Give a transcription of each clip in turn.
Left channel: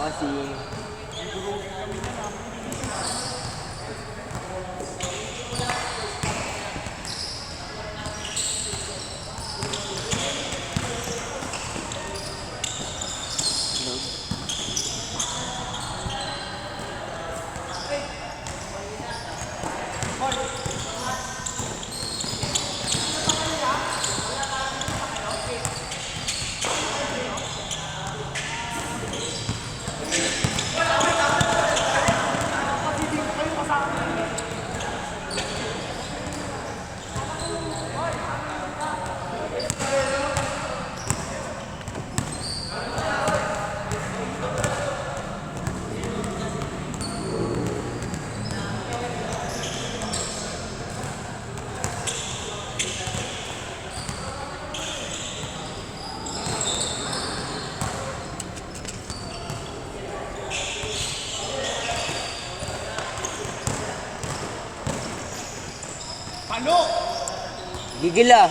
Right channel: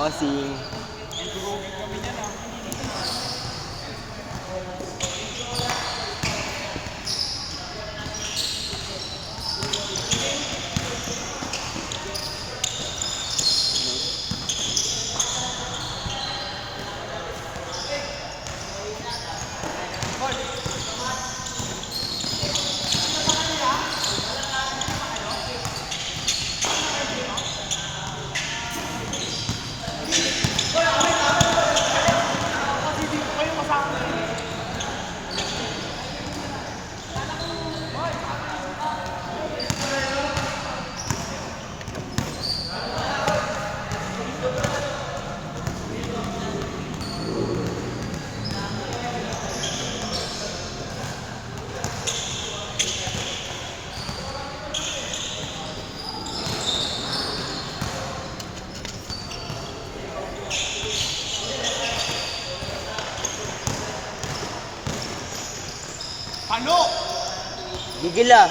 Bossing. Palo! Gigil ah.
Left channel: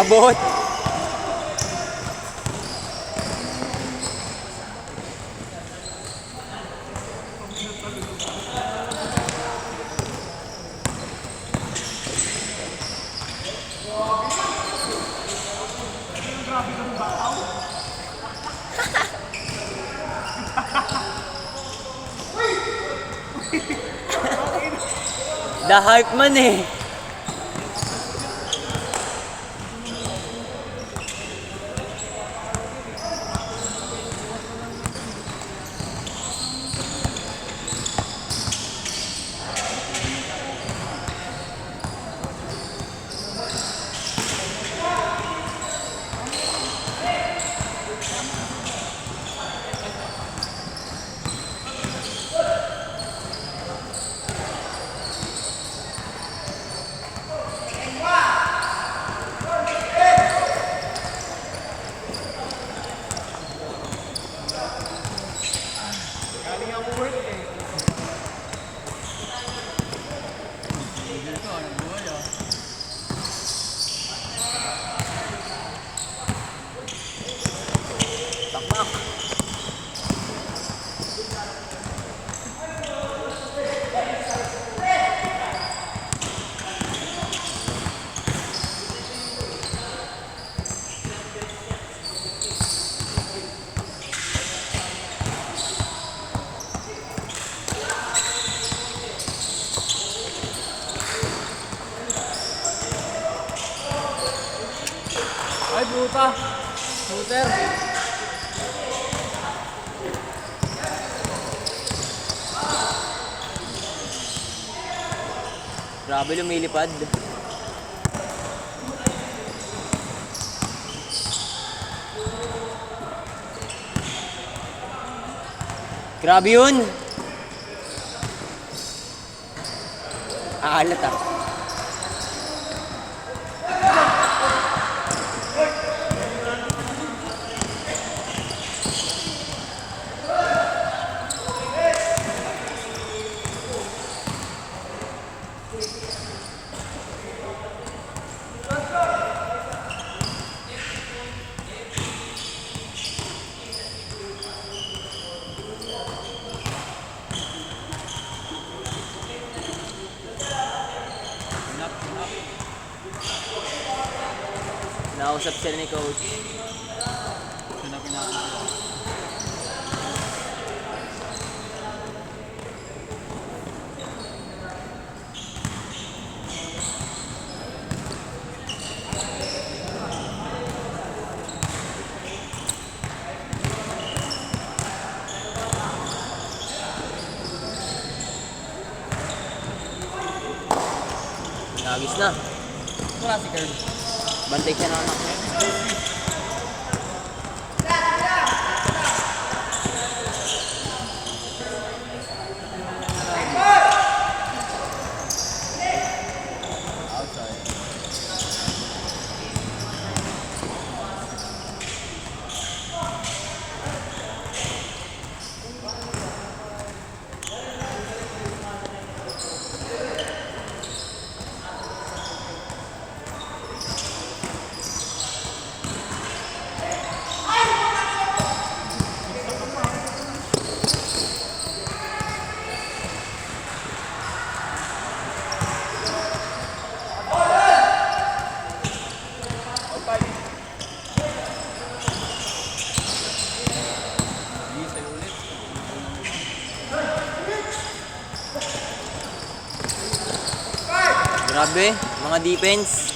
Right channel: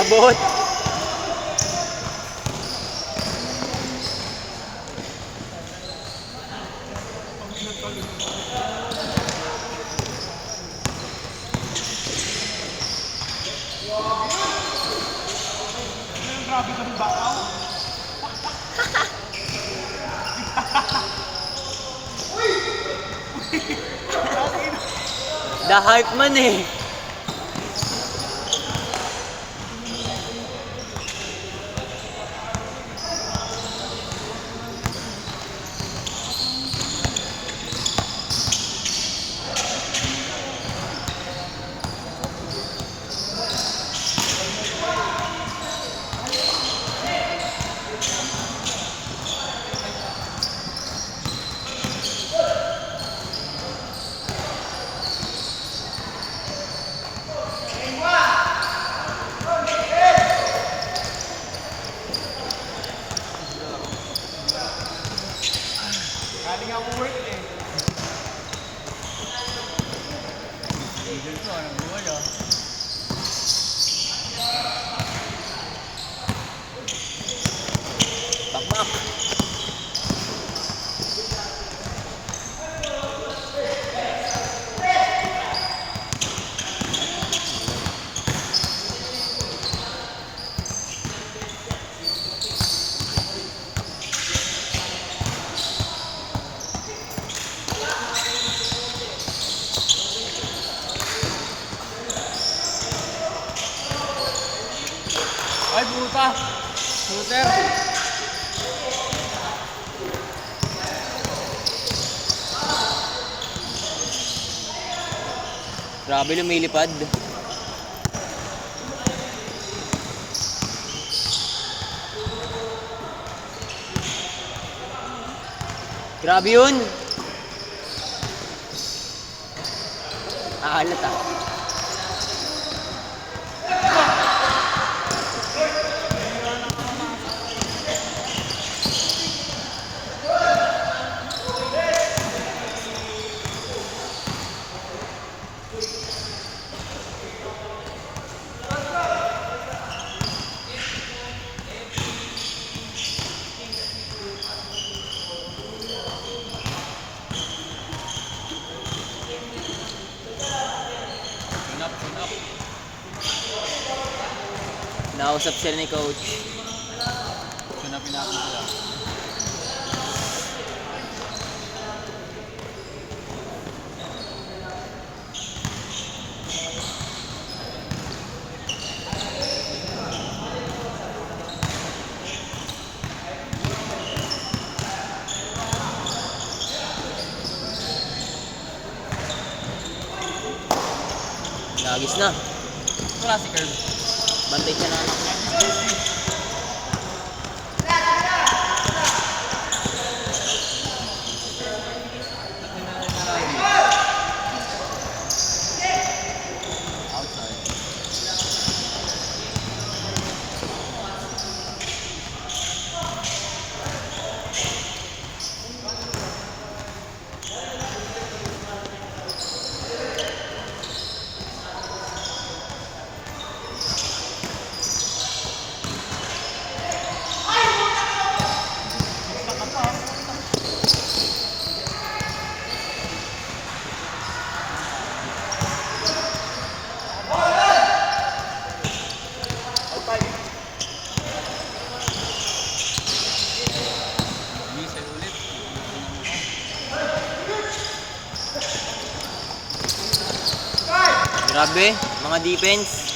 Abot. Grabe ka mong bakaw. The Hulk man eh. Galing ako work eh. Bakbak. Ay, puta. Shooter. Grabe lumilipad. Grabe yun. Ahalat ah. Nakausap sila ni coach. Nagis na. Wala si Curb. Bantay siya na anak. Outside. Grabe, mga defense.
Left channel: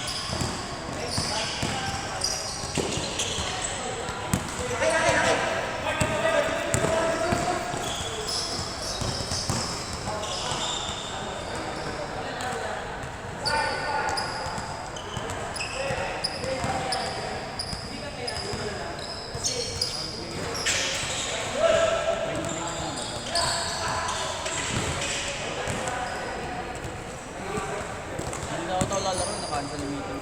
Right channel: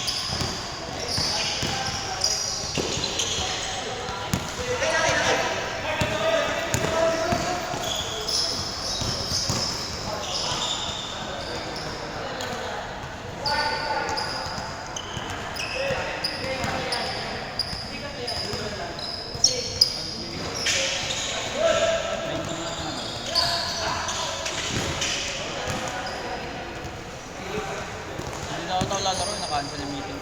Hindi ako tao lalaro, naka-cancel yung meeting.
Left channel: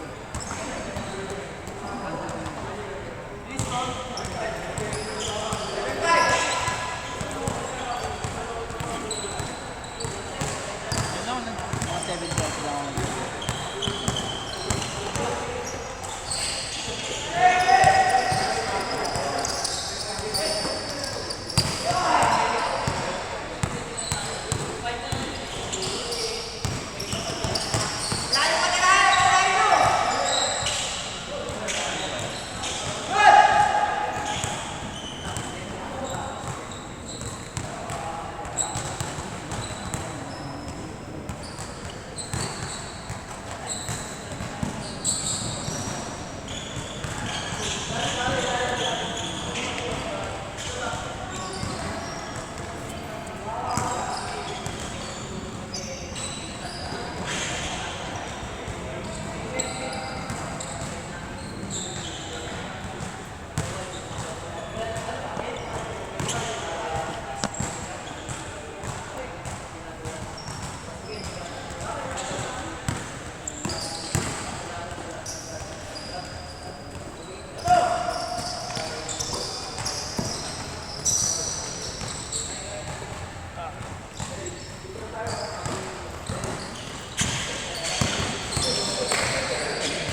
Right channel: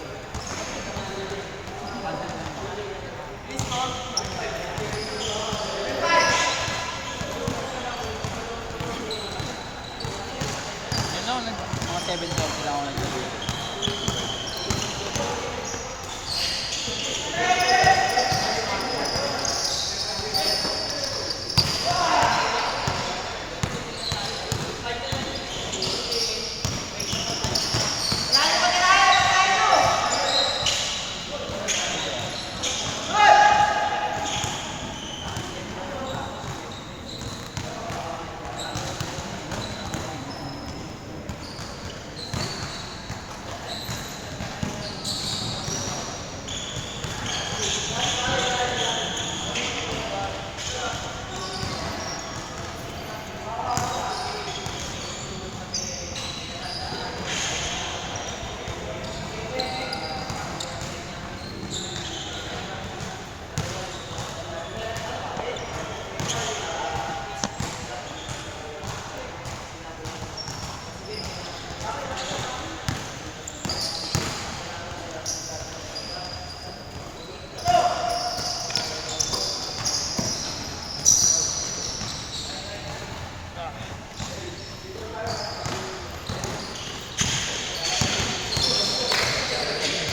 Yun lang, mga 7 jobs lang ako nag-video.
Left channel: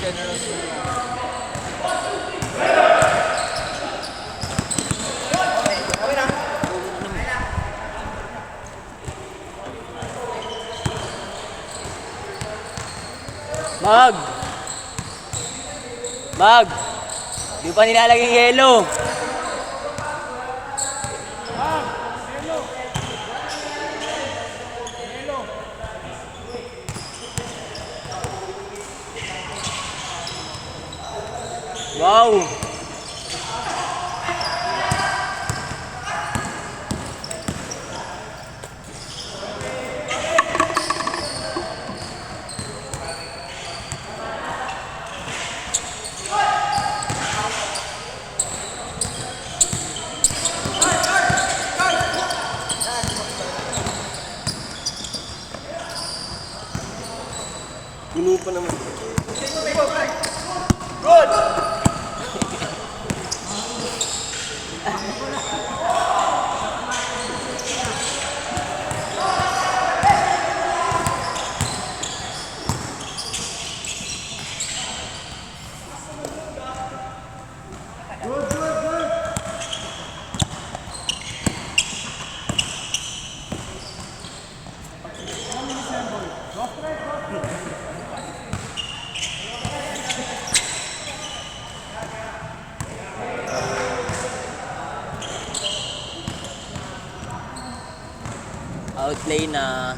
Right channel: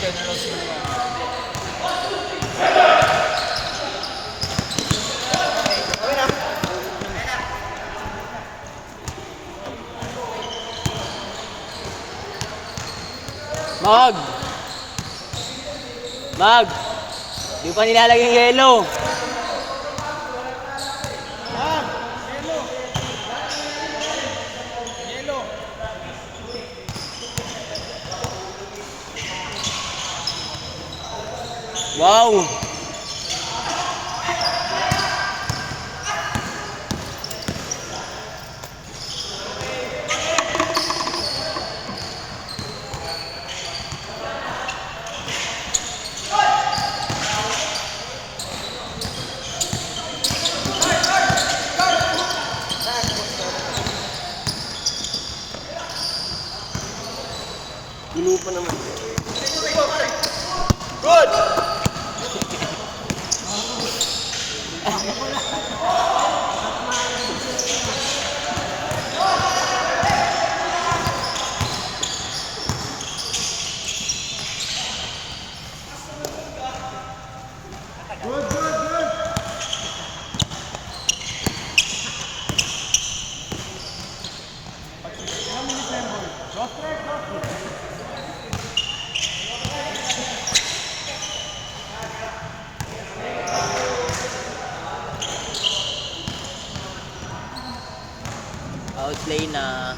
Generals na Mag! Mag! Di pa nilalagay yung yellow. Wow! Gulo pa naman. ilang minutes na yung ball? Go straight, go straight. Outplay na.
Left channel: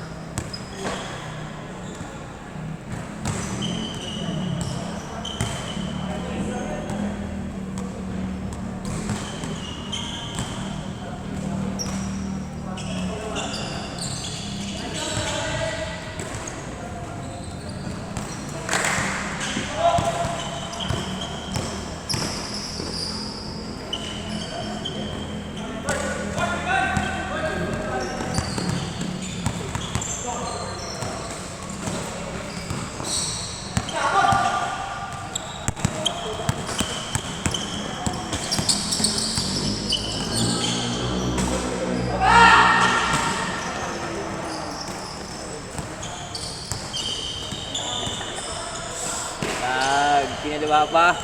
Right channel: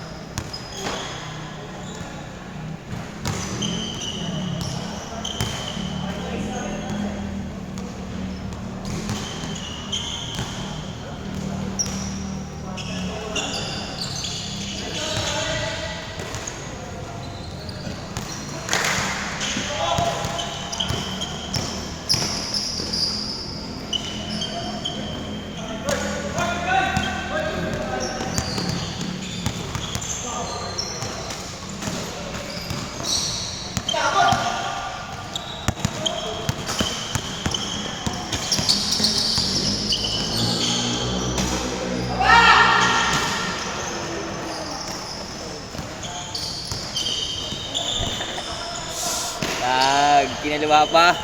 Kinaliwa pa.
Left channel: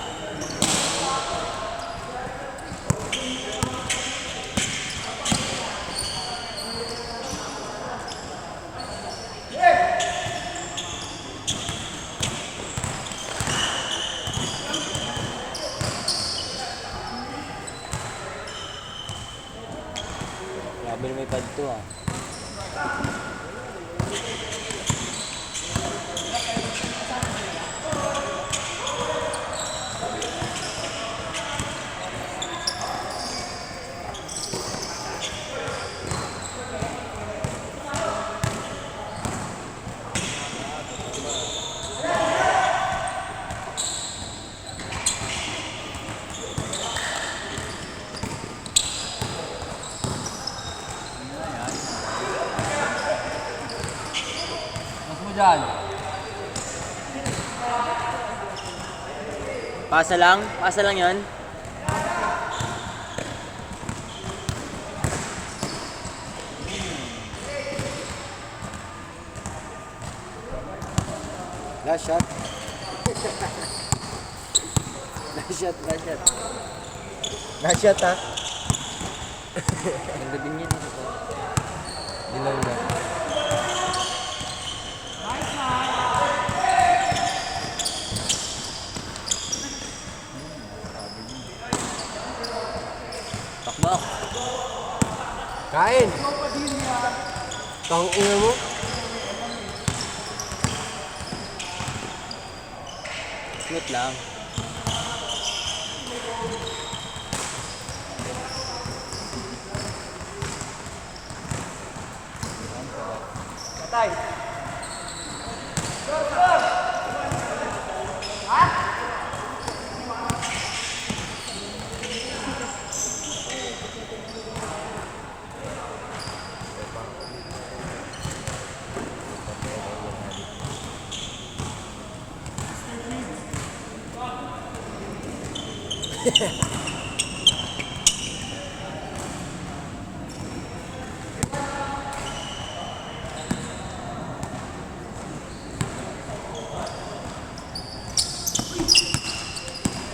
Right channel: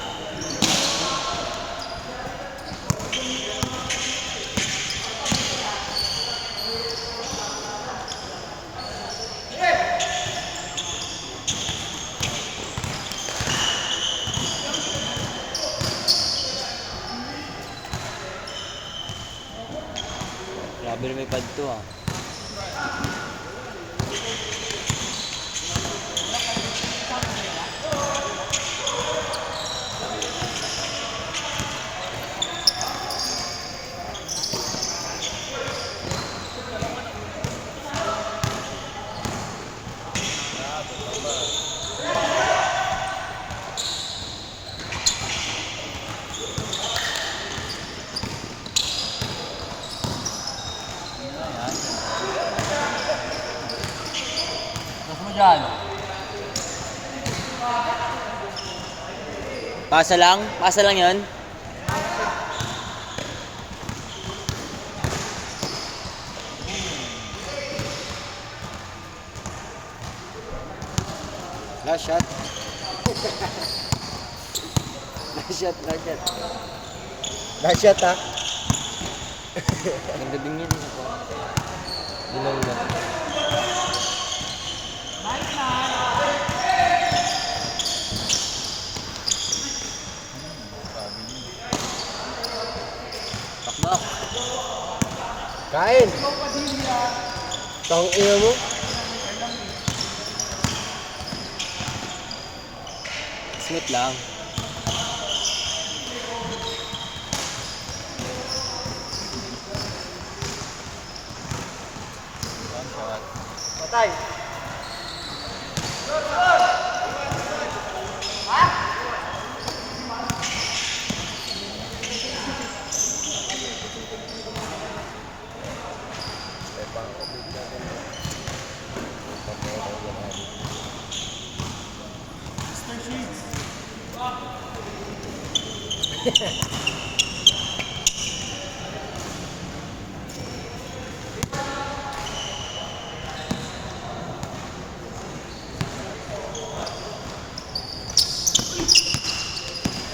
Grabe na may pad to ah. Pasa lang yon. Last shot. Last shot, last shot. Last shot ha. Ganda din yun. Dilang na. Pakbak. Kain! Tang ina mo. Smooth lang. Patay!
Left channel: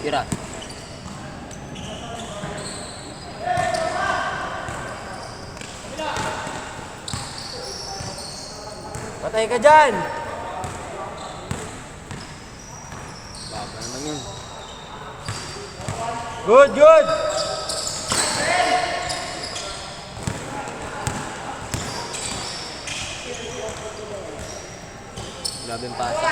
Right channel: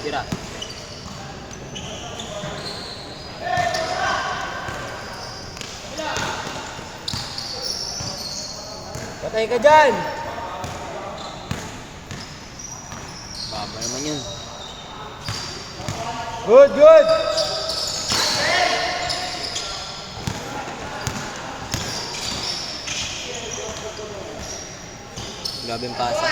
Tira. Patay ka dyan! Baba naman yun. Good, good! Grabe yung pasa.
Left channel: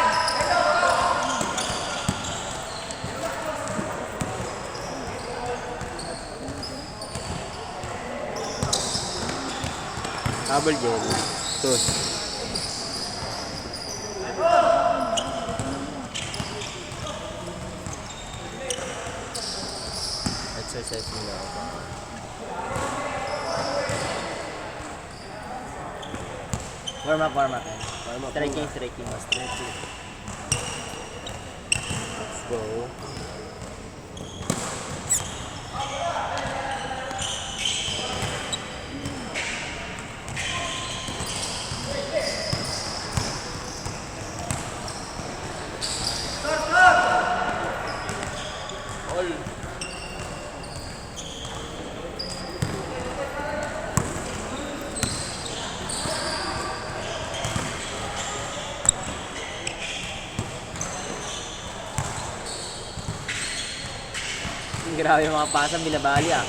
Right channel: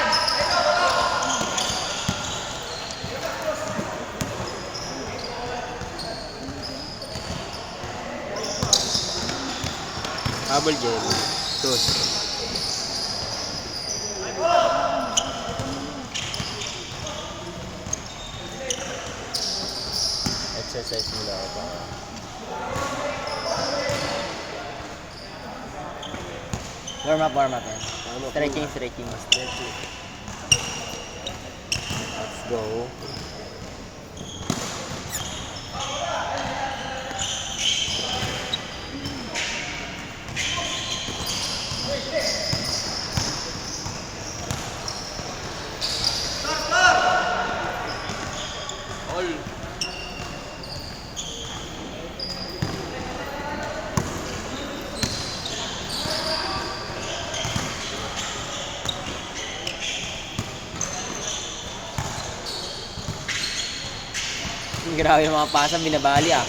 Habol gel. Ito. Exercise muna ako pa. Warm up yan. Warm up Stretching, muna. stretching. Stretching. Let's go. Grabe yung mga pasa, binabali ah.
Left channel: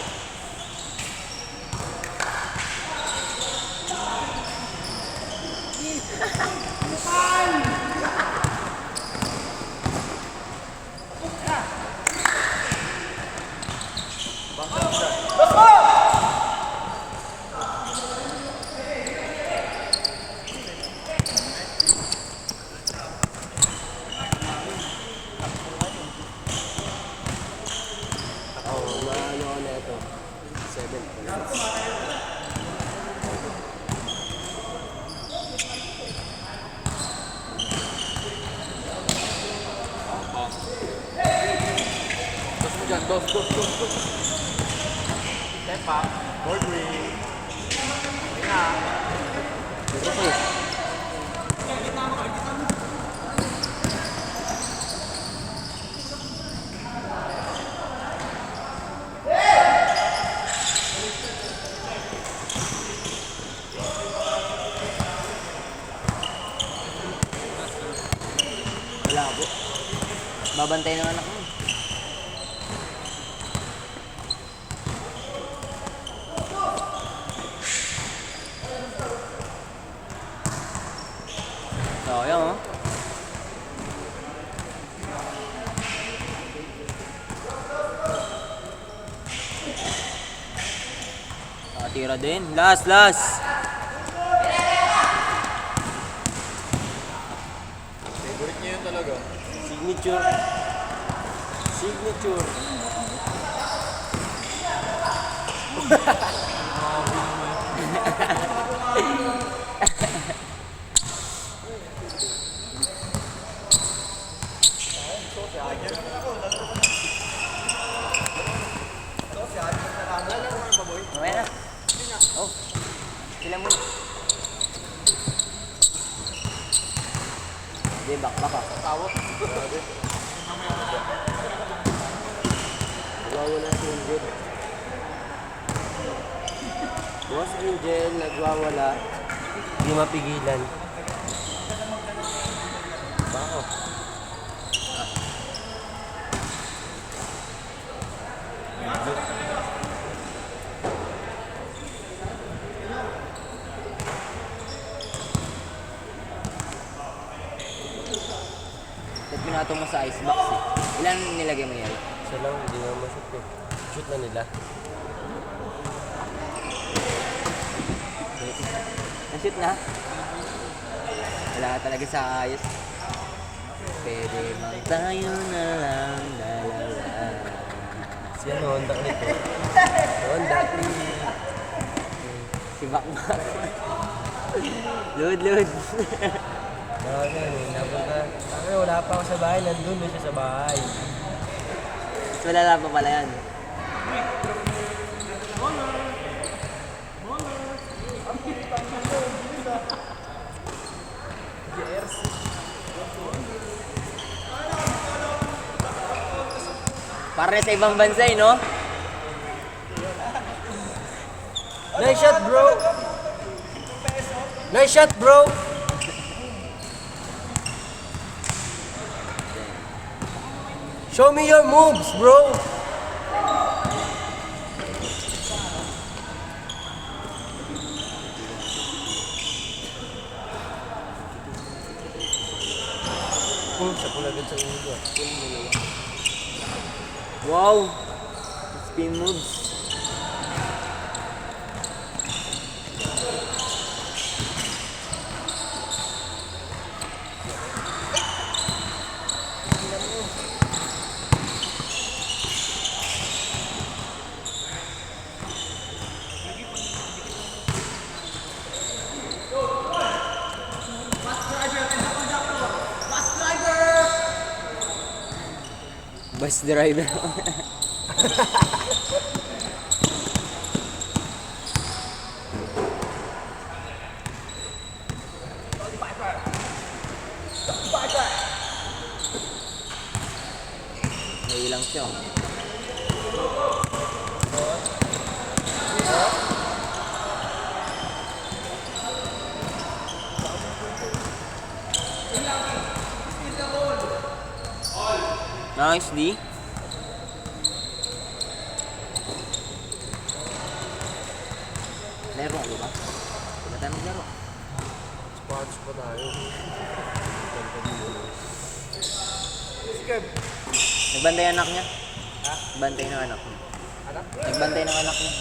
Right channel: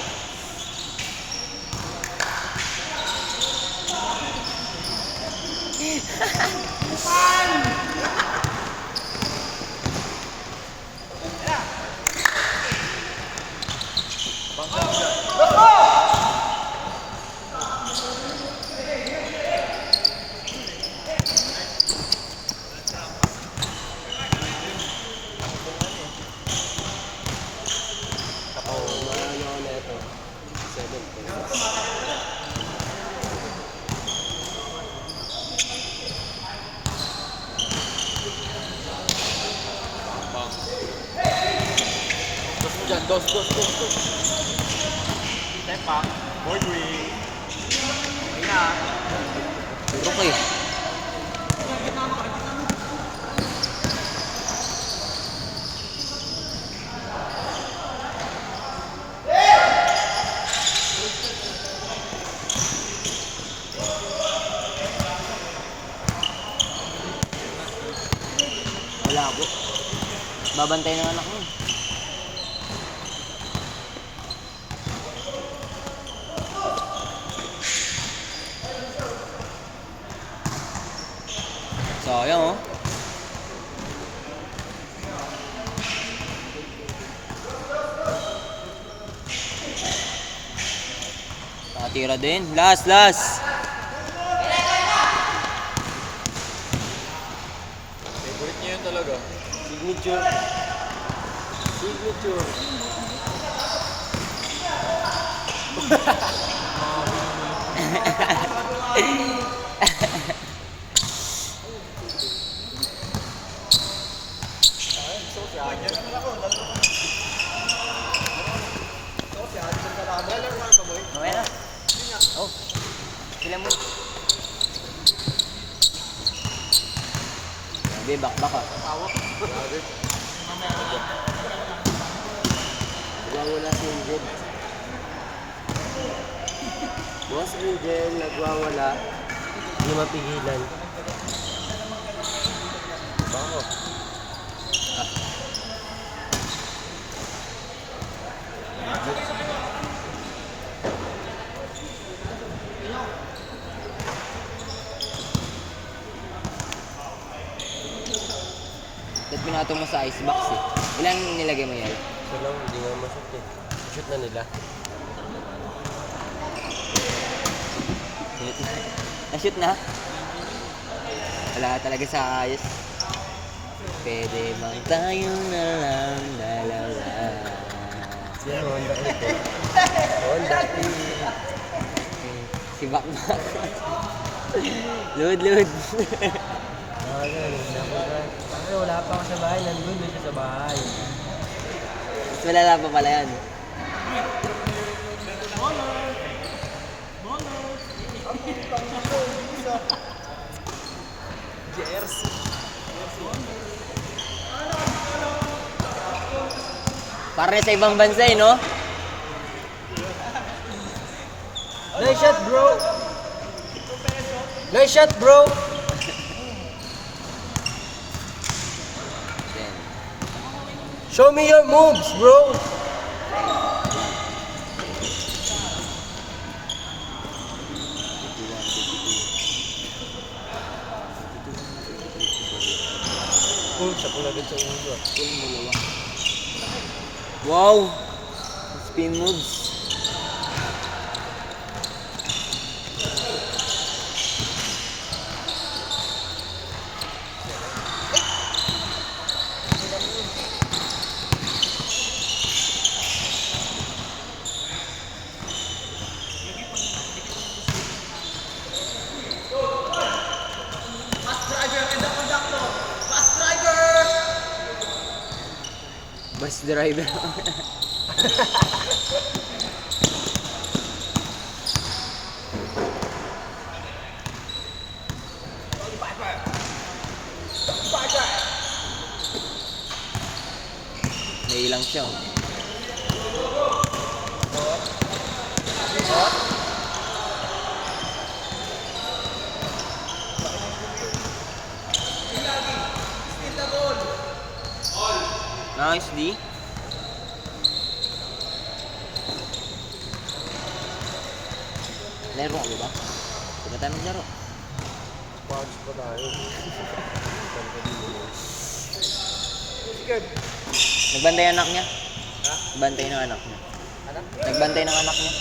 Maano na ito. 7 points. Step up. Board wing. Okay. Wala po. Babantay ng anak mo. Sayang oh. Nakatira din. Last. Favorite niya yun talaga. Signature. Sila muna. Hindi, back ka. Wala si Angel. Boss Angel, nagwawala. Hindi mapigilan. Bako. At pinatong mo sa icebox eh. Ilan nilagay mo yan? Isa lang, hindi nga mashoot eh. Shoot na nila. Na-shoot na? Wala ka talaga sa ayos. Pwede bang tayo na lang dalawa? Si ano, Honda ulit eh. Honda. Si Bakbak. Load. Wala pa ako sa bahay, nandun na siya sa bahay. Mas malala pa pala yan. Para sa ibang bansa eh, no? Nice shot, bro! Nice shot, bro! Show me your moves, bro! Sa pulagad sa ulo. Wow! Spin moves. Bus driver. Nailang siya. Nice, D. Laro ka ba? Huwag tayo maglaro. Sponge pa tayo. Nagbantay anak niya? Ha? Nagbantay ng anak niya. Anak? Nagbantay ng anak niya.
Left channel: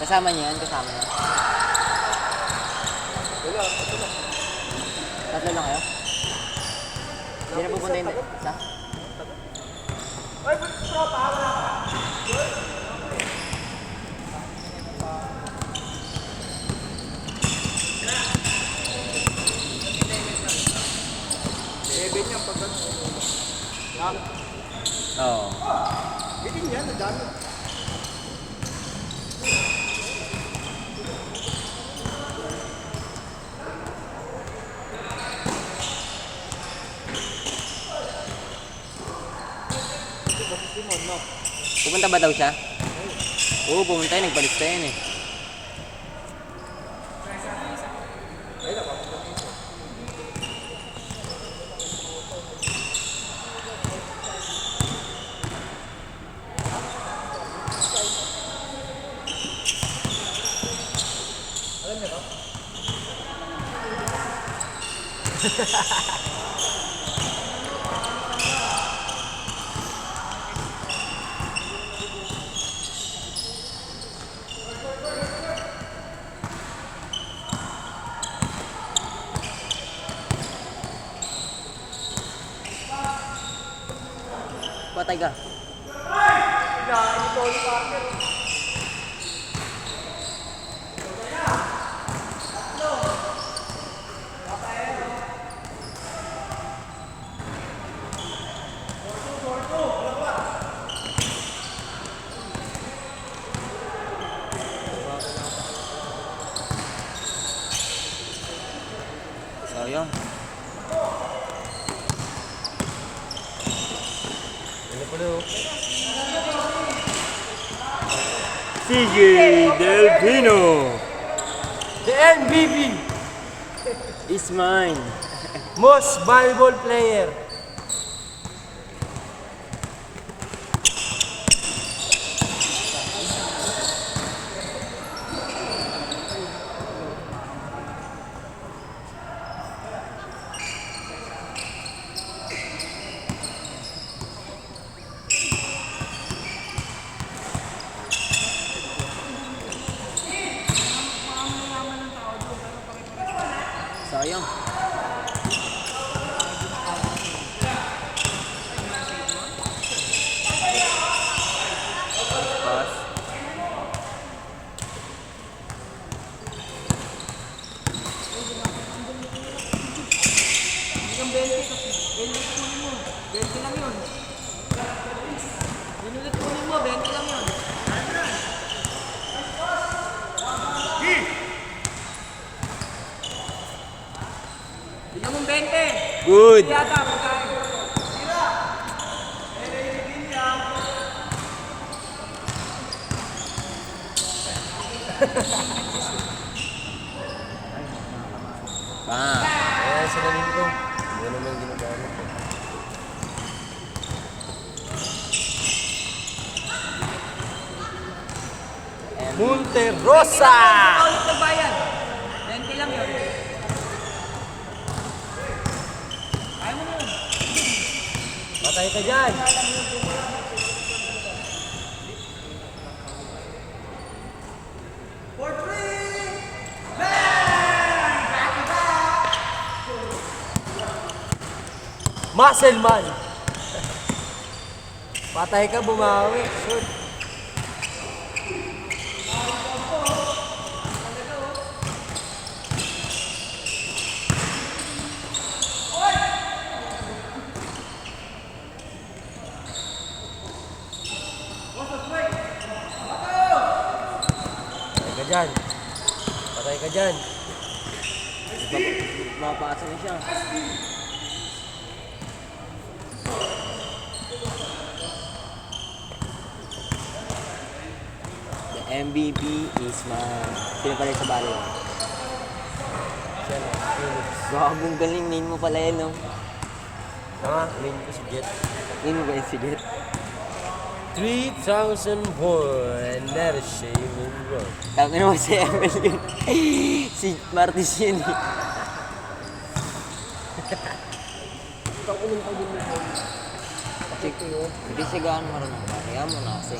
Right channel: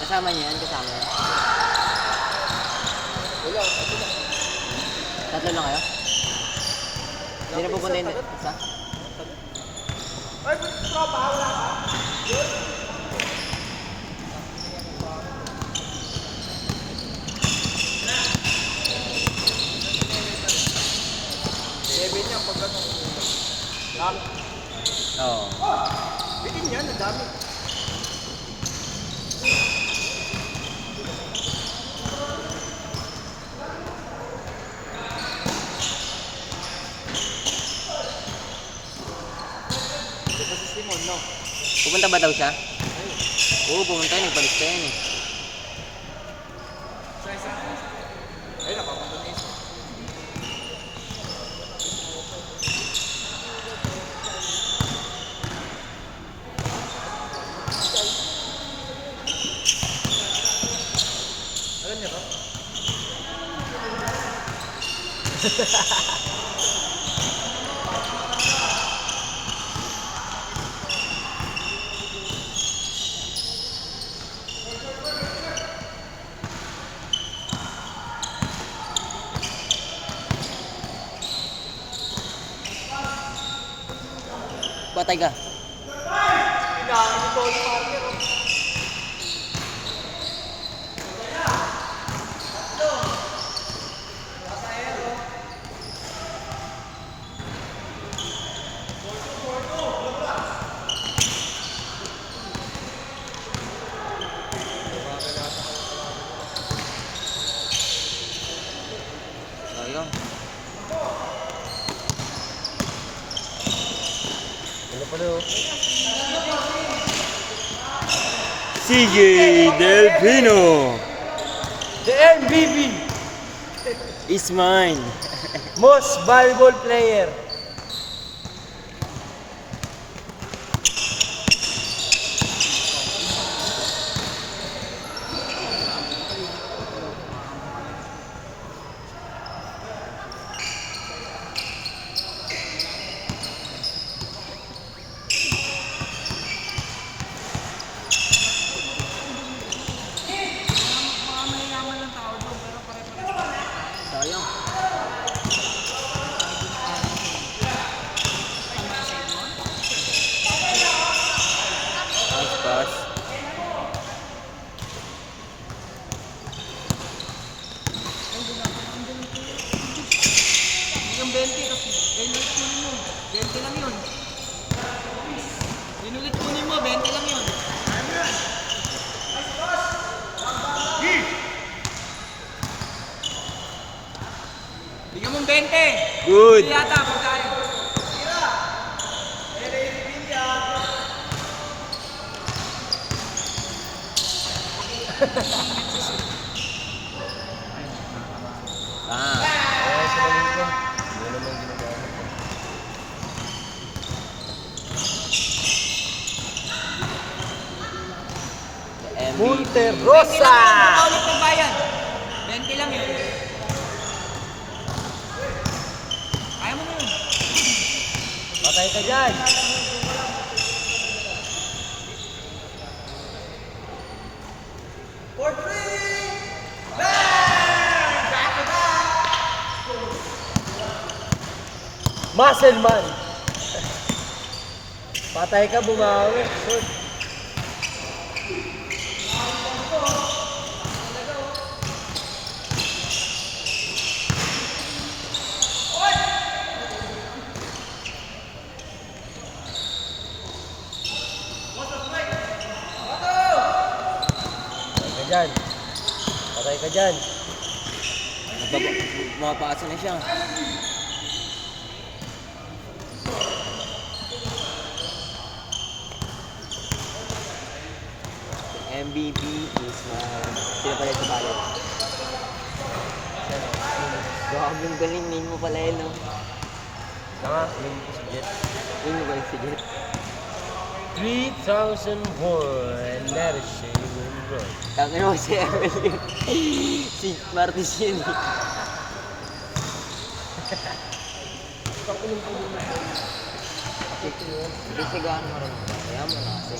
Kasama niya yan? Kasama niya? Wala, ito na. Tatlo lang kayo? Hindi na pupunta yun. Isa? Ay, tropa, wala ka. Seven niya pag ano. Lang. Oo. Bikin yan, ang dami. Pupunta ba daw siya? Oo, pumunta yun. Nagpalis tayo yun eh. Patay ka. CJ Delpino The MVP, is mine. most valuable player. Mga mayayaman ng tao doon, pero pare-pares tayo. Sayang. Pass. Hindi kang 20 kasi. Ulit kunin mo. 20 lang yun. Ulit kunin mo, 20 lang yun. Bigyan mong 20. Good. Yata, pagkain. Ah, Kaya sila nito. Hindi naman ginagamit. MVP. Monterosa! Ulit ng bayan. 20 lang yun. Ayaw mo na yun. Patay ka dyan. Muscle man. Patay ka, bumawi. Shoot. Patay ka dyan. Patay ka dyan. Mapapasa na siya. The MVP is mine. Sino pala sa balit? Gawagong galing. Name mo pala yun, no? Mga, yun ko si Jet. Name mo ba yung sige? 3,000 born, never say no. Tangin mo si ML yun. Si Martis yun eh. Sige sigaan mo rin. Kaya mo na kasi.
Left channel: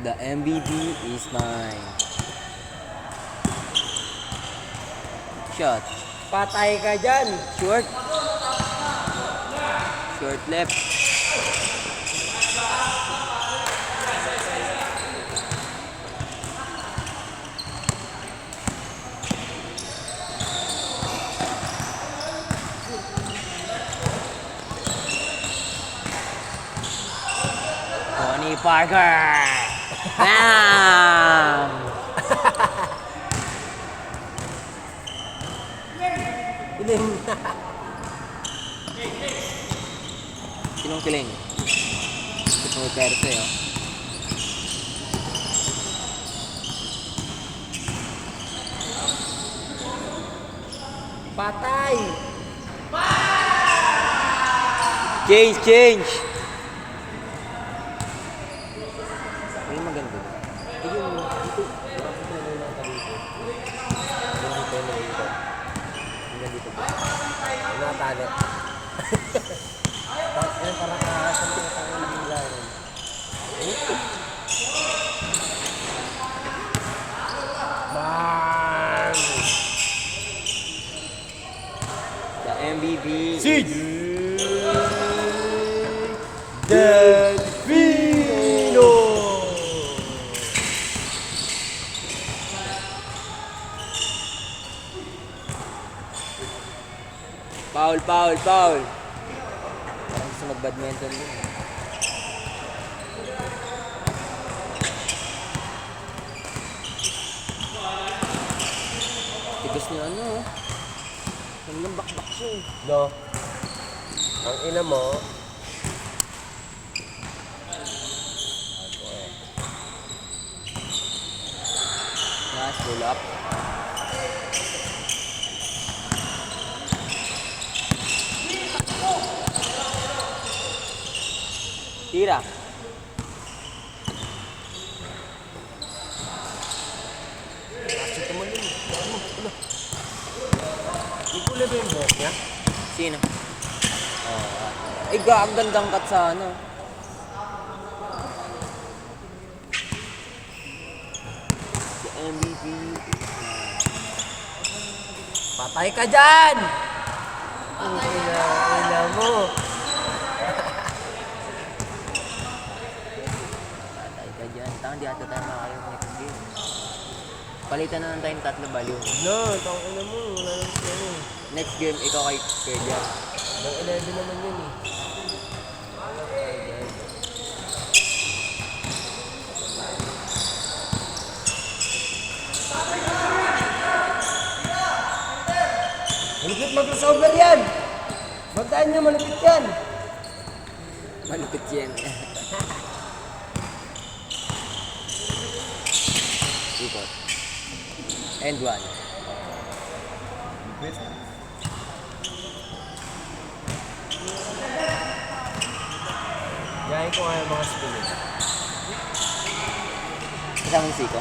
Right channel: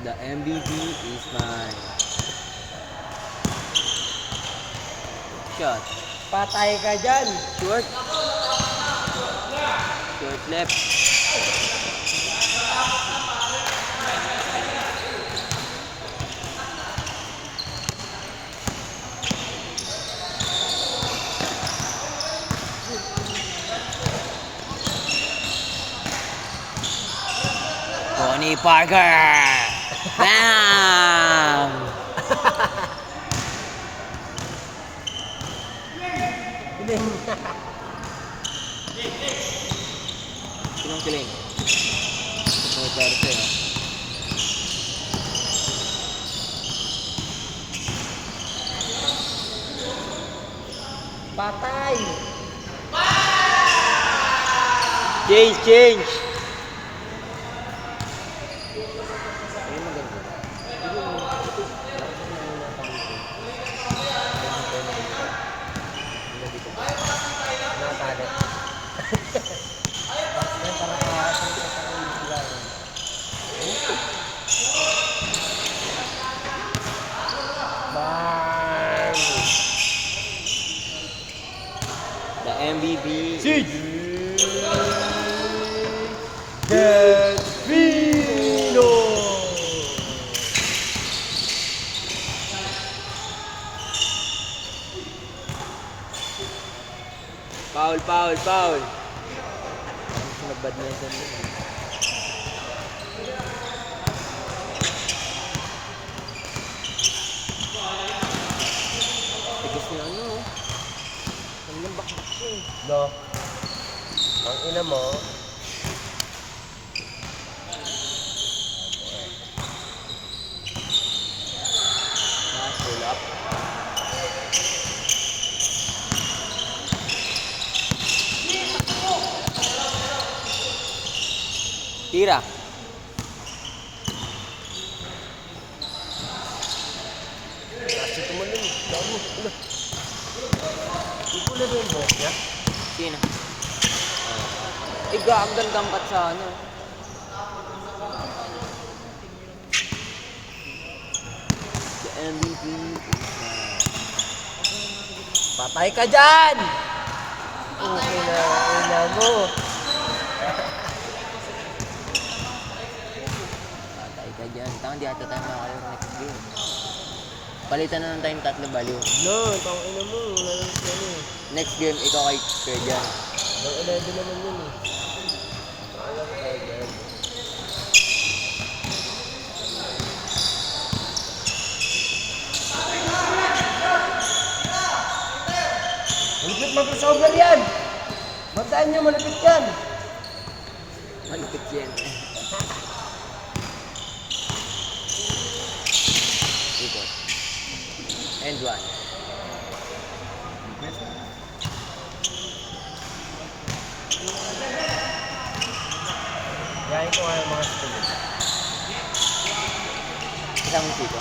The MVP is mine. Shot. Patay ka dyan. Short. Short left. Tony Parker! Bam! Sinong kiling? Ito Perse. Patay. Change! Ay, maganda. Natalit. Bang! The MVP Delfino! Foul. Gusto mag-badminton din. Tigas na ano oh. Ang lambak-bak siya eh. No. Ang ina mo, Tira. Kasi tumalun. Gago. Wala. Hindi ko na din mo. Yeah? Sino? Ang gandang cut sa ano. The MVP is Patay ka dyan! Ina mo. patay ka dyan. Tang, di ata tayo makakaroon ng next game. Palitan na ng time tatlo baliw. No, ina mo. Wala lang siya eh. Next game, ikaw kay Sir John. Nang 11 naman yun eh. Alam ka dyan. Malapit mag-crossover yan! Bantaan nyo, malapit yan! Malupit yan. Ikot. And one. Gahin ko nga yung mga spinning. Isang musika.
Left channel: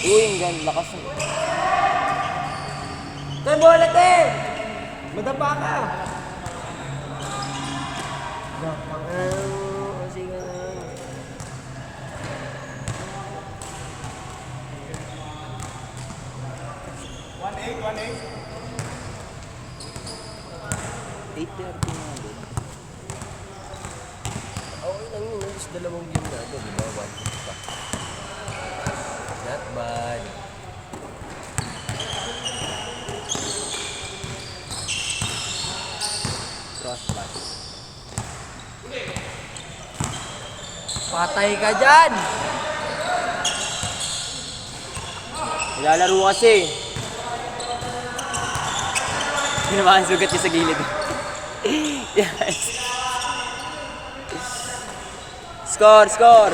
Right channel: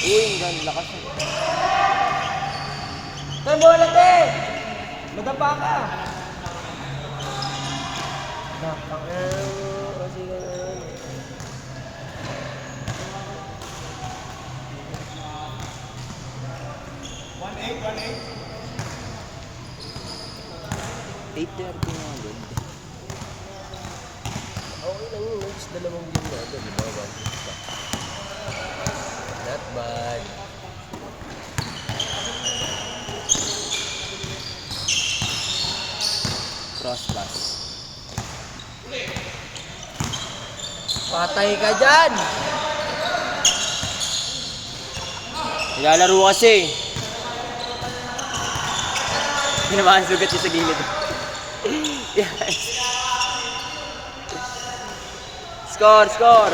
Uy, ang ganda lakas. Tay, bola, te! Magapa ka! Kasi ka Eight 8:30 na agad. okay lang yun. Alis dalawang game na agad, di ba? 1 pa. Not bad. Cross pass. Patay ka dyan! Nilalaro kasi. Pinamaan sugat niya sa gilid. Yes. Score! 1-9.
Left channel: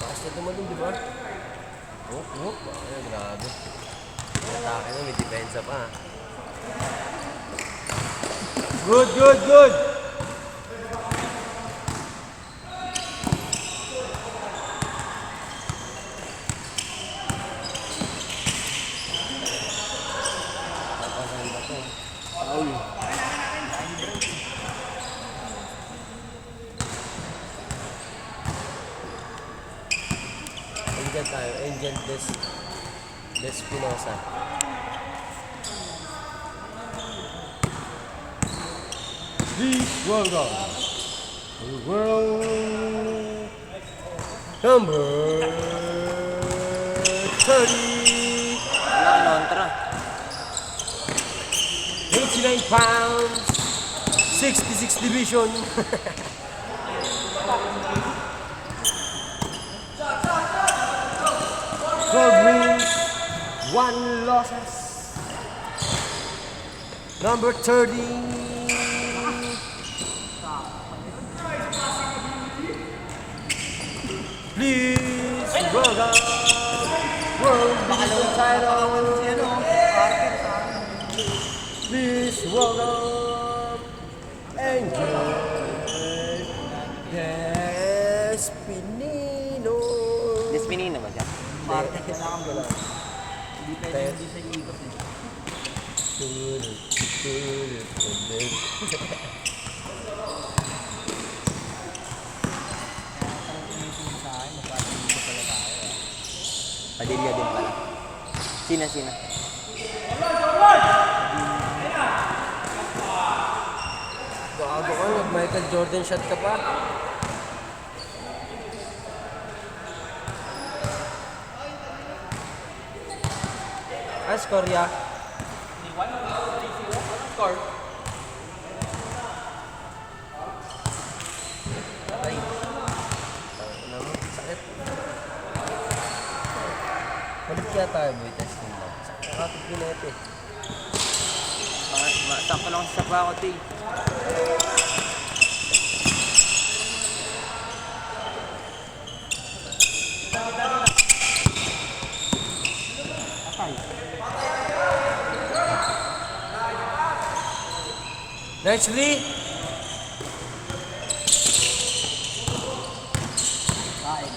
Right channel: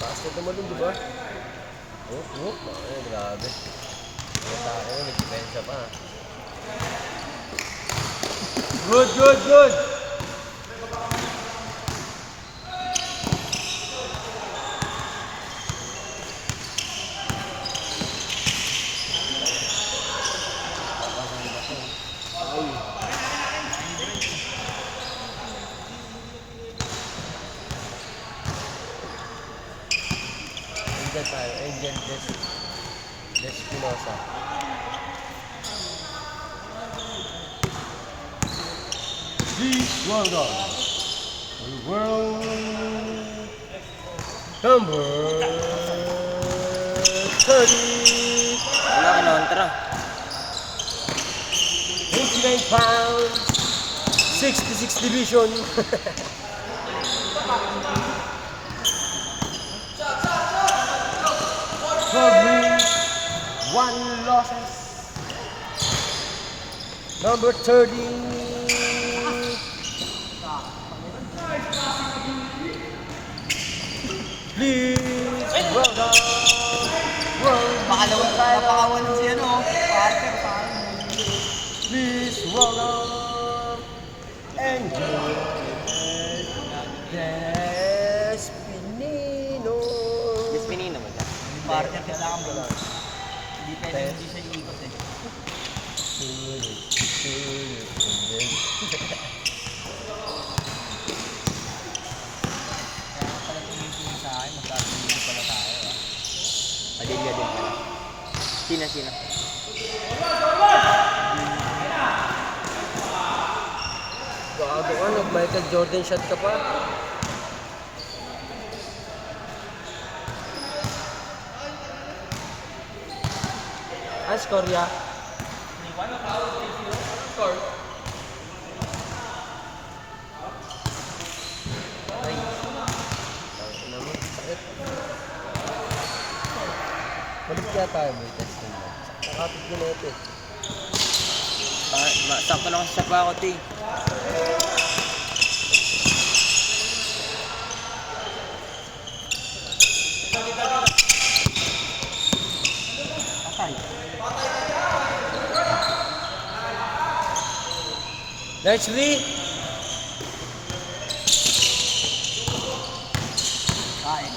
Taas na tumalun, di ba? Ay, grabe. Ang atake mo, may depensa pa. Good! Ay. Angel tayo. Angel Despinosa. Please welcome the world number 30. Wala ka naman, tara. 89 pounds, 66 division. 12 wins, 1 losses. Number 30. Please welcome. Napakawan si ano, Parker sa akin. Please welcome Angel Despinino. Despinino ba dyan? Parker kailangan ba lang? Hindi pwede hindi siya ikot eh. Kaya pala tumitingin sa akin, magkatuloy pala tayo ah. Padilla din pala. Sino? Gago ka, nag-Michael Jordan shot ka pa. Score ya. Ay. Ano mo? Sakit. Balik kaya tayo, boy. Testing lang. Sakit ginete. Sakto lang sa ako, T. Largely, Kain.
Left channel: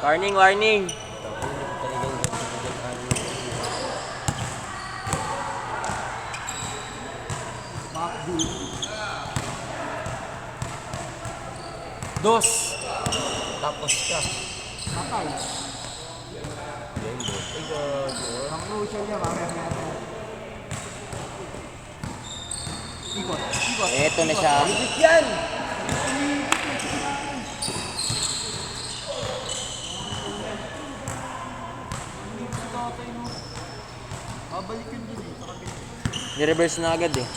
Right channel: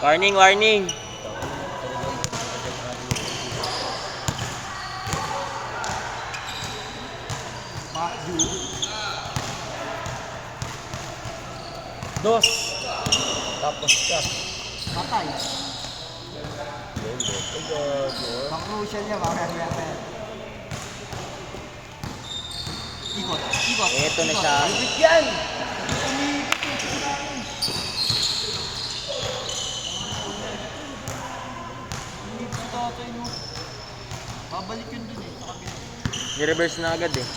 Warning, warning. Makju. dos. Tapos ka. Patay. Game bot. Ay, gago ah. Crucial yan. Mamaya. Ikot. Ikot. Eto na siya. Ibig yan! Hindi ko tatay, no? Babalik yun dun eh. Sa kabila. Ni-reverse na agad eh.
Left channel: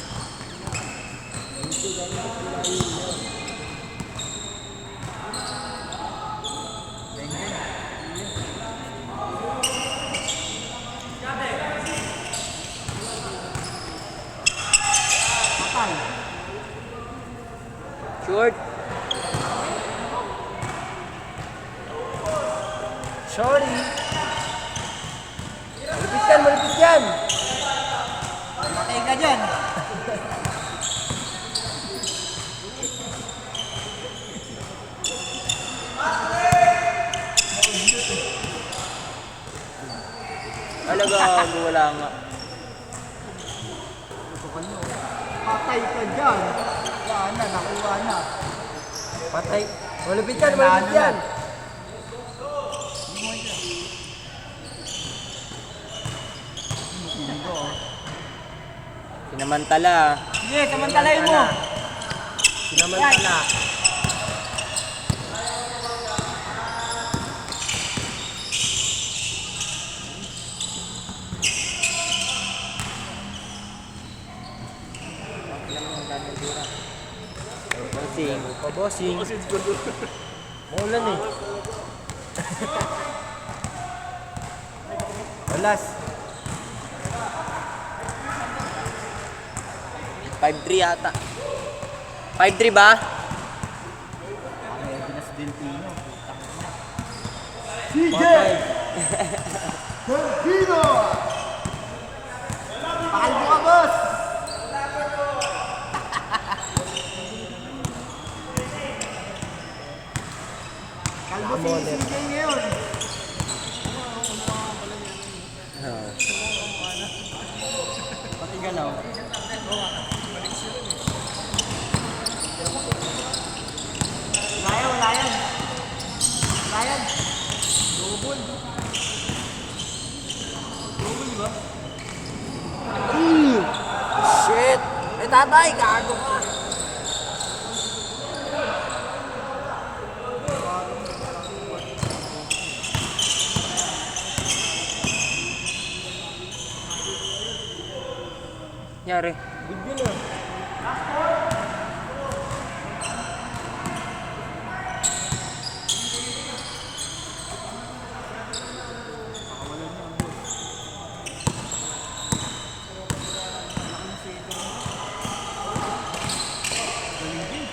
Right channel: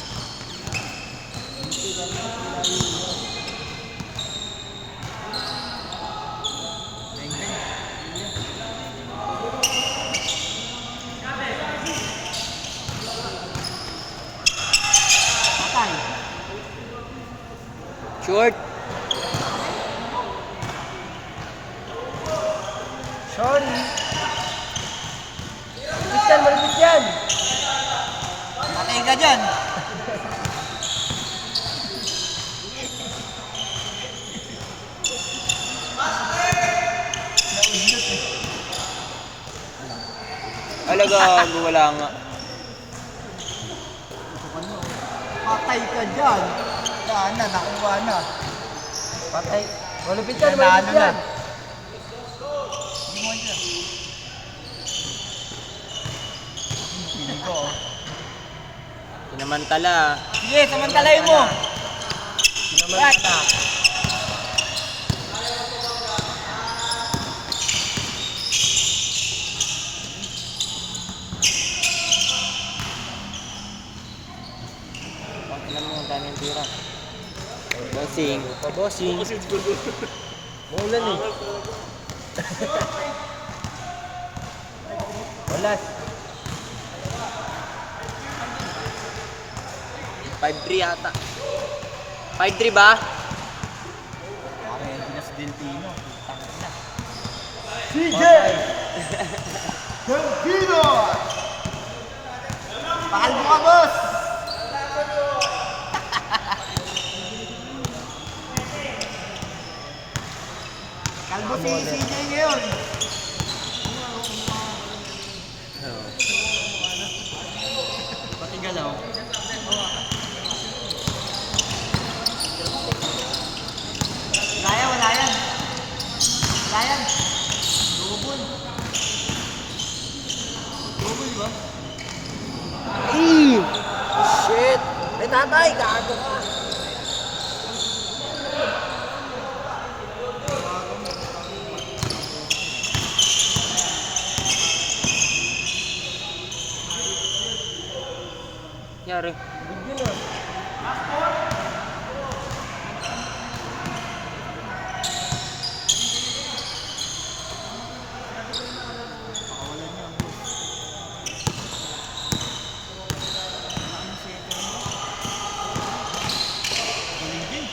Beng, beng. Patay. Short. Sorry. Malapit yan! Patay ka dyan. Alaga, wala nga. Patay ka dyan. Saan na? Nakuha na. Patay. Malapit yan, Nanalo malapit yan! na. Piling ko, oh. Sinamantala. Sige, samantalayin mo. Sinaman na. Alam mo, ang daming tira. Bossing. Pabossing. Maulan eh. Walas. 5-3 yata. 5-3 ba? Okay, Dinas Delfino. Tangin na. CJ! Delfino! Pakal mo ka, boss! Kalbo si CJ ngayon. Pati galaw. Wala yan, wala yan. Wala yan. Shit! Ay, tatay! Gago ka! Yari. Bigyan na. Pakawalan niya ang boss. Laki ng setter mo. Galing din.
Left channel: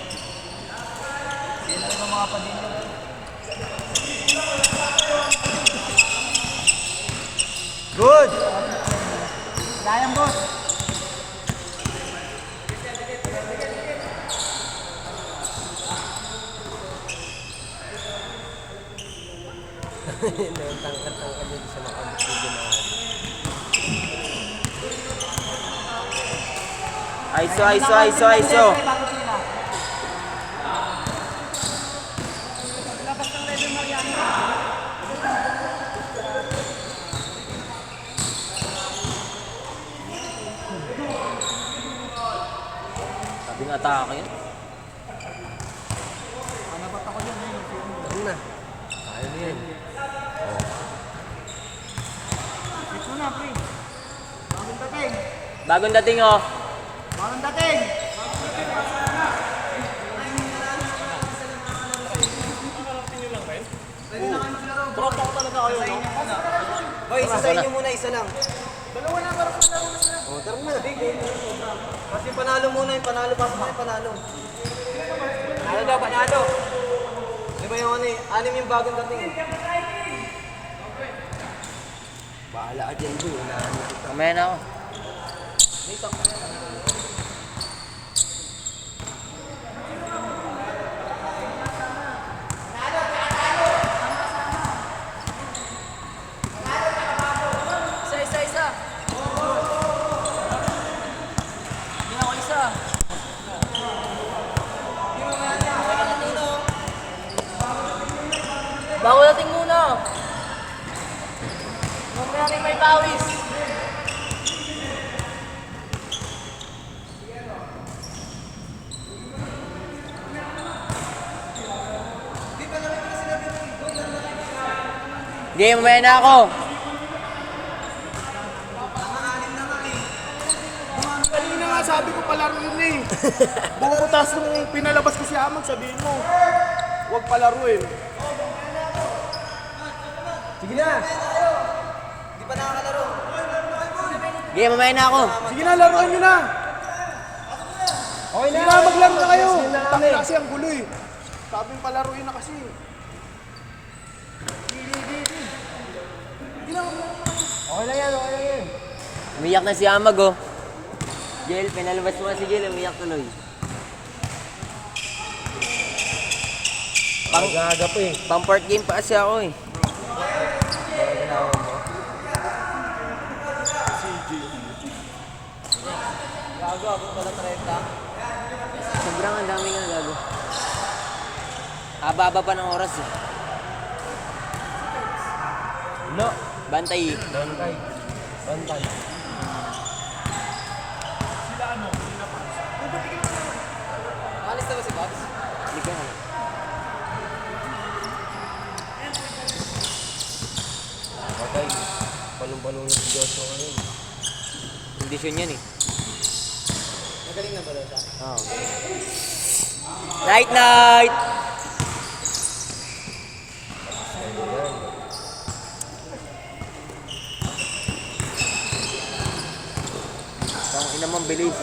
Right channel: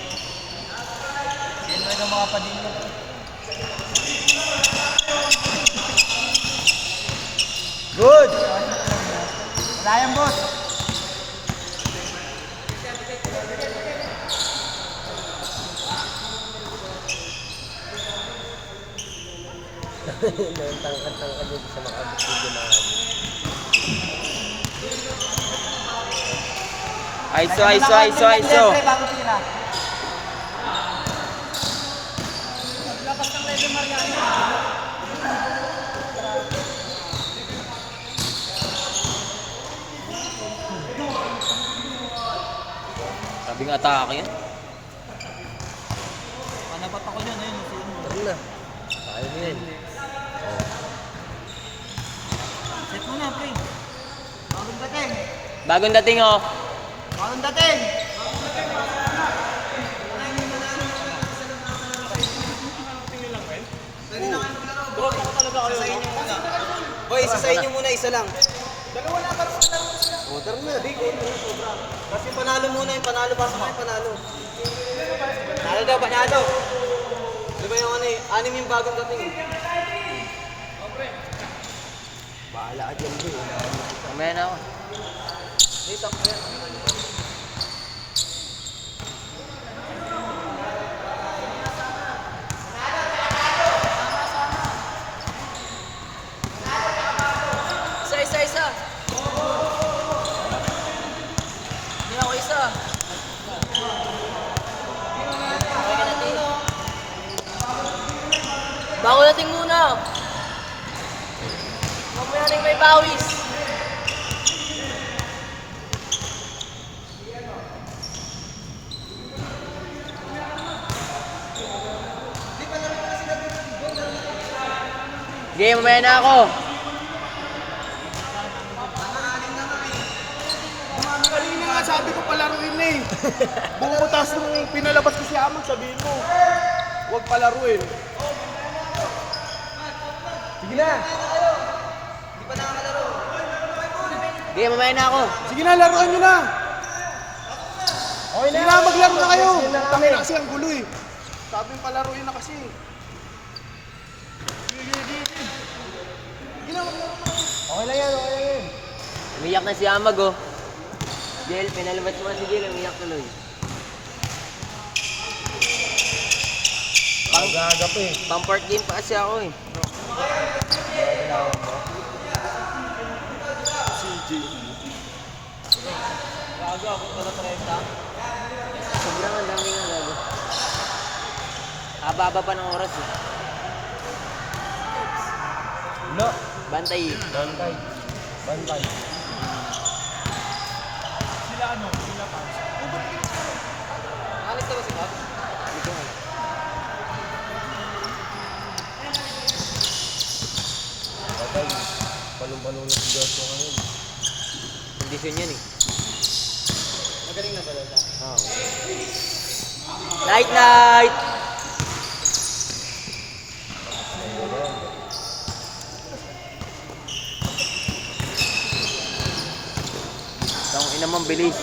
Yan rin ang mga padilla. Good! Sayang, boss. Tangkad-tangkad dito sa makabot yung ganahan. Aiso, aiso, aiso, aiso. Sabing atake yan. Nanabat ako dyan, eh. Tara na. Kaya na yan. Set mo na, pre. Bagong dating. Bagong dating oh. Bagong dating. Hoy, isa sa inyo muna, isa lang. O, tara na. Kasi panalo muna yung panalo, pasok na yung panalo. Panalo daw, panalo. yung ano eh. Anim yung bagong dating eh. Bahala ka dyan, Joy. Mamaya na ako. Isa. Yan ako isa. Bago natin muna. Mamaya natin may pawis. Game, mamaya na ako. Kanina nga sabi ko palaruin na eh. Bukas nung pinalabas ko si Amag, sabihin mo, huwag palaruin. Sige na! Game, mamaya na ako. Sige na, laruin nyo na. Okay Sige na, maglaro na kayo. Sige na kami. Tangin na kasi ang gulo eh. Sabing palaruin na kasi. Okay lang yan. Umiyak na si Amag, oh. Jel, pinalabas mo si Jel, umiyak tuloy. Pang-gaga pa eh. Pang-part game pa kasi ako, eh. Sobrang ang dami nga gago. Haba-haba pa ng oras, eh. No. Bantay, eh. Bantay. Alis na ba si Pats? Hindi ko alam. Okay. Palong-palong na si Joshua ngayon. Kondisyon yan, eh. Magaling na talaga. Oh. Night! Tang ina mong bilis.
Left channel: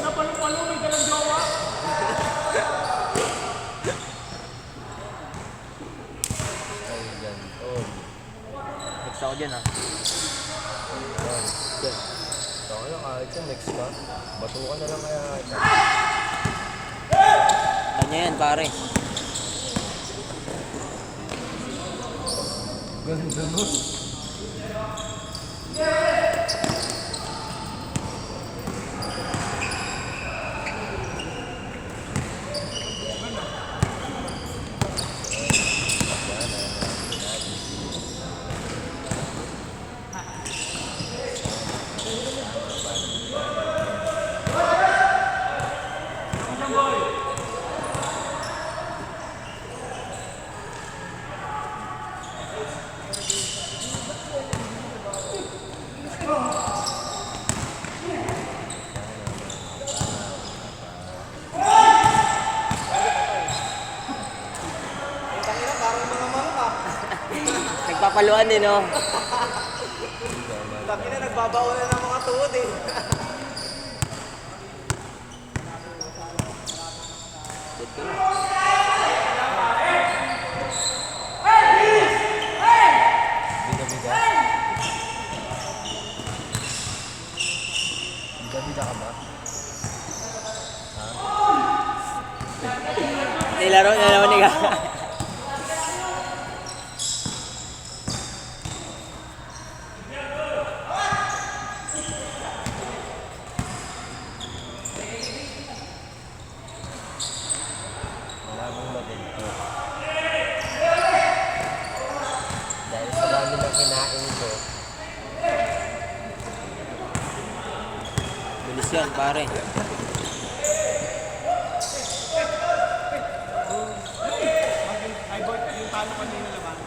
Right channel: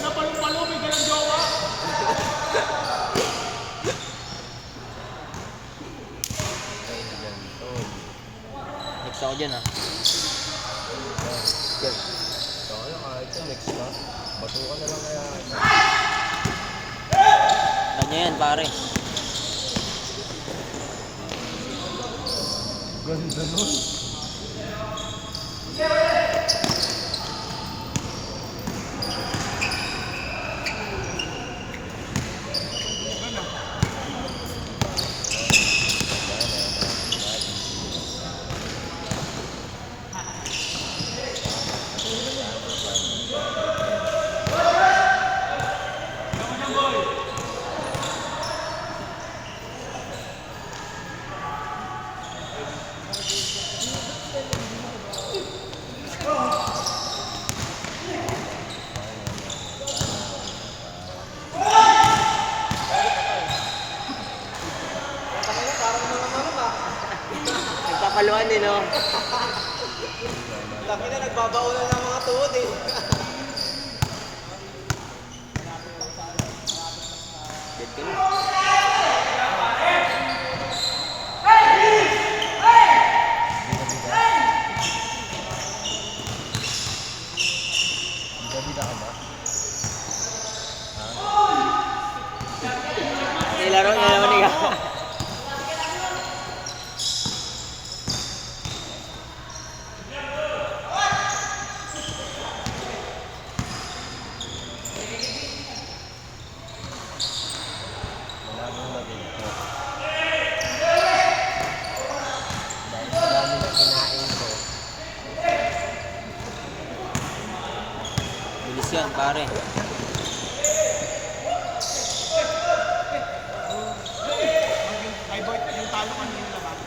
Ay, ganito. Next ako dyan, ha. Dyan. Ito na kahit yan, next na. Batukan na lang kaya. Kanya yan, pare. Ganda mo. Nagpapaluan din, no? Taki na, nagbabaonan ng mga tuhod eh. Dead ka na. Bida ka ba? Nilaro na naman niya. Wala nang maganda. Dahil sa dami ng kinain ko, Bilis yan, pare. Ay, Bart, yung talo kanina naman.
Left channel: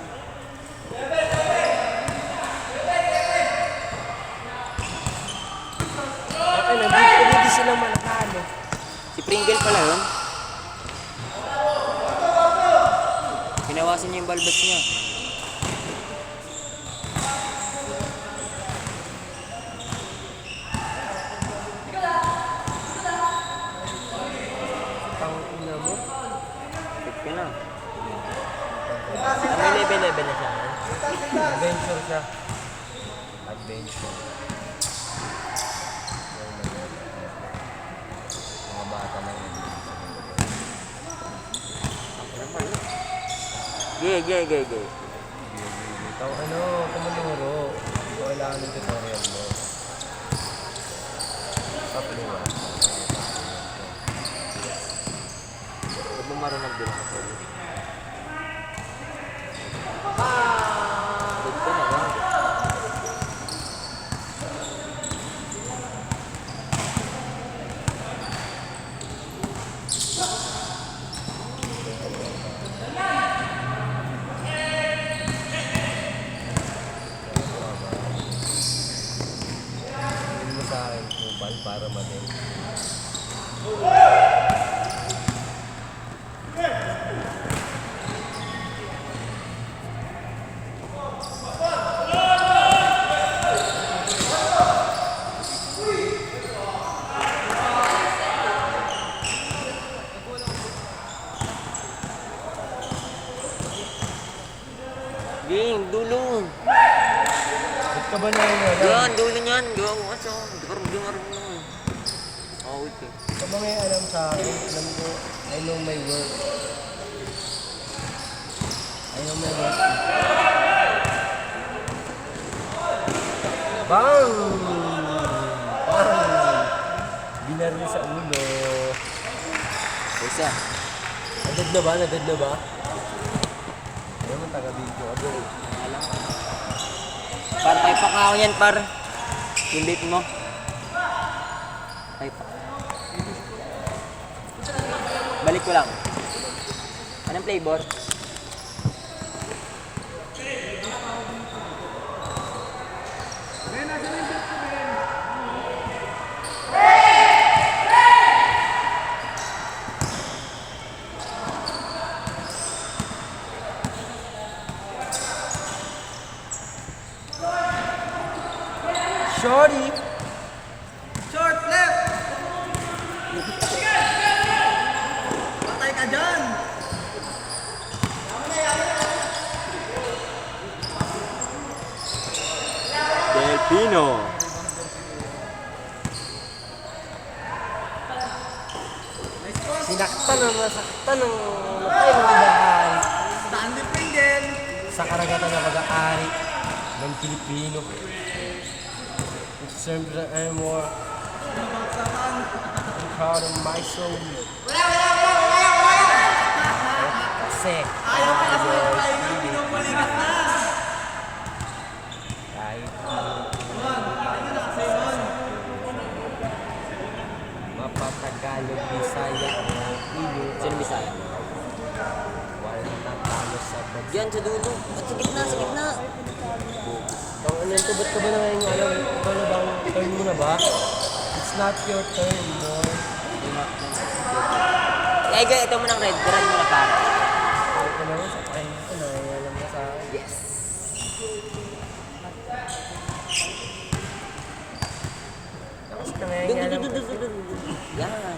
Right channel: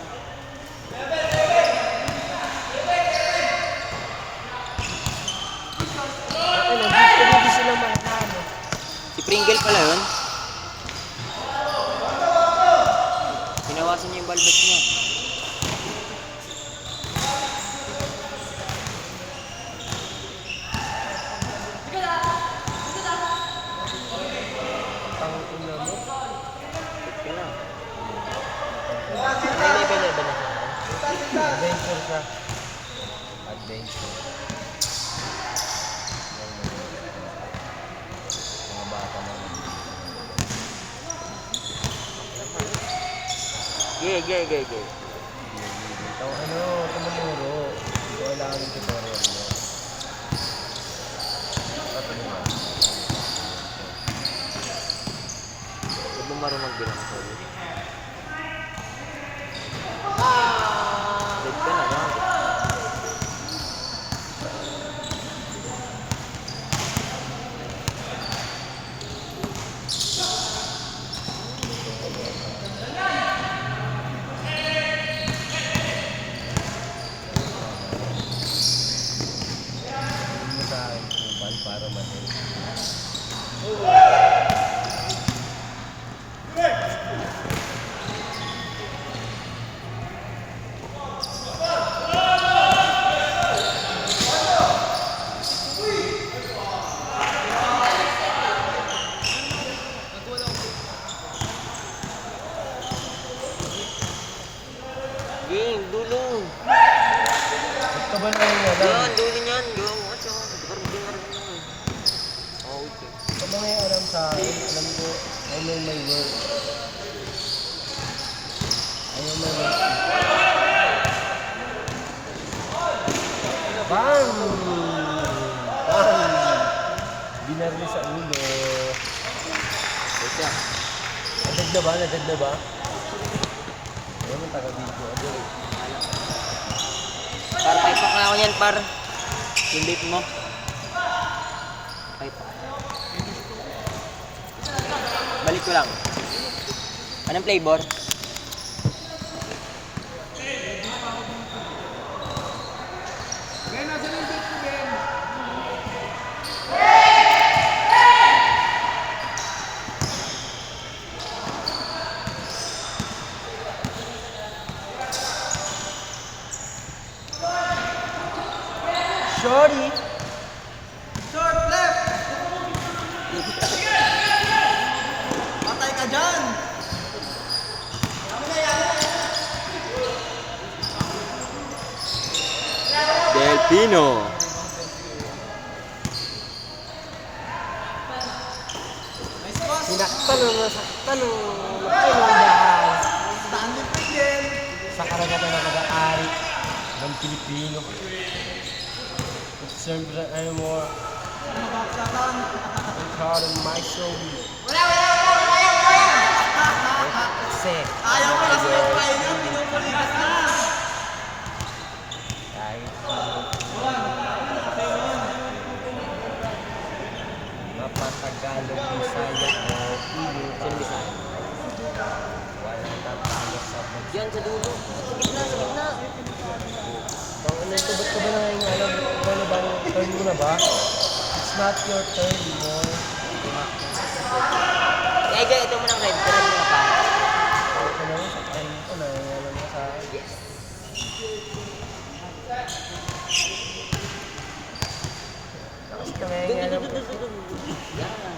hindi sila manalo. Si Pringle pala yun. Sinawasan niya yung balbet niya. Hit ka na. bench ko. Mga bata lang. Ge. Ito, tumuluro. Ito, kailangan ng tutorial mo. Papalungan. Huwag mo marunong bilang ako. Dead ka na ba? Hindi mo sa akin kupal para manil. Game, dulo. Ba't ka ba nangyayari? Yan, dulo niyan. Gawa mo kasi. Hindi nga rin mo. Okay. Sa mga alam sa akin, alam ko, ano may work. Ano may work. Bang! Bang! Binaril sa ulo. Isa. Nadad na ba? Nadad na ba? Ano ang taga-video? Ano? Par, type pack na ako yan, par. Yung vape mo. Type pack. Balik ko lang. Anong flavor? Shorty! Short left! Patay ka dyan! Delpino. Sinaktan ang nasaktan ang matay ng bahay. Sa karagatan ng pag-aari ng Pilipino. It serves the anymore. I'm proud of my soul. Kasi ayaw kahit mapatagalog Bisaya o Pilo. Saan bisa? Walang matalo sa Yan, sa dulo. Sige na, sige na. Bang ano ito, ba't ka ba nangyayari? Ikaw na bang turn mo na ba? It's not your turn, boy. Ega, ito mo ng red. Red mo na pa. Ito na lang sa time ko na, alam mo sa akin. Yes. Tapos ka nangyayari. Yan. Yan.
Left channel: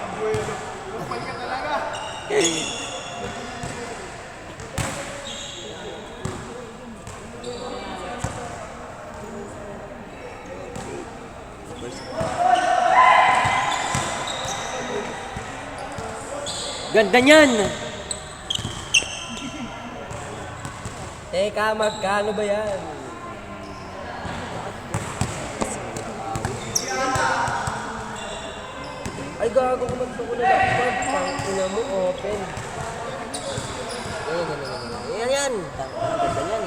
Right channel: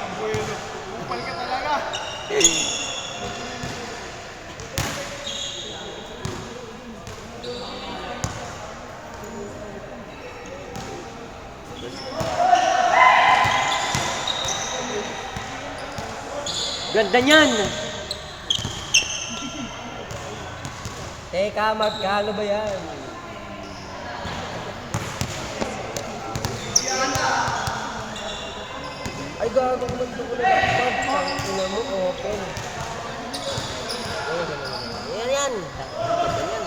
Abuelo. Kupal ka talaga. Ganda niyan. Teka, magkano ba yan? Ay, gago ko lang po ko na laptop. Ina mo, open. Ay, ganun. Yan, yan. Ganda yan.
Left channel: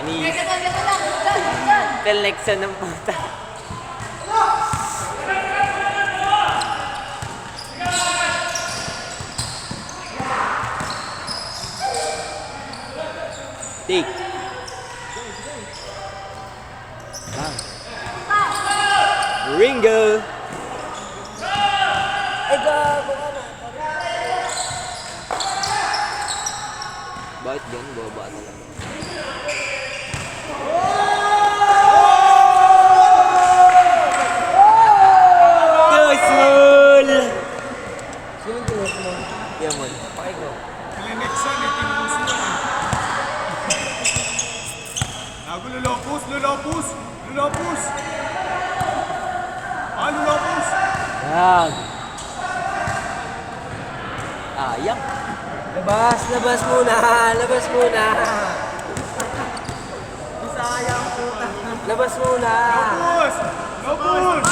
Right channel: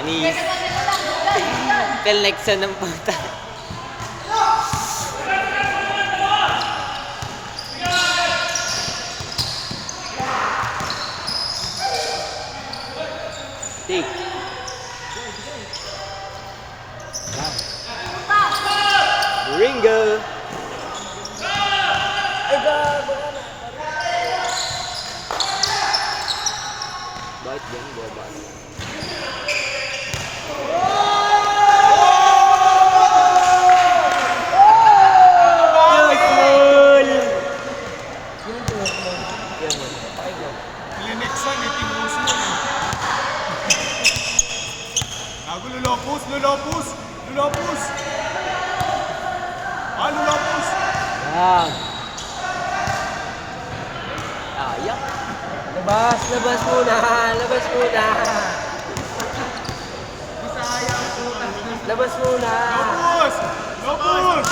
Anis. Collection ng puta. Take. Ringo. Ay, gago. Bakit yan? Baba. Kusmul! Sino tuwag mo? Yan mo. Ay ko. Next one, tinubos mo. Gago, lulopos, lulopos, lulopos. Lulopos. Yan. Ayak. Labas, labas muna, labas muna. Labas muna. Lopos, lopos.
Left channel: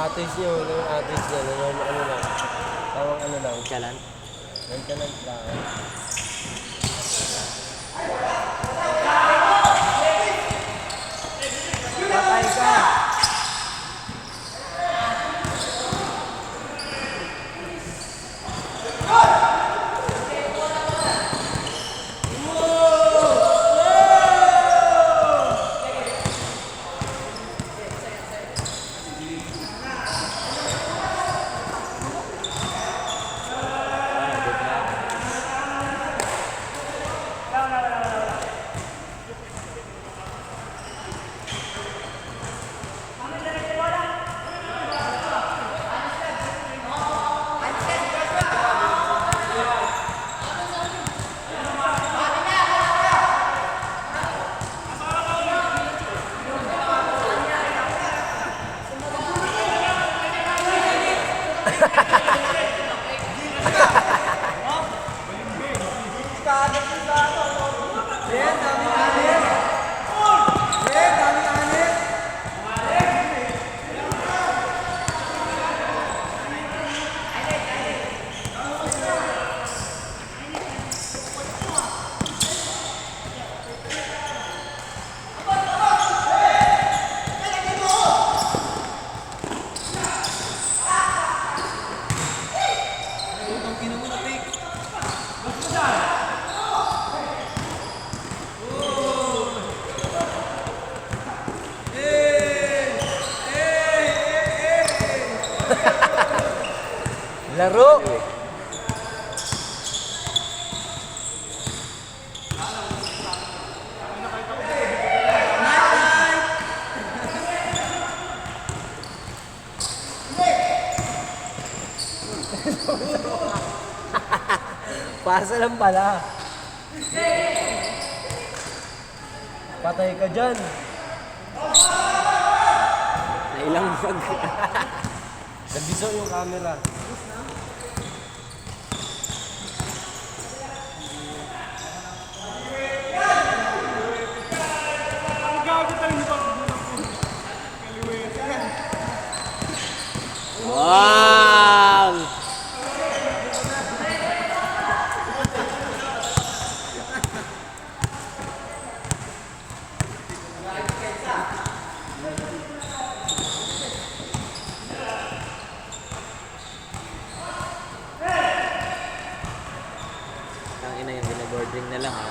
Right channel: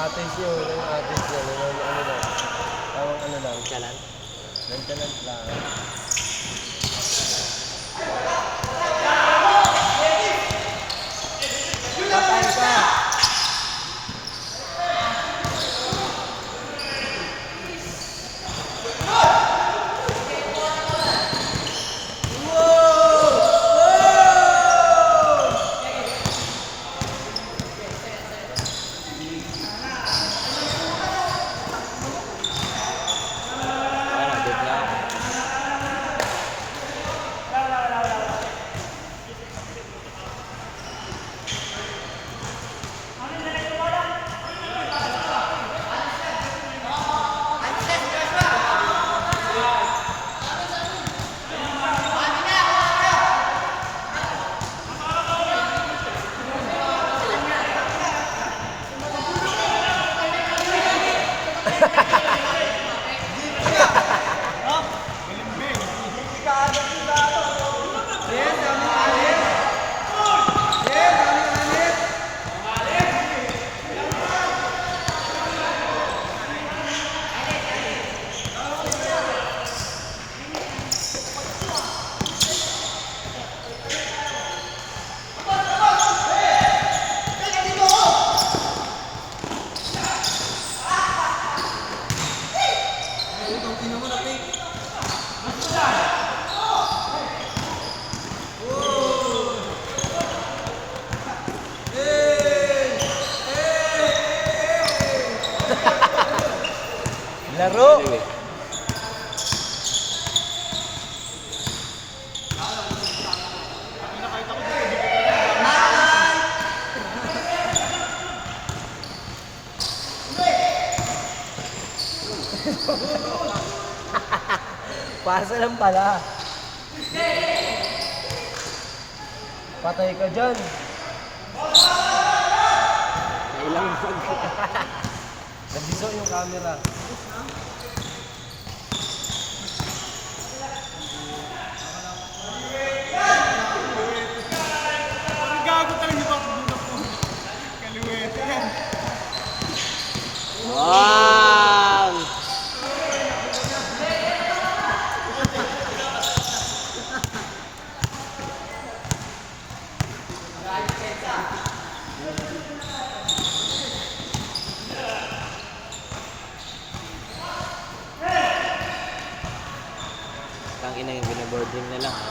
Atis yun, atis yun. Ano lang. Tawang ano lang. Chalan. Maintenance lang. Patay ka! Ano, good na. Laro! Anyway. Pasa lang pala. Patay ka dyan. Nailang mag. Nabiso yung camera. Gago talaga ito. Kaluwete yan. Wow! Tangina yung binaboard din nila ha.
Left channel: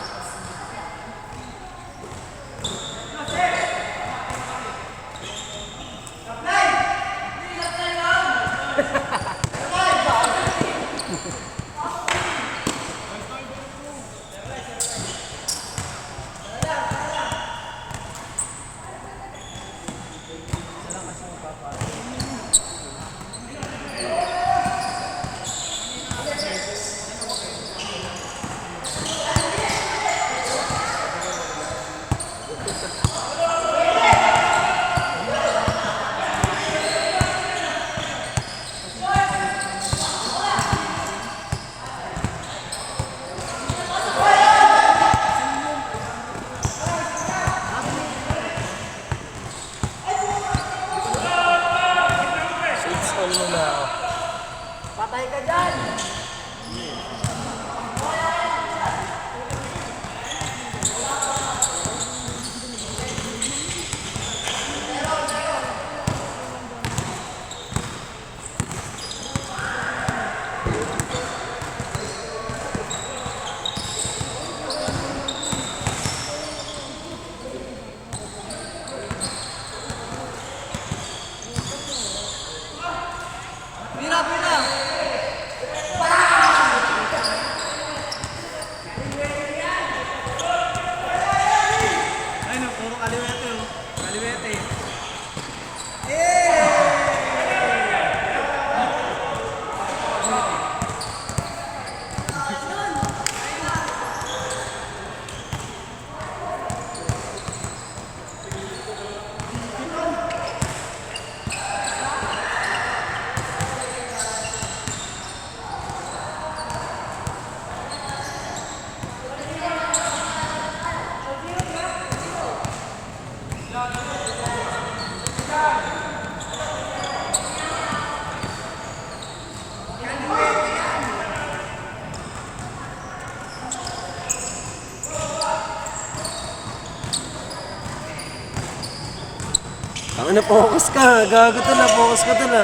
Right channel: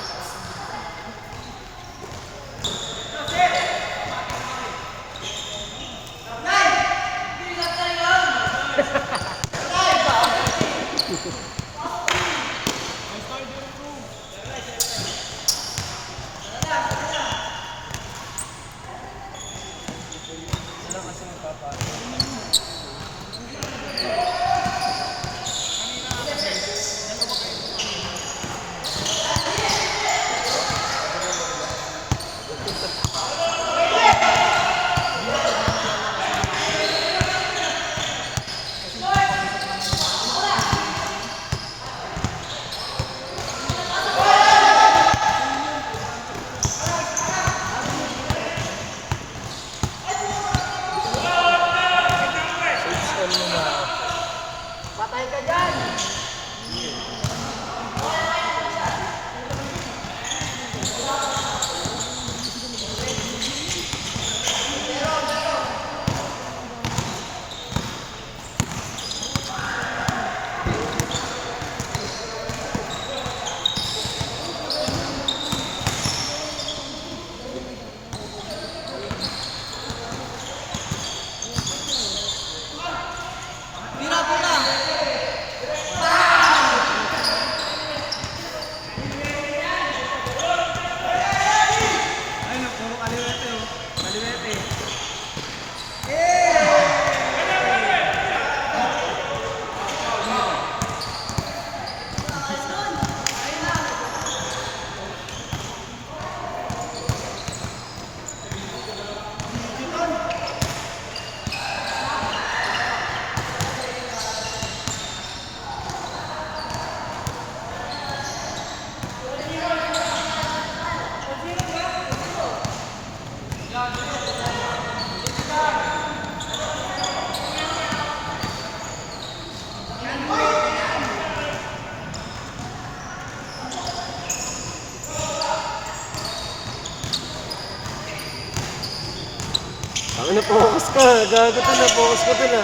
Ano, focus ka. Gago to na, focus ka to na.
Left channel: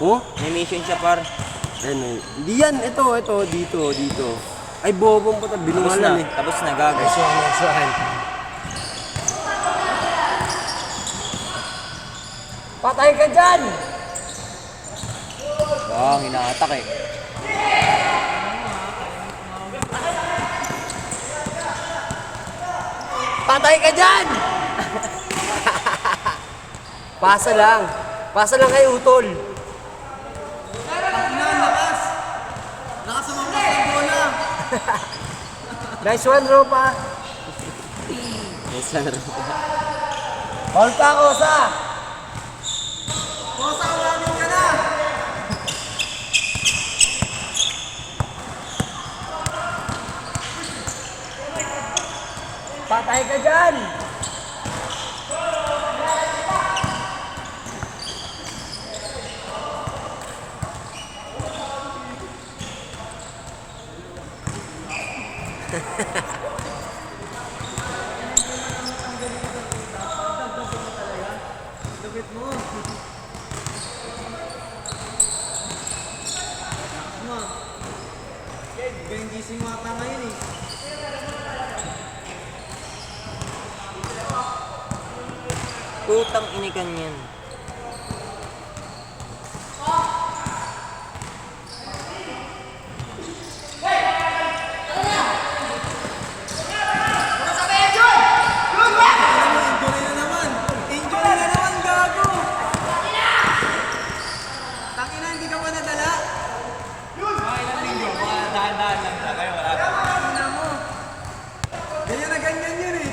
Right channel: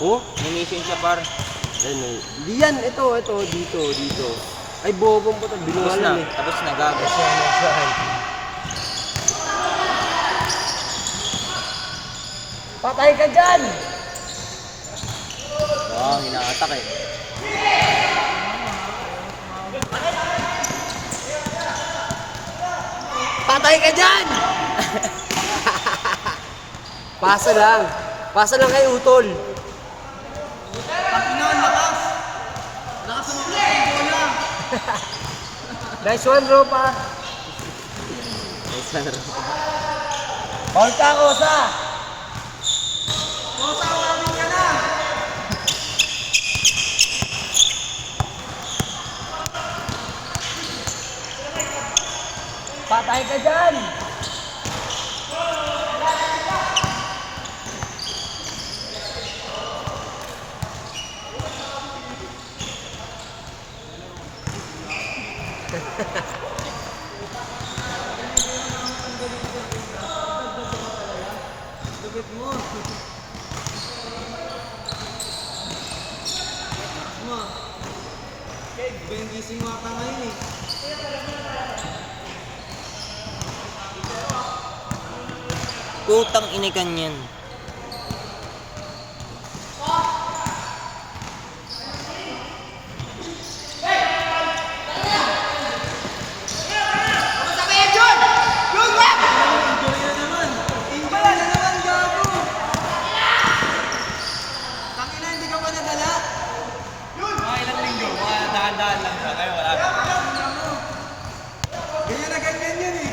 Oh? May mission siya par. Ano? Hindi yan, ito, dito. Ay, bobong pa ito, Tapos na, binungalan eh. tapos na, gago. Nice one. Patay ka dyan! Wow, hinaatak eh. Patay ka dyan! Pasa lang. Pasa lang kay Utol. Ang ina, lakas. Lakas sa mga bola. Nice one, Ropa. Nice lang. Hold ka, Osa. Kosa, unanin ka na. Patay ka dyan! Lupit mo. Lakas mo. Benji yung mata ngayon eh. Putang inikan yan. Injury na naman. Injury na naman, gago. Tangina, hindi ka pa nadala. Tangina mo. Ganyan na ganyan yan eh.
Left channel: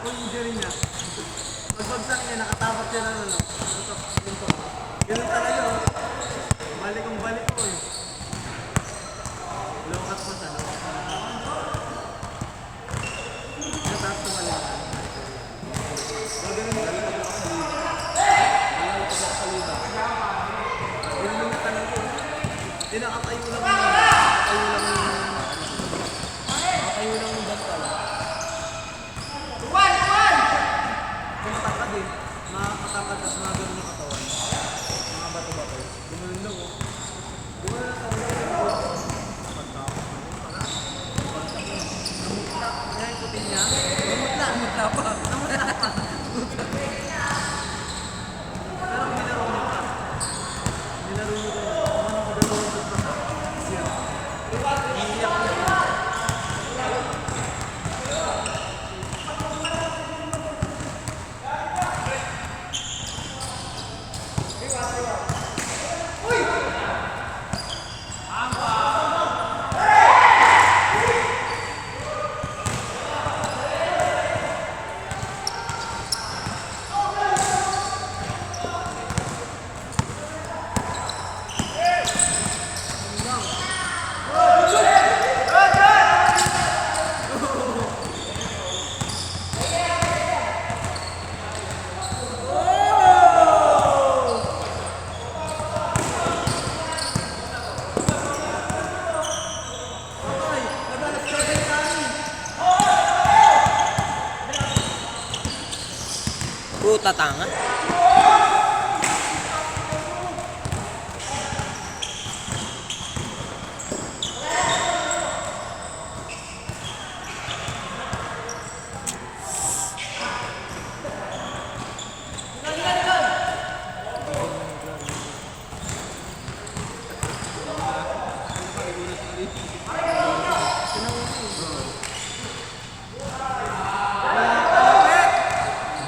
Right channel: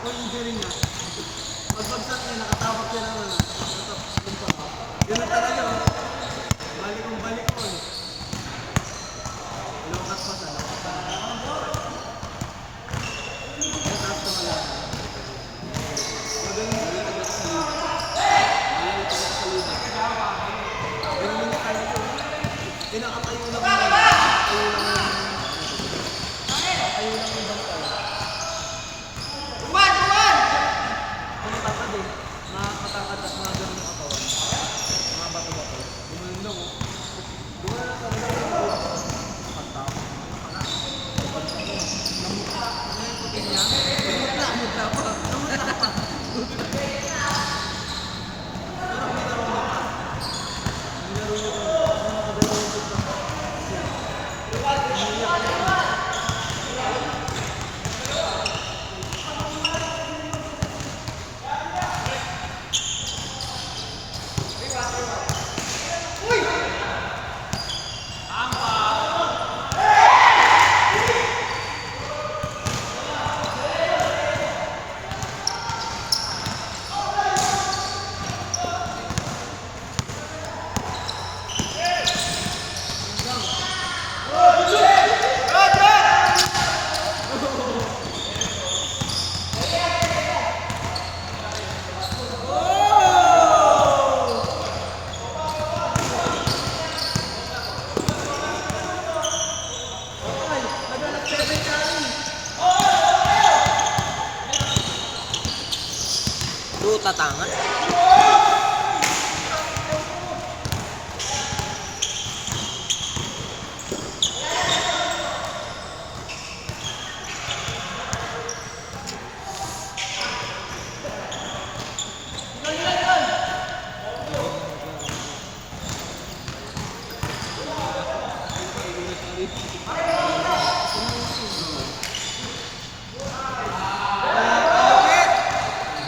Kung injury niya. Magbagsak niya, nakatapak siya na ano. Ganun talaga oh. Balik kong balik ko eh. Lokat pa siya, lokat pa. Mataas na malaki. O ganun na rin paglakas sa liba. Ayaw paglakas sa liba. Ganun na talaga eh. Kinakatayo lang mo. Nakatayo lang mo. Nakatayo lang mo dyan pala. Kumakatad eh. Makakatapad at mga ganun sa katawan. Mga bato-bato. Gumanon lang oh. Gumanon lang talaga. Pagtapos. Pagtapos. Namutla. Ngayon puting niya. Namutla. Namutla pa. Namutla pa. Pero nilaro mo pa. Nilaro mo pa. Puta tanga.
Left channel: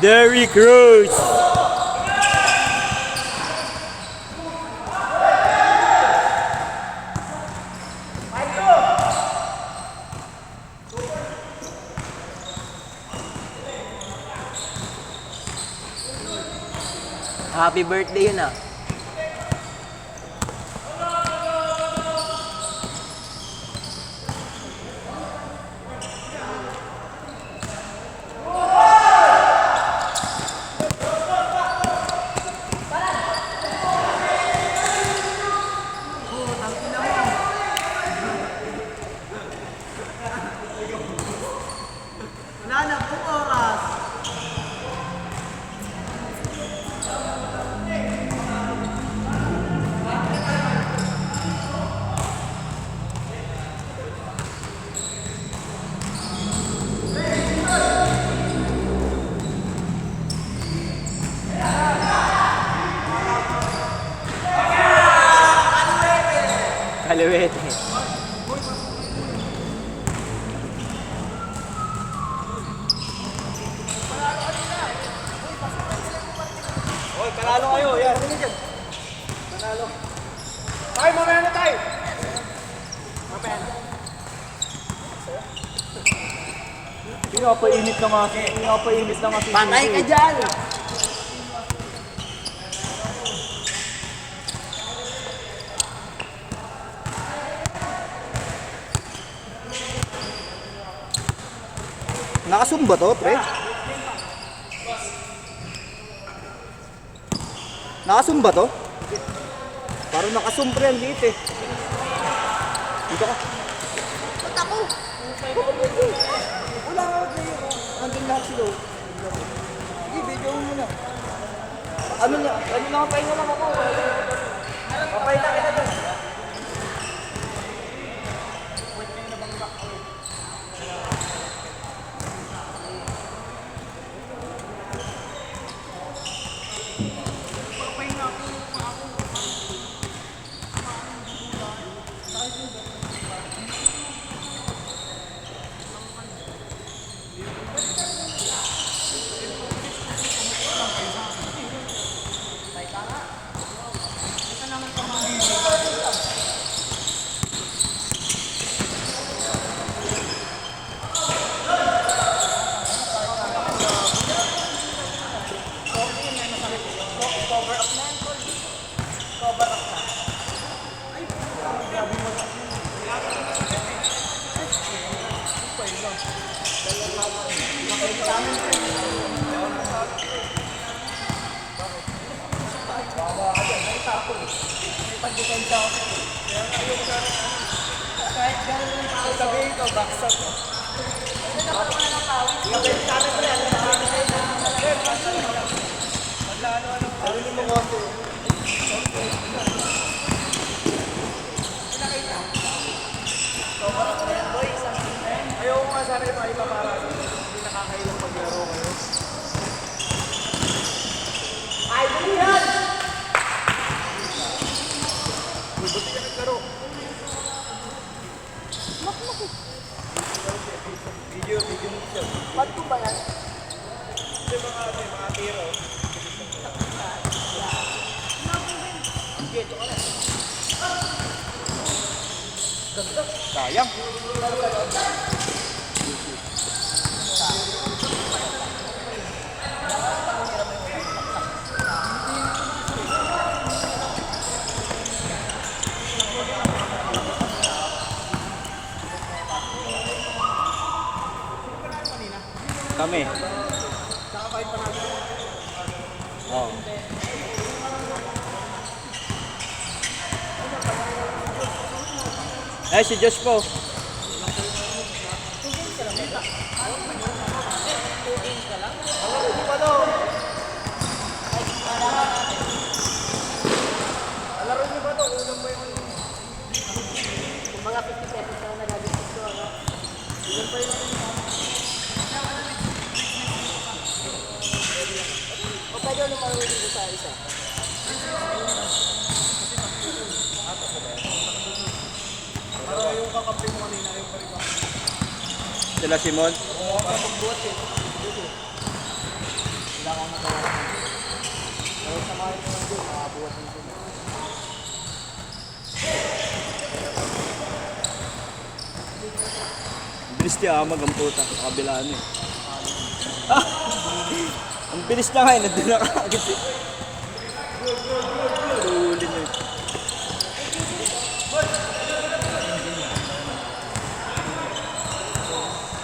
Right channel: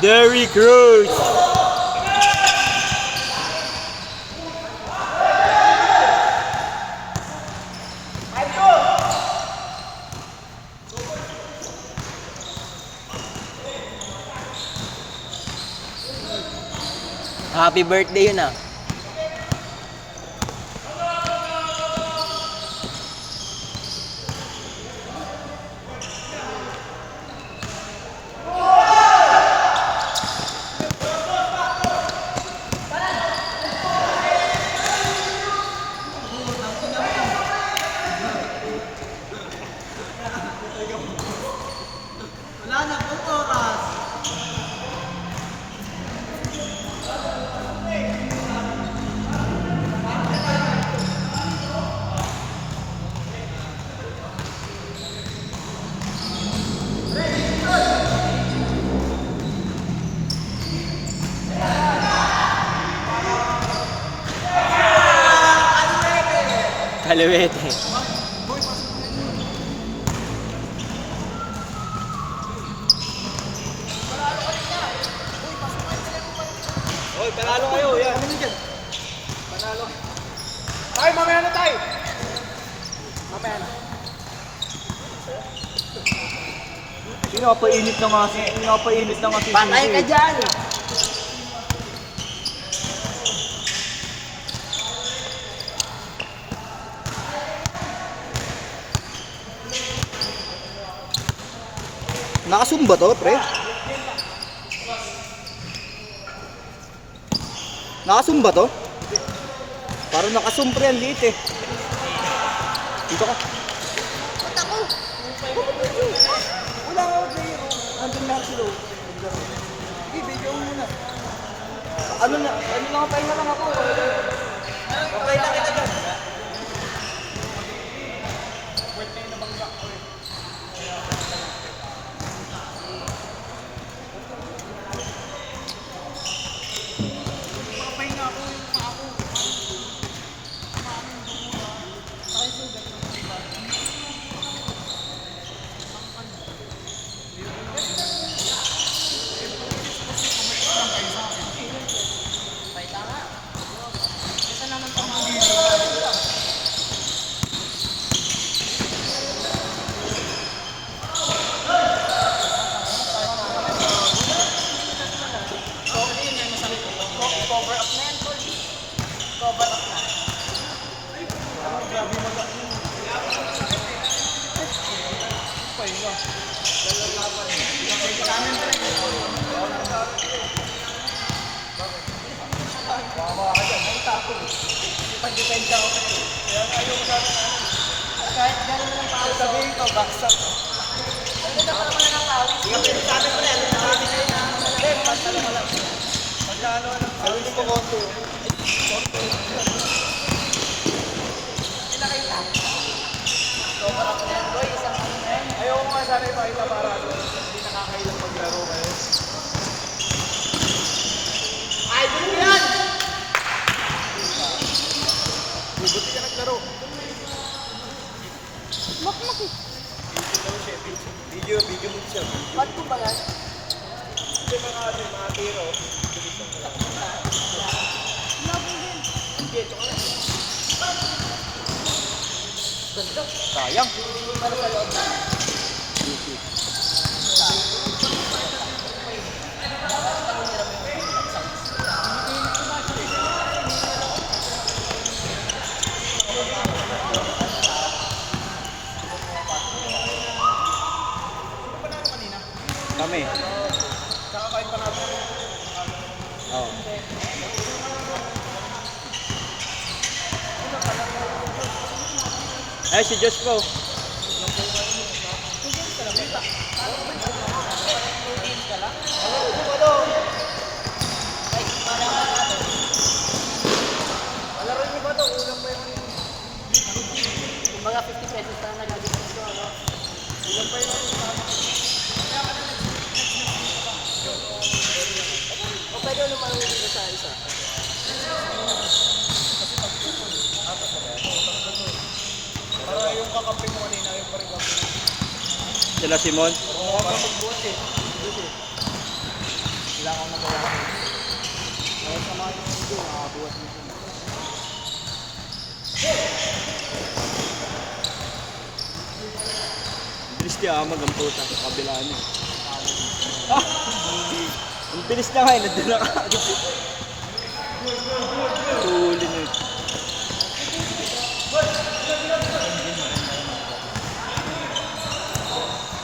Derrick Rose. Happy birthday yun ah. Wala na pong oras. Kaliwete. Oy, panalo kayo. Yan, sino dyan? Panalo. Tay, mamaya na tay. Mamaya na. Pinapainit na nga si Patay ka dyan! Nakasumba to, pre? Nakasumba to? Parang nakasumpre ang liit eh. Dito ka. Ba't ako? Wala nga ako player oh. Nandun lahat sila oh. Sige, video mo muna. Ano na, pahinga lang ako. Pahinga kita dyan. Sabihin ko, baksak. Ayaw ko nga sana ipakita para hindi nakakailang maglaro kayo. Ba't ko ba yan? Sayang. Kami. Oo. Ay, si Josh po. Mga 50 pesos na nag-discuss ko, ano? Ilan pa yun? O pwede ko naman dito sa isa. Sila Simon. Bilis niya amag ang puta sa kabilaan niya. Ang bilis niya nga eh, nandun na kaagad. Tuling mo.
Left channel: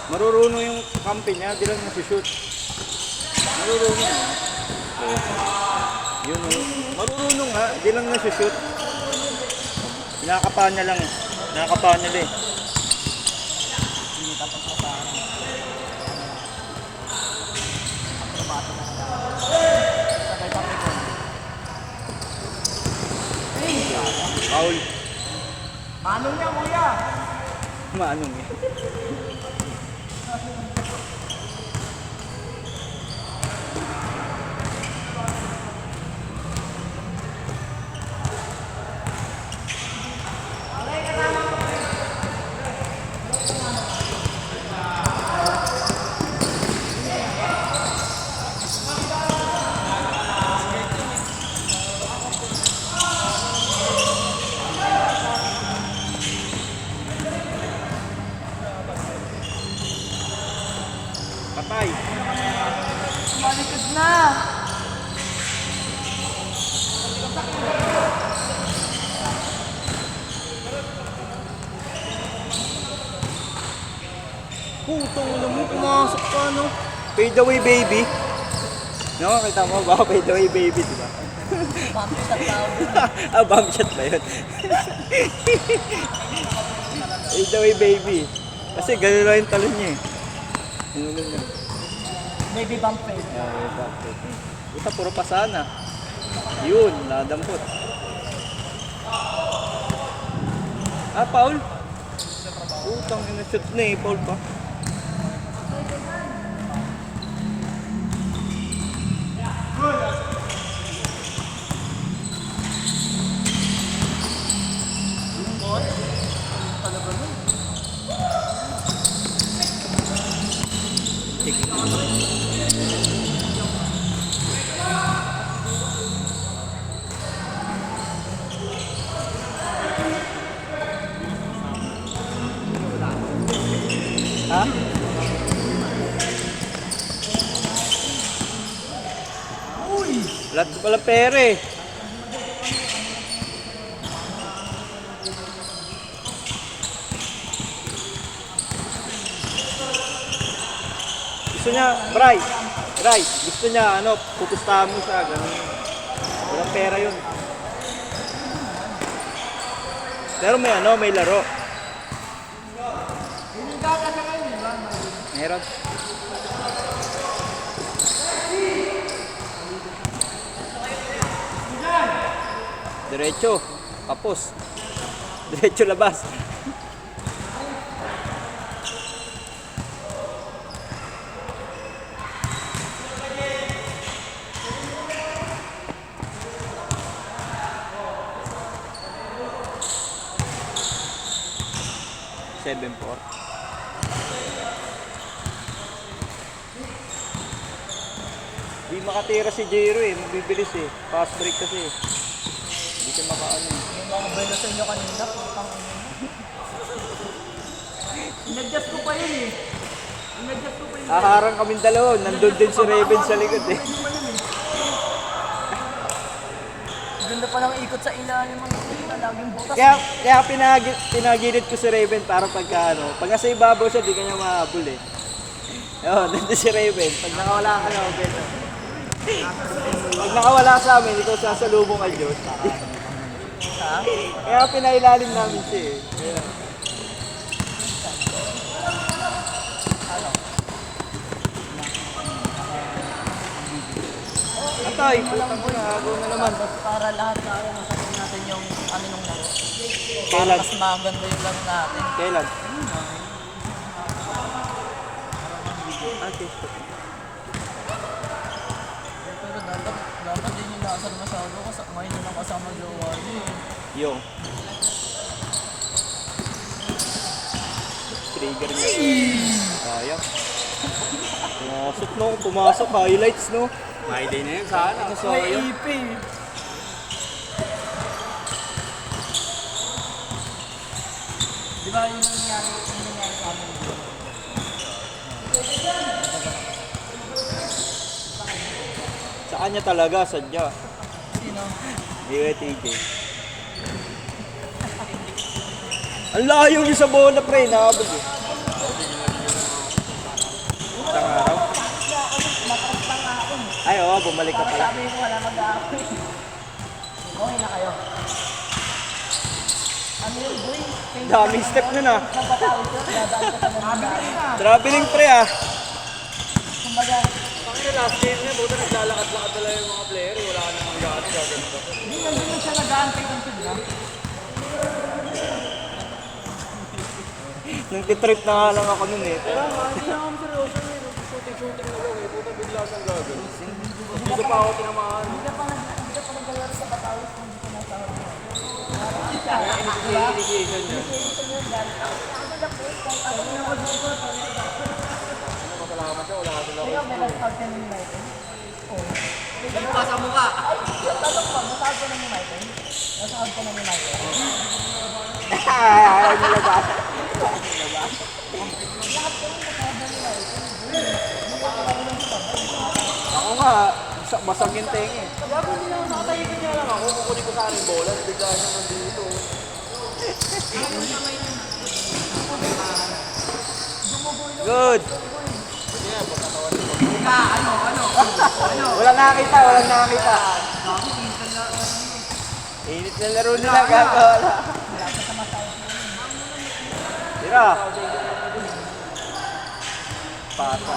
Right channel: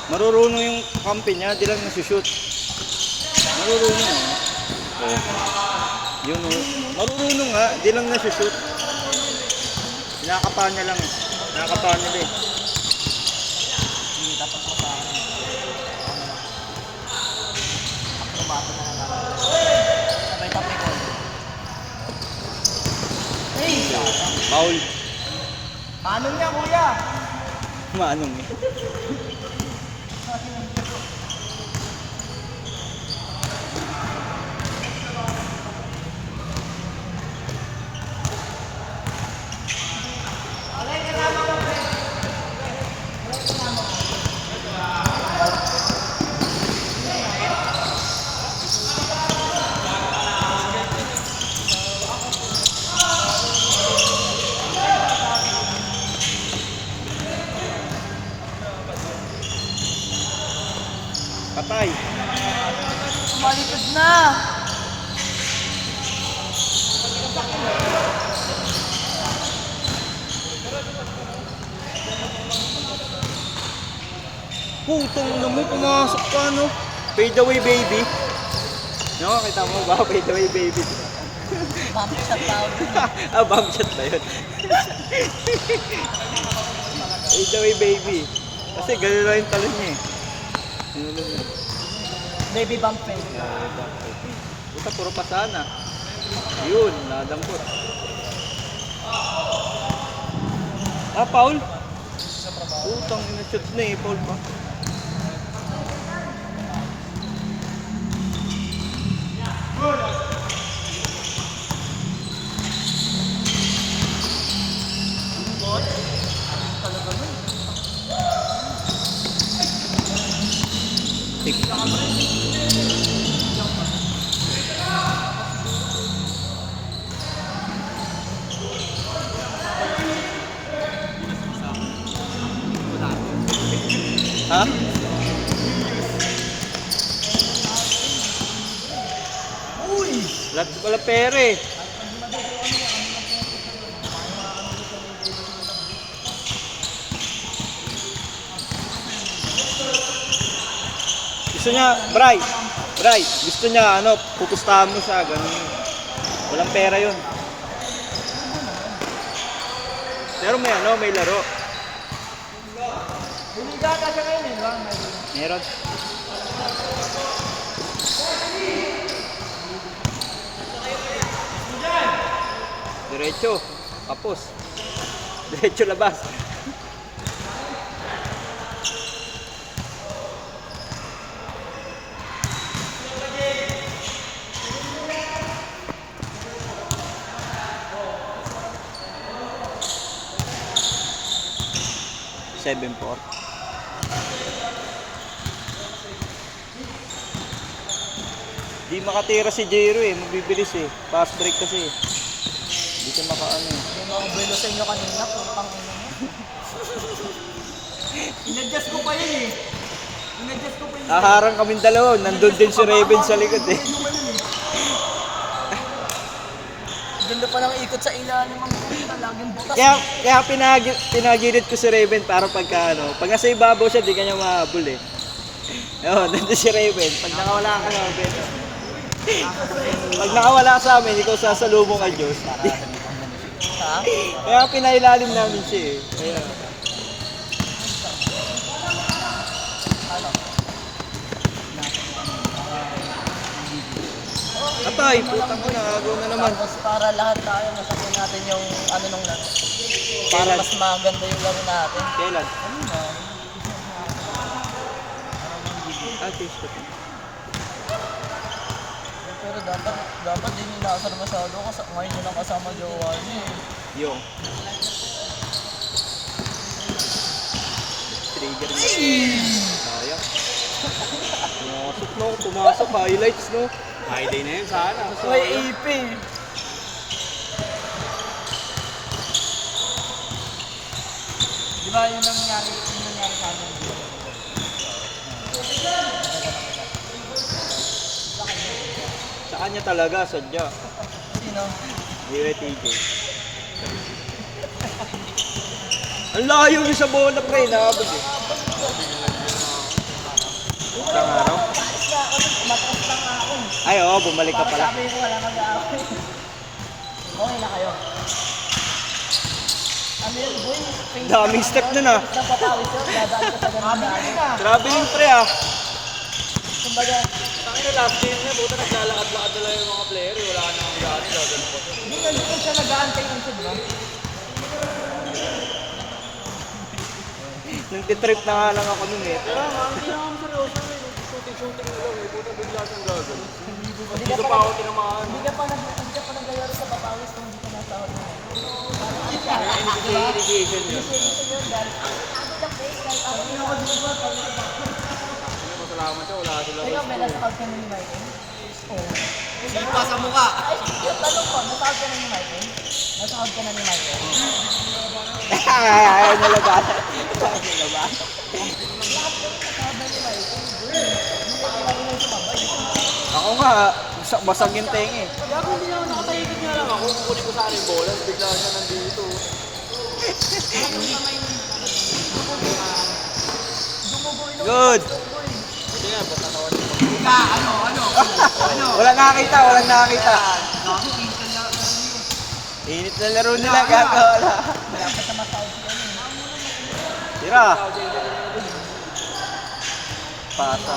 Marurunong yung kampi niya, di lang nasushoot. Marurunong nga. Yun o. Marurunong nga, di lang nasushoot. Nakakapa niya lang eh. Nakakapa niya din. Hindi, tapos ko sa ano. Akrobato na lang ako. Sabay-tapos ko. Paul. Manong niya, kuya. Maanong eh. Tay. Malikod na! Putong na mo, pumasok ka, no? Fade away, baby. No, kita mo ba? Fade away, baby. Mami sa tao dun. Ah, bomb shot ba yun? Fade away, baby. Kasi gano'n lang yung talon niya. Ano lang yun? Baby bump eh. Ito, puro pasana. Yun, nadampot. Ah, Paul? Putang ina-shoot na eh, Paul pa. Talaga nun. Ha? Lahat ko pala pera eh. Gusto niya, Bray, gusto niya, ano, pupustahan mo siya, ganun. Walang pera yun. Pero may ano, may laro. Meron. Diretso, kapos. Diretso labas. Seven four. Di makatira si Jero eh, mabibilis eh. Fast break kasi. Di ka nakaano eh. Belo sa inyo kanina. Inadjust ko pa yun eh. Inadjust ko pa yun. Nakaharang kaming dalawa, nandun din si Raven sa likod eh. Ganda pa ng ikot sa ilalim ng laging butas. Kaya pinagilid ko si Raven para pagka ano, pag nasa ibabaw siya, di kanya mahabol eh. Oo, nandun si Raven. Pag nakawala ka na, Raven. Pag nakawala ka sa amin, ikaw sasalubong kay Diyos. Kaya pinailalim namin siya eh. Kaya, Atay, putang ko na, agaw na naman. Mas para lahat tayo masakin natin yung ano nung laro. Para, Mas maganda yung laro natin. kailan? Ah, Facebook. Pero dapat din yung nakasar masyado kasi ngayon nyo lang kasama jowa niyo eh. Yo. Trigger mo. Ayan. Pumasok no, pumasok. Highlights no. My day na yun sana. May EP. Di ba yung nangyari sa amin? Sa kanya talaga, sadya. Sino? Hindi TJ. Ang layo yung sa bola pre, nakabag eh. Isang araw? Ay oo, bumalik ka pala. Sabi mo wala mag-aaway. Okay na kayo. Ano yun, boy? Daming step nun ah. Napapawid ko, pinadaan ka sa ganun. Traveling pre ah. Kumbaga, Tangin na last game niya, buta naglalakad-lakad na lang yung mga player eh. Wala ka nang gano'n, gagano pa. hindi siya nag-aantay ng sud, no? Nang titrip na nga lang ako nun eh. Kaya nga, hindi na kami seryoso eh. Shooting-shooting na lang eh. Buta bigla siyang gagano. Hindi ko pa ako tinamaan. Hindi ka pa nag-alaro sa Batawis kung hindi ka nasa Kaya initiation niya. Masalamat siya, wala sila. Ikaw, may nasakad ka ng United? Sipa sa mukha! Ay, tanong ko, nasakad ka ng United? Nasakad ka ng United? Ay, nalabasan. Nasakad ka ng United? nga, basag yung tenga eh. Kaya ako hindi naman nakataigit niya lang ako. Kukunin ko sa akin bola, bigla siya nandito. Good. Walang nakakita, walang nakakita. Init na laro nila, gagawala. Tira. Pasa.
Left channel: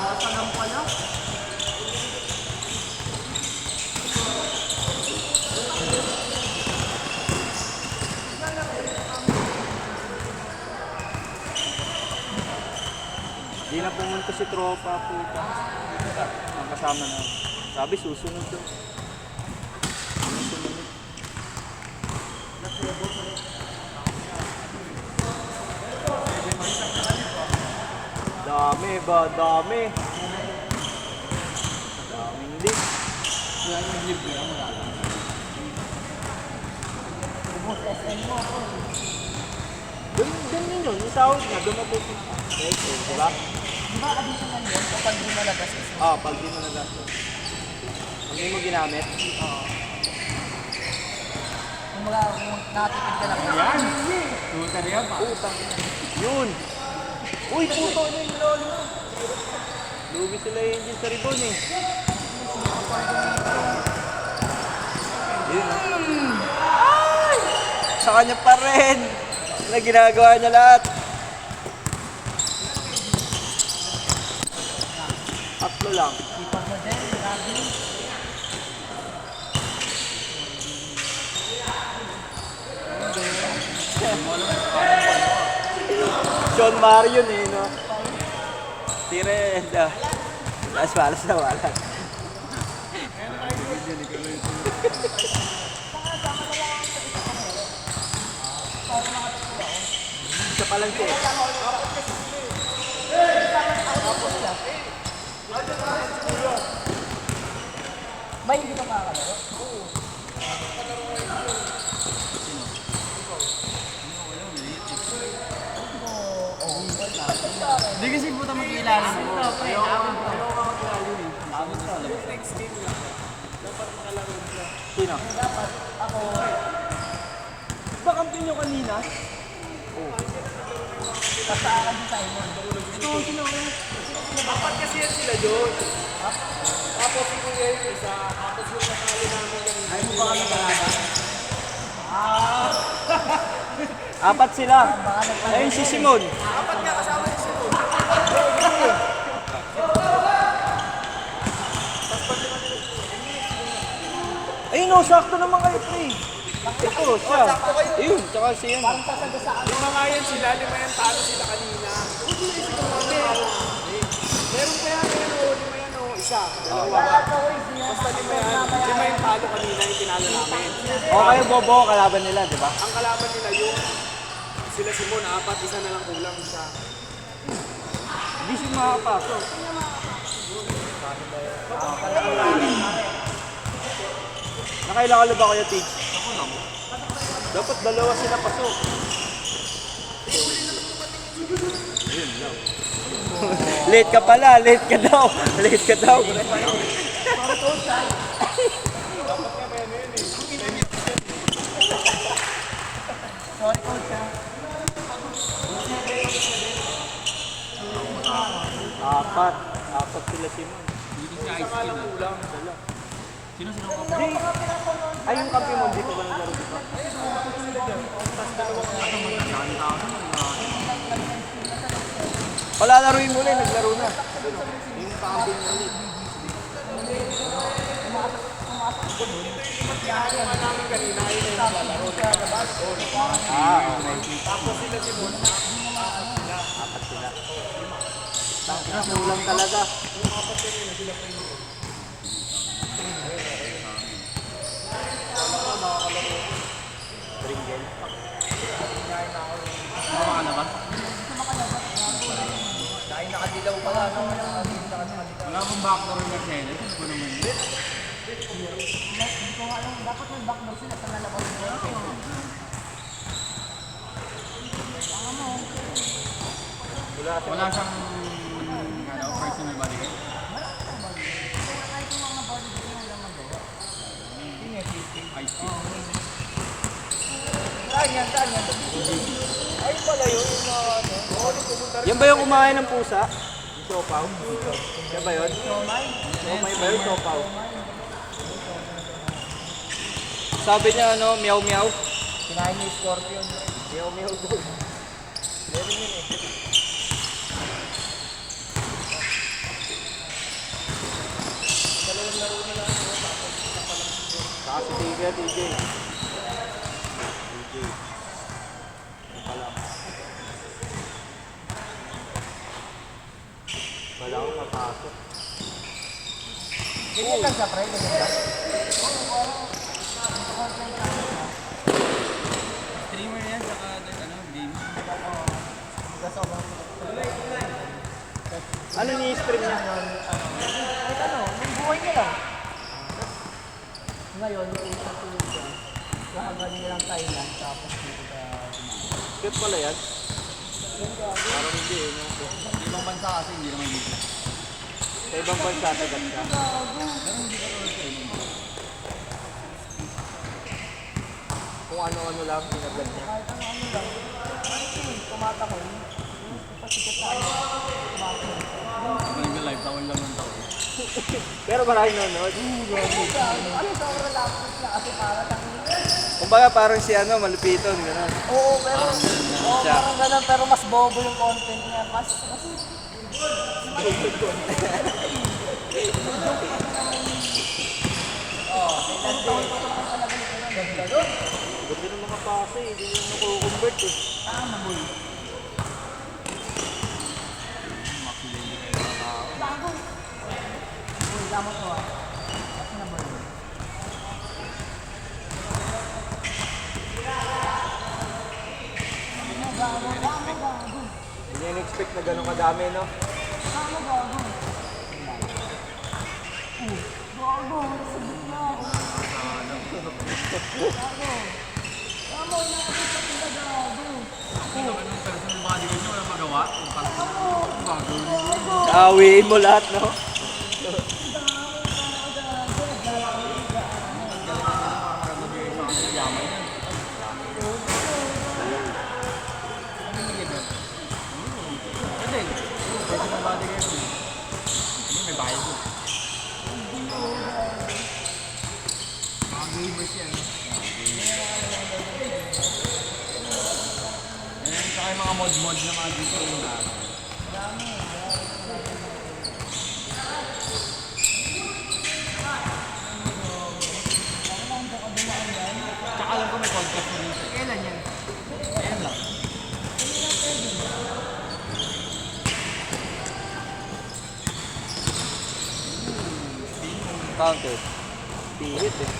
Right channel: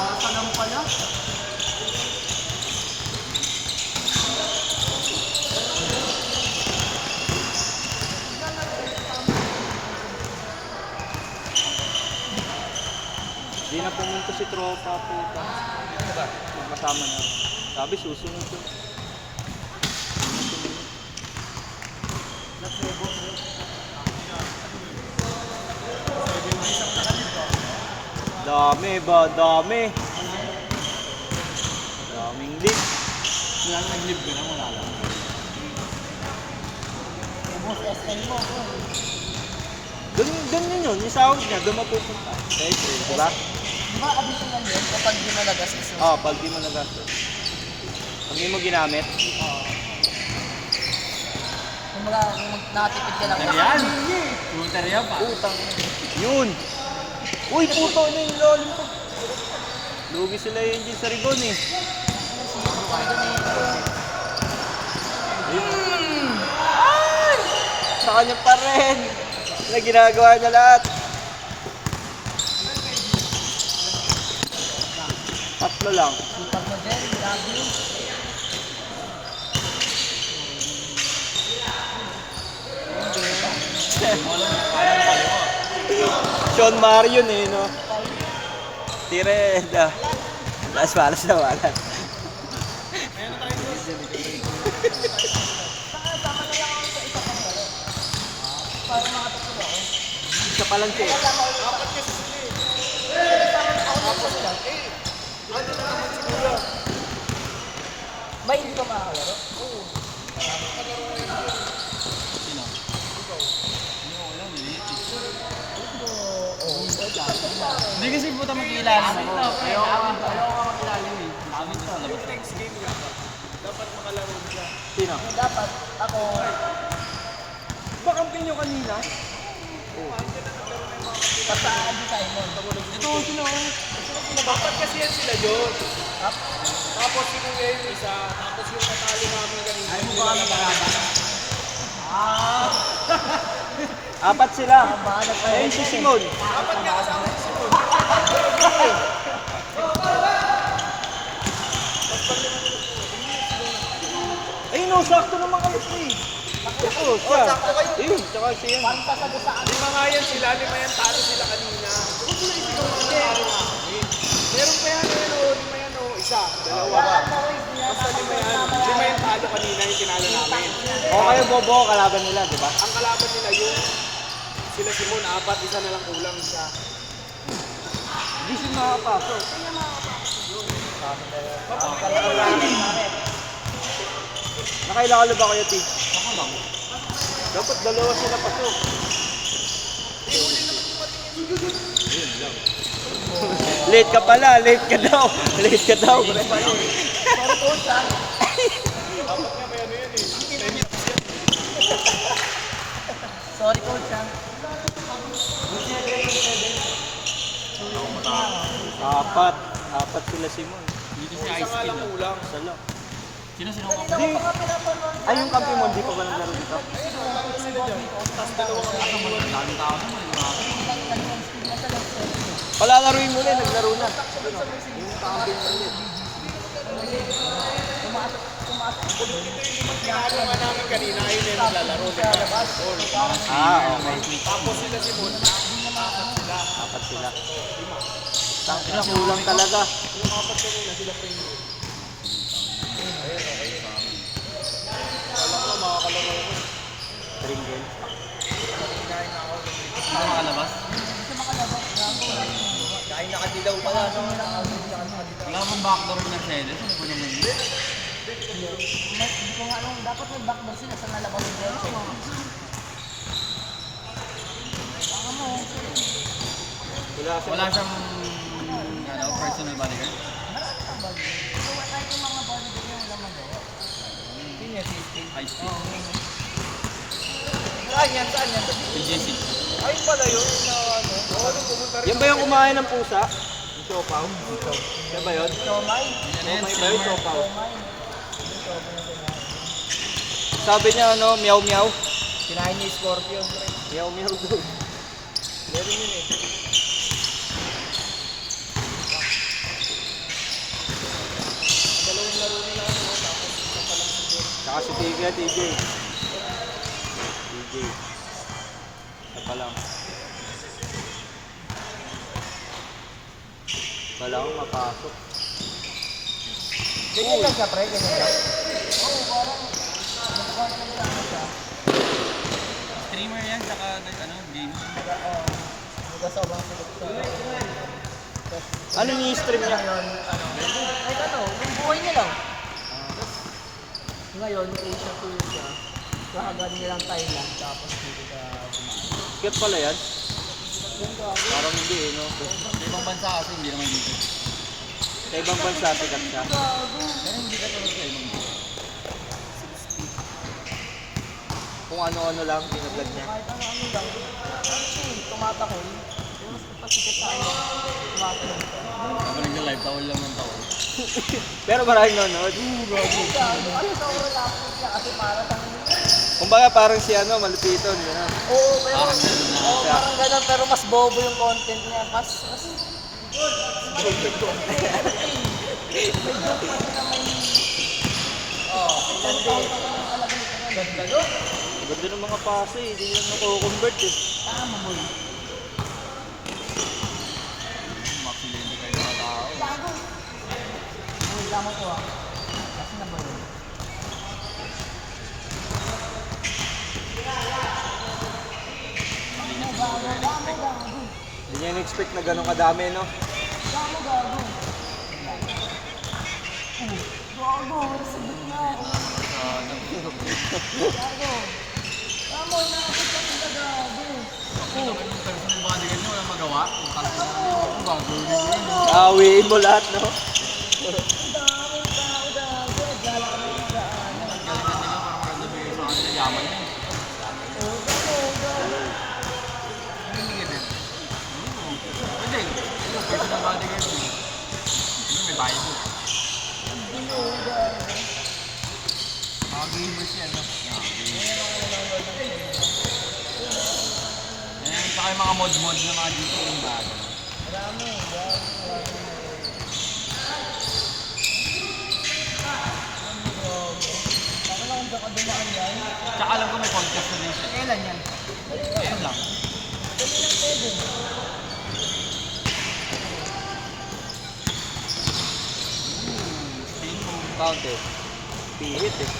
Hindi na pumunta si tropa, puta. Ang kasama na. Sabi, susunod to. Susunod. Dami ba? Dami. Daming leak. Ganyan yun, yung sahod niya, doon mapupunta. Okay, di ba? Kapag di mo nagastos. Pag di mo nagastos. Pag di mo ginamit, Kung nakatipid ka lang. Yan! Pumunta niya pa. utang. Yun! Uy, puto na yung lalim ko. Lugi sila yung engine sa ribbon eh. Ay! Sa kanya pa rin. Na ginagawa niya lahat. Tatlo lang. Sipag mo din, grabe. Sean Marion eh, no? Tireda. Las balas na wala. Sa palangke. Ba, hindi ka makakalaro? Sino? Wala, niliit eh. Hindi kasi puta magkilala mo. Ayaw ka makilala yun eh. Sabi ko sa labas lang. Sino? Dapat ako, Ba kampi nyo kanina? kasaan si Simon. Ito, sino? Dapat kasi yan sila doon. Tapos si Kuya yung isa, tapos yung natalo namin kanina. Ayaw mo ba kami kalaban? Apat sila. Baka nag- Ayun si Simon. Ayun o, sakto naman kayo pre. Ako, siya. sakto kayo. Ayun, tsaka siya. Parang sasagasaan. Lima nga yan sila, lima yan talo sila kanina. Meron pa yan, ayan o, lima yan o, isa, dalawa. Basta lima yan, lima yung talo kanina yung tinalo namin. O kayo bobo, kalaban nila, di ba? Ang kalaban nila yung sila Simon, apat, isa na lang kulang siya. Hindi siya makapasok. Nakailangan ba kayo, Tig? Ako lang. Dapat dalawa sila pasok. Late ka pala, late ka daw. Late ka daw. Sorry, coach. Apat sila Simon. Hindi kasi ice skill. Sala. Sino? Di, ay yung kampi mo, di pa ba naglaro dito? Palalaruin mo ulit, naglaro na. Yung kampi mo ulit. Kanina ayun yung naglalaro. Okay. Apat sila. Kulang talaga. Tringgel. Sino makalabas? Kain nakadilaw pa lang. Wala akong backdoor na series. Sino naman? Hindi ko nga alam, dapat may backdoor sila sa nalabas ng Renfe. Wala siyang personal bodyguard. Ay pala yun, yung na ano. Oo, nung pumunta rin. Yan ba yung kumain ng pusa? Yung siopaw? Yan ba yun? Siomay ba yun, siopaw? Sabi niya ano, meow meow. Kinain niya yung scorpion. Meow meow doon. Meron yun eh. Saka si TJ, TJ. Ano pa lang. Wala akong mapasok. Ganyan lang siya, pre. Ganyan lang. Streamer yan, saka ano, game. Ano ni-stream niya? Yung buhay niya lang. Ngayon, yung Asia Tour ko, lahagan nilang Thailand, tapos dito ka Cute pala yan. Parang hindi eh, no? Sa ibang bansa kasi hindi naman dito. Sa ibang bansa, tagat siya. Pero hindi ka tulad kayo nung Kung ano-ano lang, pinablog niya. Pag nag-live, tawal lang ng tao. Pero maraming nanonood. Kumbaga parang si ano, malupiton, gano'n. Oo, pero Parang ganun na. oo, parang ganun, pero mas bobo yung content niya. Mas Ganda ng mga pase, hindi nyo mako-convert eh. Hindi nyo expect na gano'ng kadami, no? Awiin mo lahat, no? Hindi. Personal bodyguard mo. Ano may bayad mo? Mga gamers yan, no? Ayan, saka yung mga mod-mod na mga dito yung bago. Tsaka alam ko may podcast na din siya. kailan yan? Ayan lang. Counter. Pihit eh.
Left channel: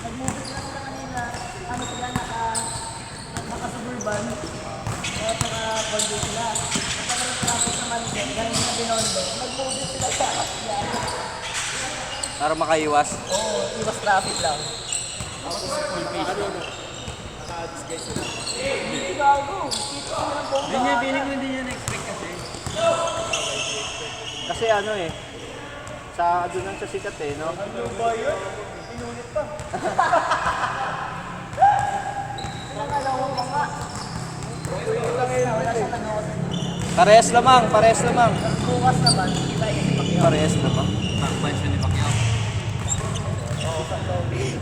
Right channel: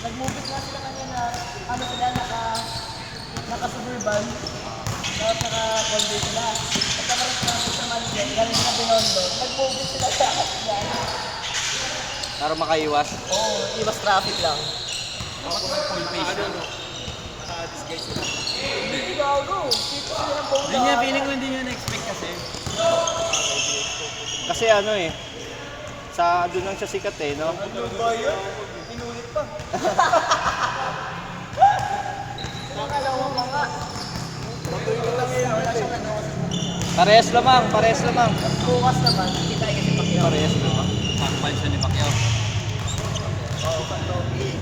Nag-movie class sila kanina, ano sila, naka-suburban. Tapos naka-condo sila. At saka rin traffic sa Malden, galing mga Binondo. Nag-movie sila sa Kasyan. Para makaiwas. Oo, iwas traffic lang. Dapat full page na. Hindi gago. Dito sila ng bomba. Hindi niya, feeling ko hindi niya na-expect kasi. Kasi ano eh, sa doon lang sa sikat eh, no? Parehas lamang, parehas lamang. Bukas naman, kita yung si Pacquiao. Parehas lamang. Pakpan siya ni Pacquiao.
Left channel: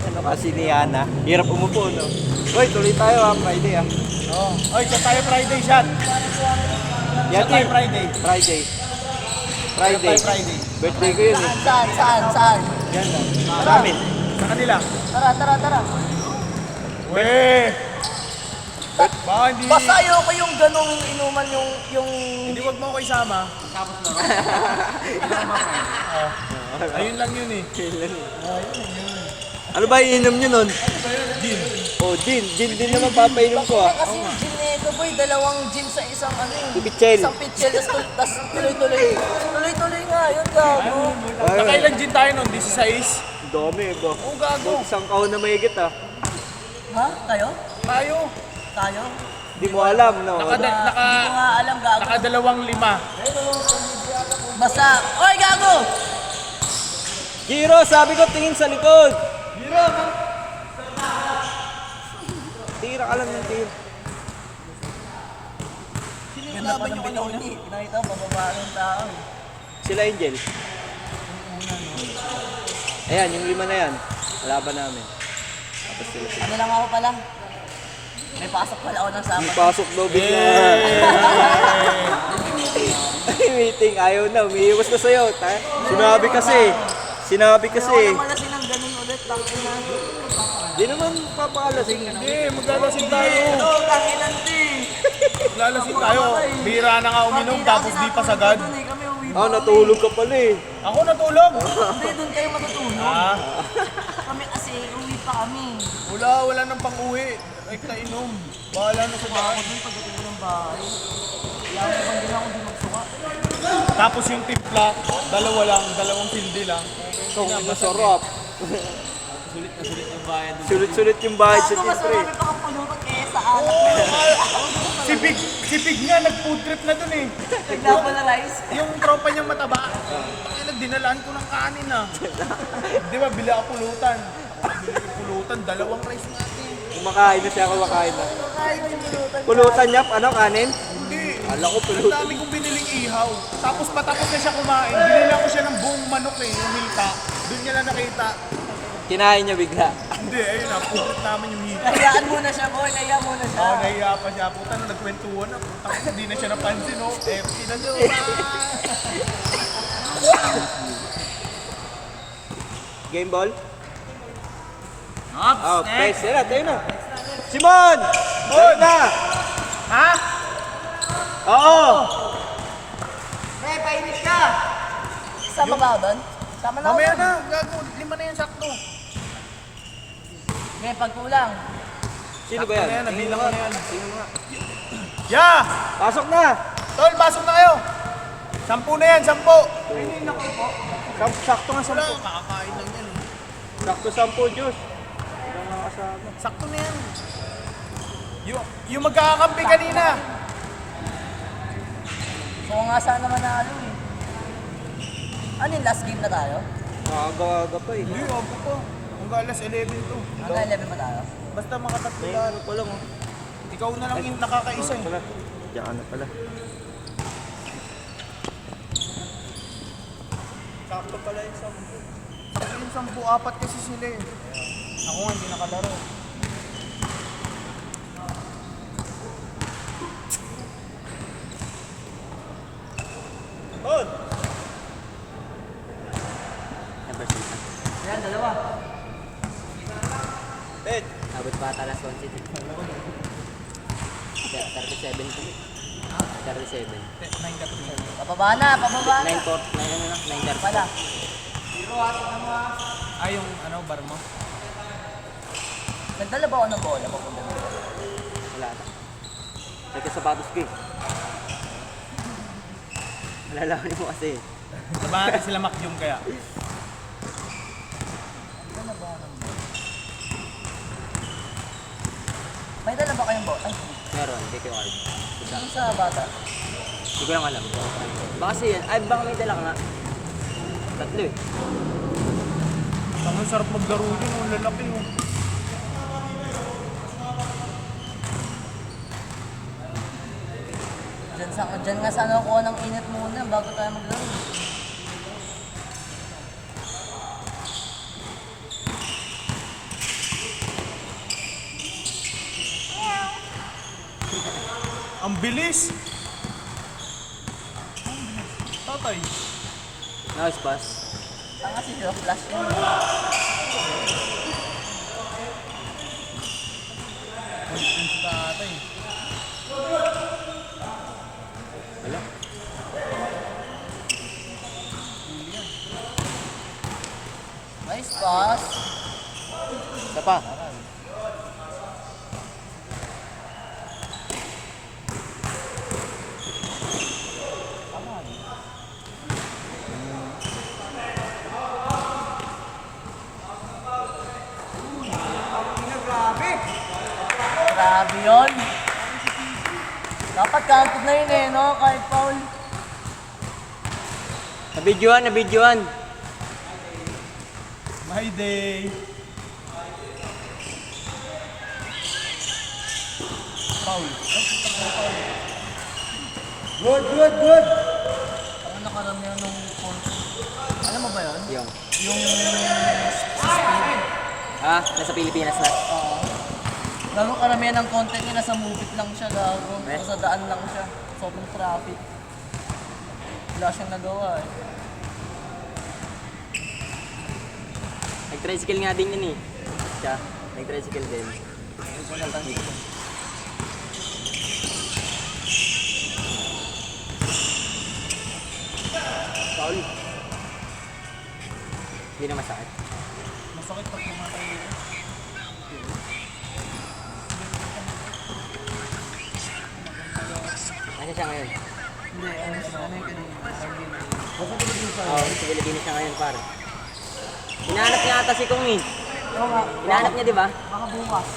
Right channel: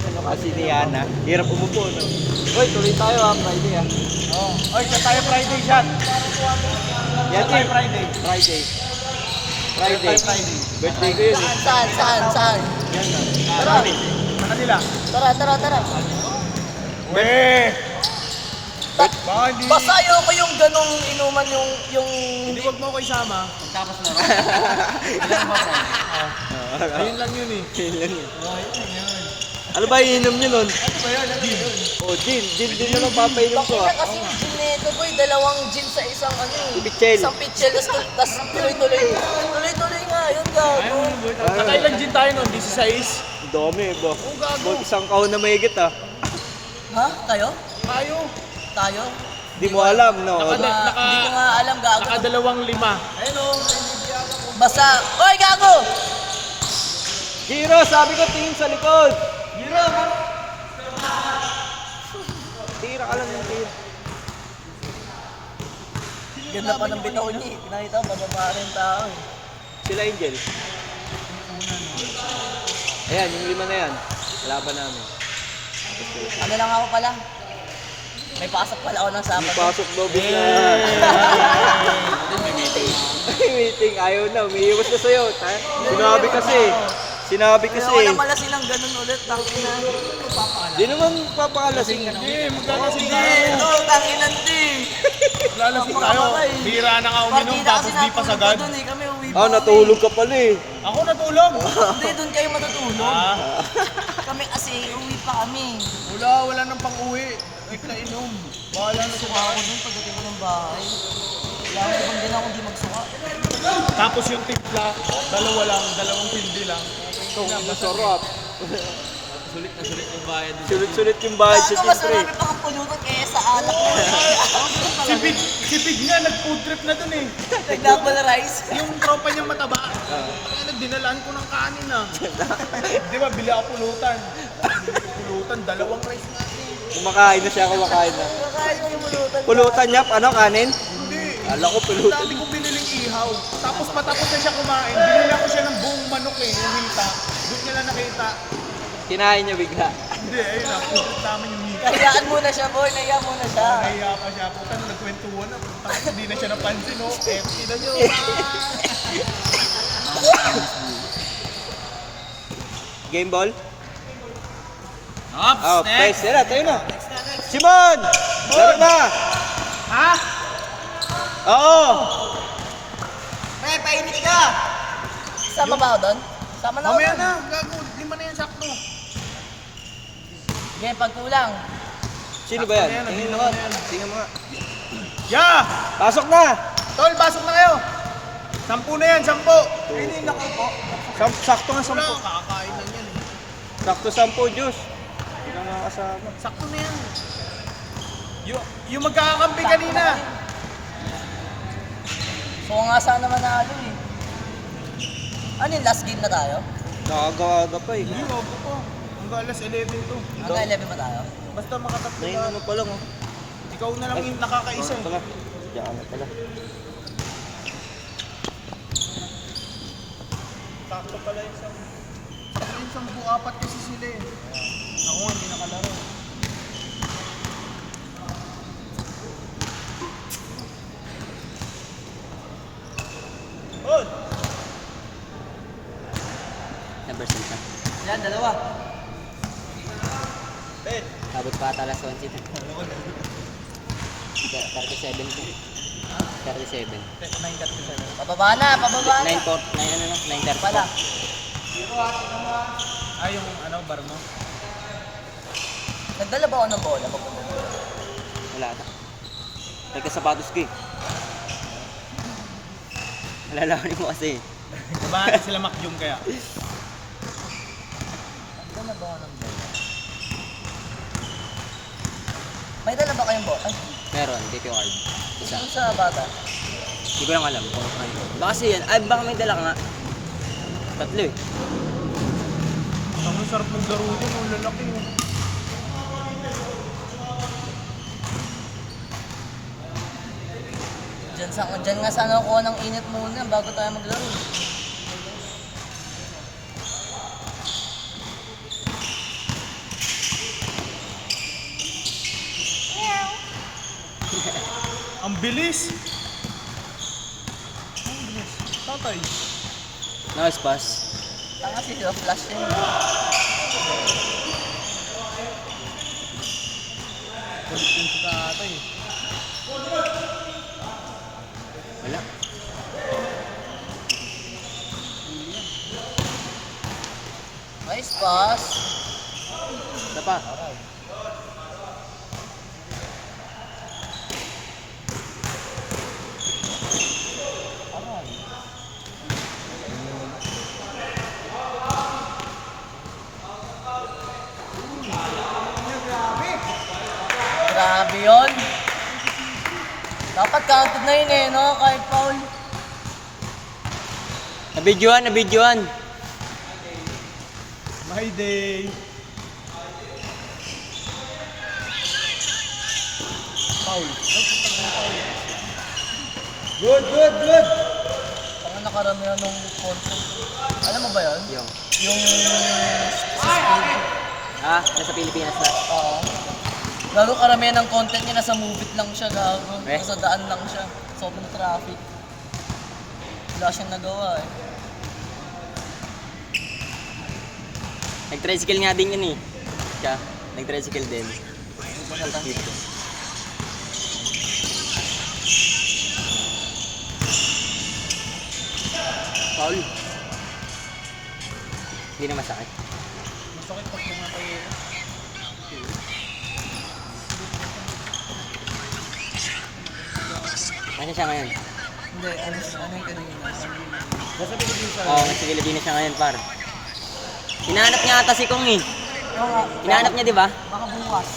Ano kasi ni Yana? Hirap umupo, no? Uy, tuloy tayo ha, Friday ha. Oy, siya tayo Friday shot. Yan Tayo eh, Friday. Friday. Friday. Friday. Birthday ko yun eh. Saan? Yan lang. Tara, Sa kanila. tara. Weh! Baka hindi... Basta ayoko yung ganong inuman yung... Hindi, wag mo ako isama. Ayun lang yun eh. Ano ba ininom nyo nun? Gin. Oh, gin. Gin din na lang papainom ko ah. Kasi yung gin nito boy, dalawang gin sa isang ano. Pichel. Isang pitchel, tas tuloy-tuloy. Tuloy-tuloy nga, yun gago. Nakailan gin tayo nun? 16? Dami eh ba? Oo, gago. Boy, isang kahon na mahigit ah. Ha? Tayo? Tayo. Di mo alam, no? Hindi ko nga alam gago. Nakadalawang 5. Basta, oy gago! Giro, sabi ko tingin sa likod. Giro, tira ka lang ng tira. Ganda pa ng bitaw niya. Nakita ko, bababa rin tao. Sila Angel. Ayan, yung 5 na yan. Laban namin. Ano lang ako pala? May pasok pala ako ng May Sabado. pasok daw bigla. May meeting. Ayaw na. Umiiwas na sa'yo. Sinabi kasi. Wala silang ganun ulit. Di naman papakalasing. Hindi, maglalasing tayo. Tanginan din. Maglalasing tayo. Bira na nga uminom tapos di pa sagad. Doon eh, kami uwi. Natulog ka pala eh. Ako natulog. Hindi, doon kayo matutulog. Ah, Kami kasi uwi pa kami. wala nang pang-uwi. Ay, kainom. Bahala na sa daan. Pagdating ng bahay. Yan, hindi lang hindi magsuka. Tapos yung timpla, dalawang tindi lang. Ito, masarap. Sulit na sulit yung bayad. Sulit-sulit yung bayad sa Ano mas siyempre. marami pa kang pulutan kesa anak. Si Big nga, nag-food trip na dun eh. Nagpapolarize. Yung tropa niyang mataba. Ay, nagdinalaan ko ng kanin ah. Di ba, bili ako pulutan. Bili ko pulutan, 2 rice natin. Kumakain na siya, kumakain na. Kaya yung pulutan. Pulutan niya, ano, kanin? Hindi. Kala ko Ang pulutan. dami kong biniling ihaw. Tapos patapos na siya kumain. Binila ko siya ng buong manok eh, yung hilta. Doon niya na nakita. Kinain niya bigla. Hindi, ayun na, food trip namin yung hilta. Kayaan muna siya, boy. Kaya muna siya. Nahiya pa siya. Puta na nagkwentuhan na. Puta hindi na siya napansin, oh. Empty na siya. Bye! Game ball? Next. Tayo na. Simon! Tayo na! Ha? Oo! Pre, painit ka! Sama ba ako doon? Sama na ako. Mamaya na. Gago. 5 na yan sakto. Ngayon, pagkulang. Sino ba yan? Sakto na yan, Tingin nandito mo nga. na yan. Tingin mo nga. Ya! Pasok na! Tol, basok na kayo. 10 na yan, 10. Sakto nga Wala, 10. kakakain lang yan eh. Sakto 10, Diyos. Hindi na mga kasama. Sakto na yan. Yung magkakakampi kanina. So nga sana manalo eh. Ano yung last game na tayo? Nakagawaga pa eh. Hindi, ako pa. Hanggang alas 11 to. Hanggang 11 pa tayo? Basta makatatlo May lahat. ano pa lang oh. Ikaw na lang yung nakakaisa eh. Pala. Diyan na pala. Sakto pala yung 10. Sakto yung 10, 4 kasi sila eh. Ako nga, hindi nakalaro. Number 6 na. Yan, dalawa. Abot pa ata alas 20. 37 to. 37. 9:37. Pababa na, pababa na. 9 port. 9 ano na? 9 Pala. Ah, yung ano, bar mo? Nagdala ba ako ng bola? Wala na. May kasapatos ko eh. Malalaman mo kasi. Sabahan natin sila Makyum kaya. Nagdala ba ako ng bola? May dala ba kayong bola? Ay, Meron, DQ card. isang sa bata. Hindi ko lang alam. Baka kasi yan. Ay, baka may dala ka nga. 3 eh. Ang sarap maglaro dyan, ang lalaki oh. Diyan nga sana ako ng init muna bago tayo maglaro. Ang bilis! Tatay. Nice pass. Kasi di ba flash yun? Balik din si tatay. Wala. Nice pass. Isa pa. Grabe yun. Dapat counted na yun eh, no? Kahit foul. Nabidyoan. My day. Foul. Ay, putang na foul. Good, good, good! Parang nakaramihan ng content. Alam mo ba yun? Yung, Yung nasa Pilipinas na. gago karamihan ng content niya nasa movie lang siya gago. Eh? Nasa daan lang siya. Sobrang traffic. Wala siyang nagawa eh. Nag-tricycle nga din yun eh. Siya, nag-tricycle din. Paul. Hindi na masakit. Masakit pag pumatay eh. Nasaan siya ngayon? Hindi, ano yung kanina? Oo, sa Pilipinas siya ngayon, par. Hinahanap niya ata si Kong eh. Hinahanap niya, di ba? Baka bukas.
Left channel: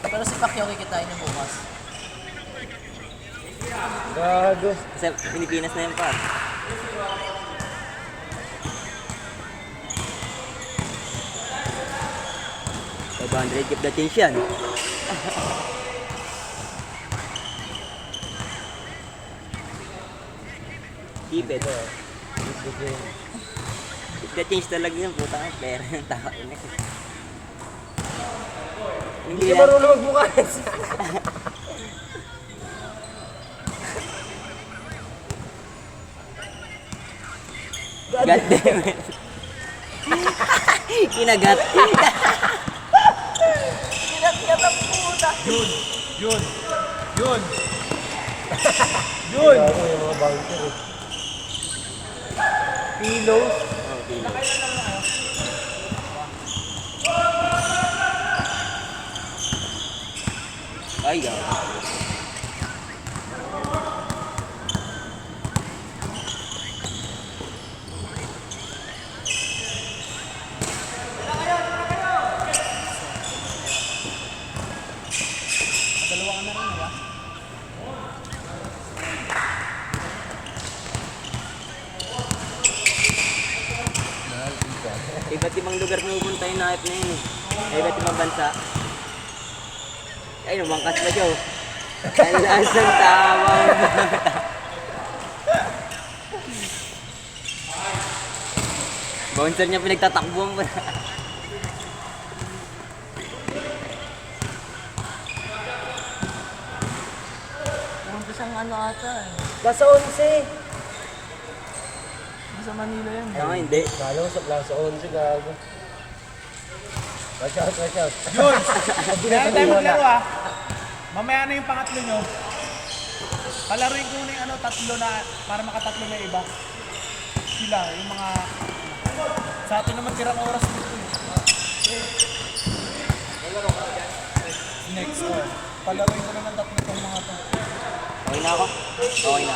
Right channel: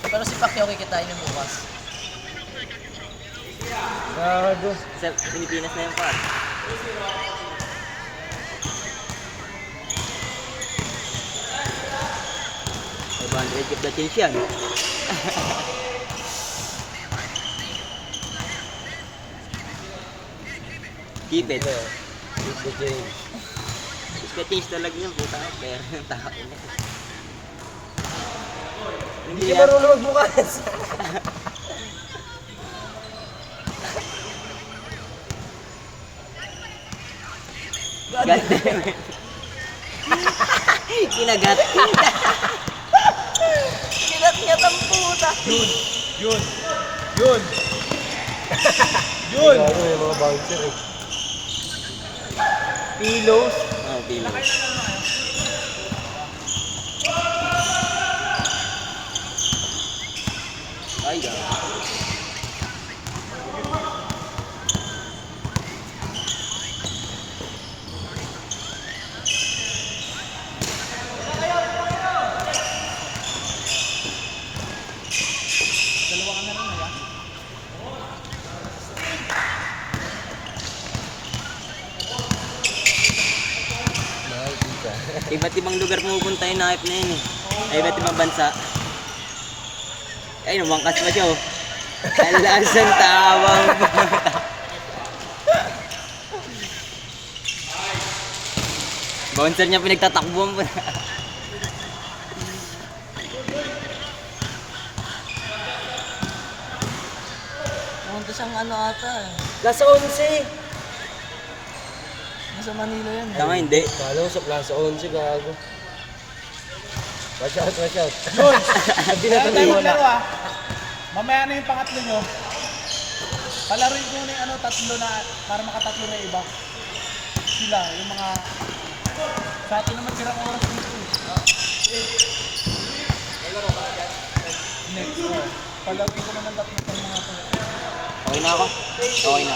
Pero si Pacquiao kikitain niya bukas. Gago. Sa Pilipinas na yun, par. $500 keep the change yan. Keep it. Keep the change. Keep the change talaga yun, puta ka. Pera ng tao ina. Hindi ka marunong magbukas. God damn it. Kinagat. Kinat-kiat ang puta! Yun! Yun! Yun! Yun! Gago yung mga bouncer eh. Pillows. Oh, pila. Ay, God. Iba't ibang lugar pumupunta yung nakip na yun eh. Ay, iba't ibang bansa. Ay, lumangkas pa siya oh. Alasan tawang bata. Bouncer niya pinagtatakbuhan mo na. Pumunta siyang ano ata eh. Nasa 11. Nasa Manila yan. Tama, hindi. Kala ko sa Plaza 11, gago. Watch out, watch out. Yun! Kaya tayo maglaro ah. Mamaya na yung pangatlo nyo. Palaruin ko na yung ano, tatlo na, para makatatlo na iba. Sila, yung mga... Sa atin naman tirang oras dito. Next one. Palaruin ko na ng tatlo ng mga to. Okay na ako? Okay na.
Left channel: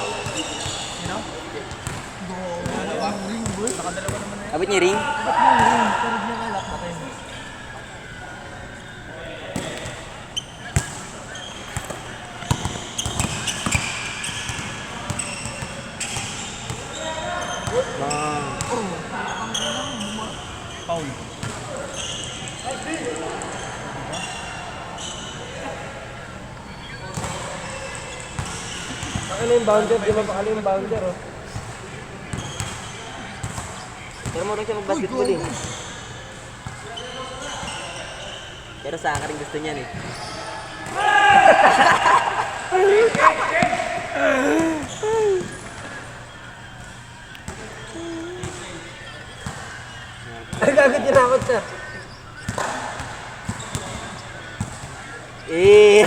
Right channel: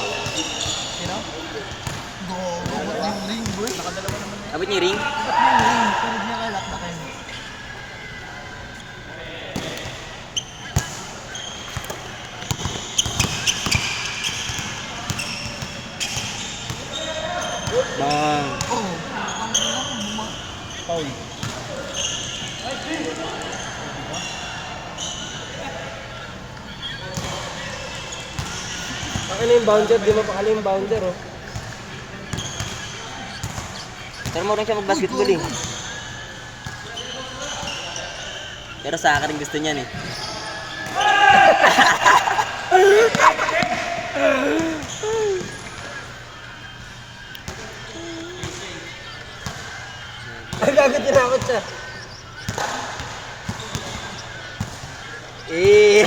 You know? Yung ring bro. Abot niya yung ring? Ba't yung ring? Pero di niya kalak na kayo. Paul. Ano yung bouncer? Di ba pakala yung bouncer oh? Pero mo rin siya mag-basketball eh. Pero sa akin rin gusto niyan eh. Ay, gago, tinakot siya. Eh.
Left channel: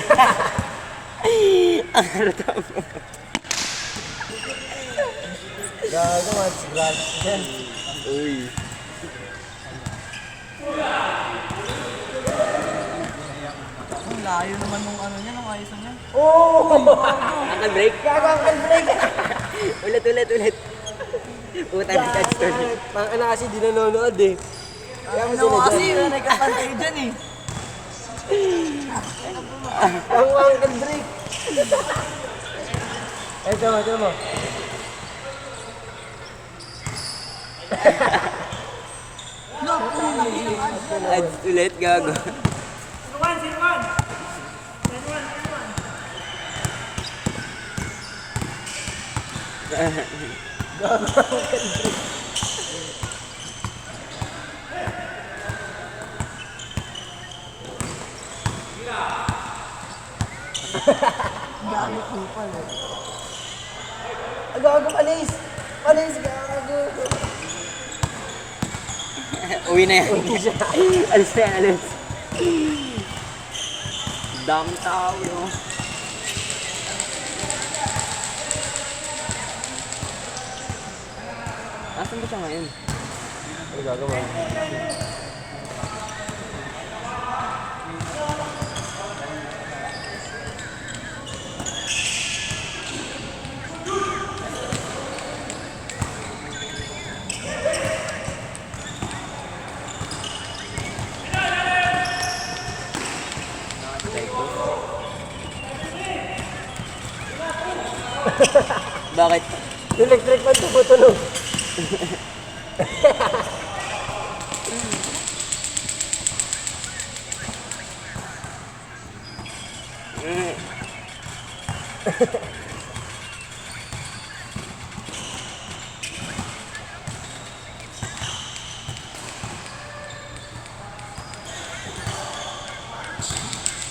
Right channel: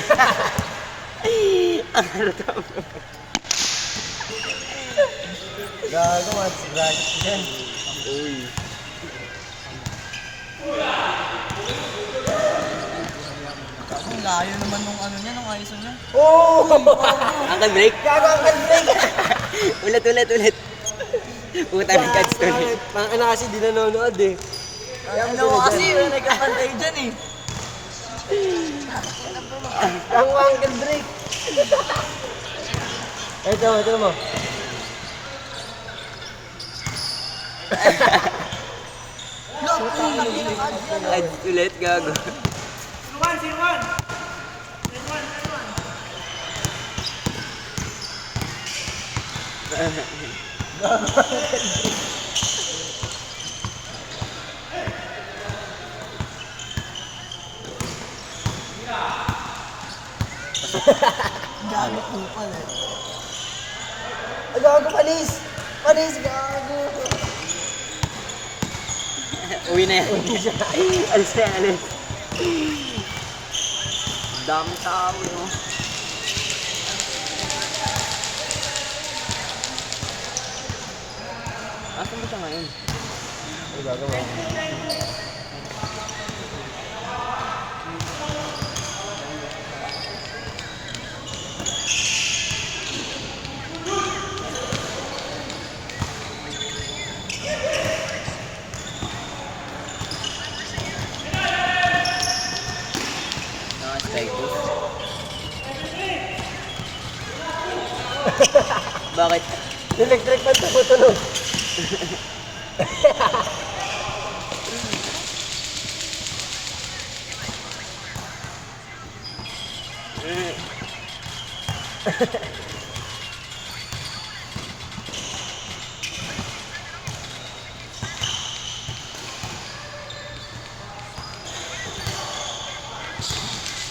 Ang harata mo. Gago, what's brush yan? Uy. Ang layo naman nung ano niya, nung ISO niya. Uncle break? Gago, ang kanbay! Ulit. Puta ng catch to ulit. Mga na kasi di nanonood eh. Kaya Ano mo kasi, wala nagkapantay dyan eh. Ang Uncle Drake. Ay, ito mo. Catch ulit, gago. Gamit mo pala. Gago, alis! Alis, gago! Uwi na yan. Alis na yan, alis. Daming tao, no? Asan ba siya ngayon? Ano gagawa? Strike post. Bakit? Electric fan tumutunog.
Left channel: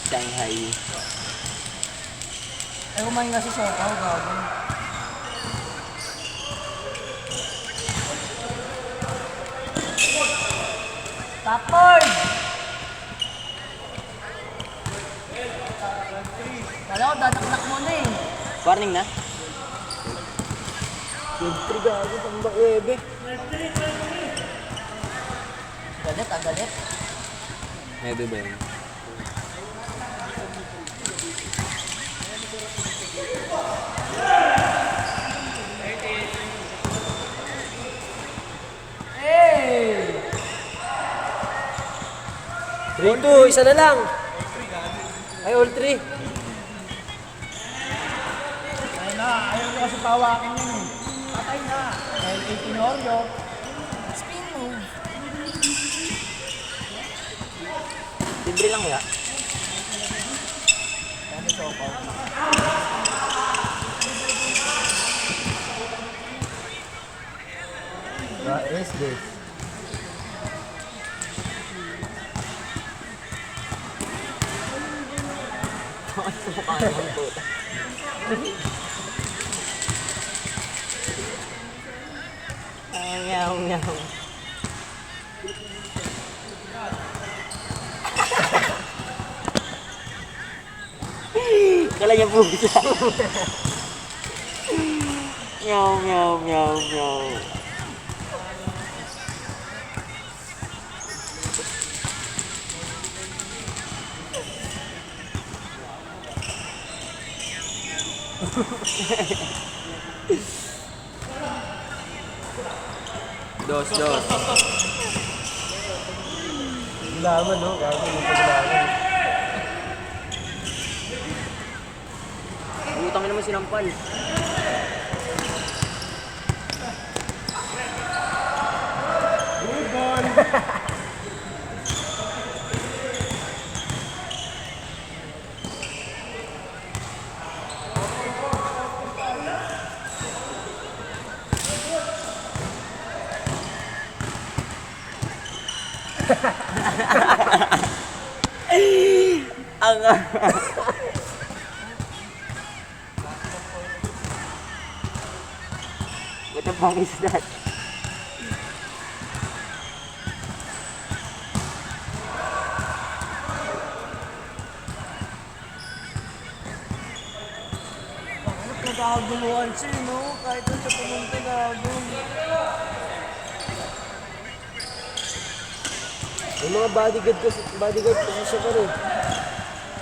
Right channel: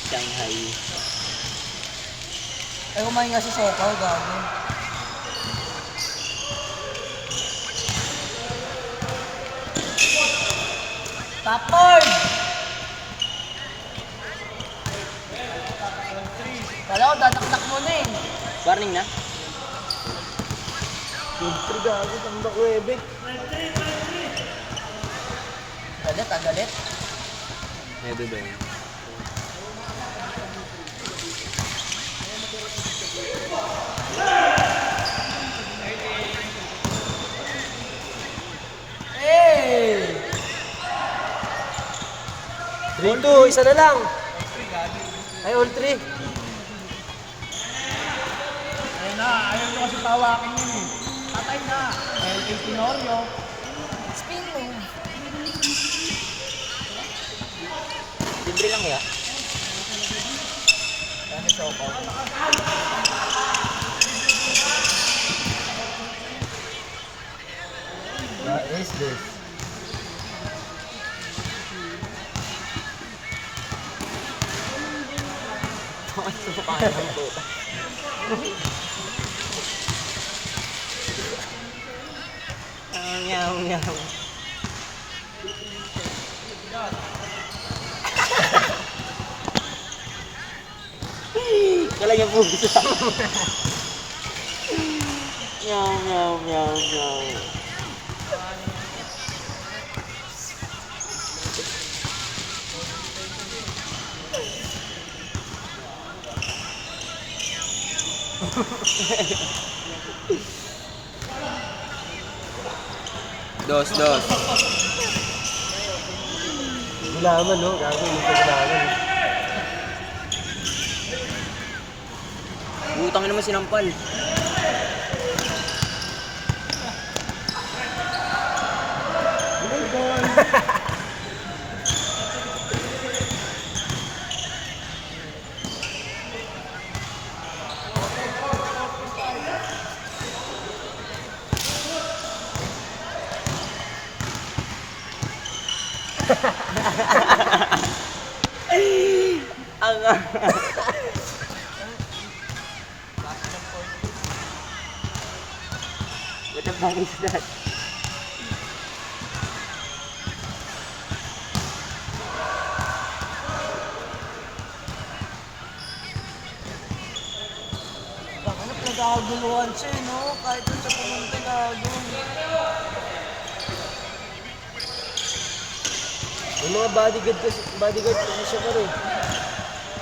Shanghai. Ay, kumain nga si Sokaw, gago. Tapon! Kala ko, dadakdak mo na eh. Warning na. Electric gago, tambak 9. Galit, galit. Maybe din. Three, two, isa na lang. Ay, all 3. Ayun na, ayaw ko kasi pawakin yun eh. Patay na. LA Tenorio. Spin move. Libre lang kaya? Kaya may Sokaw. What is this? Ito mukha ng puta. Meow, meow. Talaga po siya. Meow, meow, meow, meow. Dos, dos. Laman, no? Gago, dito laman. Utang naman sinampal. Good ball. Ang what the fuck is that? Ano, nagkakaguluhan siya, no? Kahit doon siya pumunta, gago. Yung mga bodyguard kasi siya pa rin.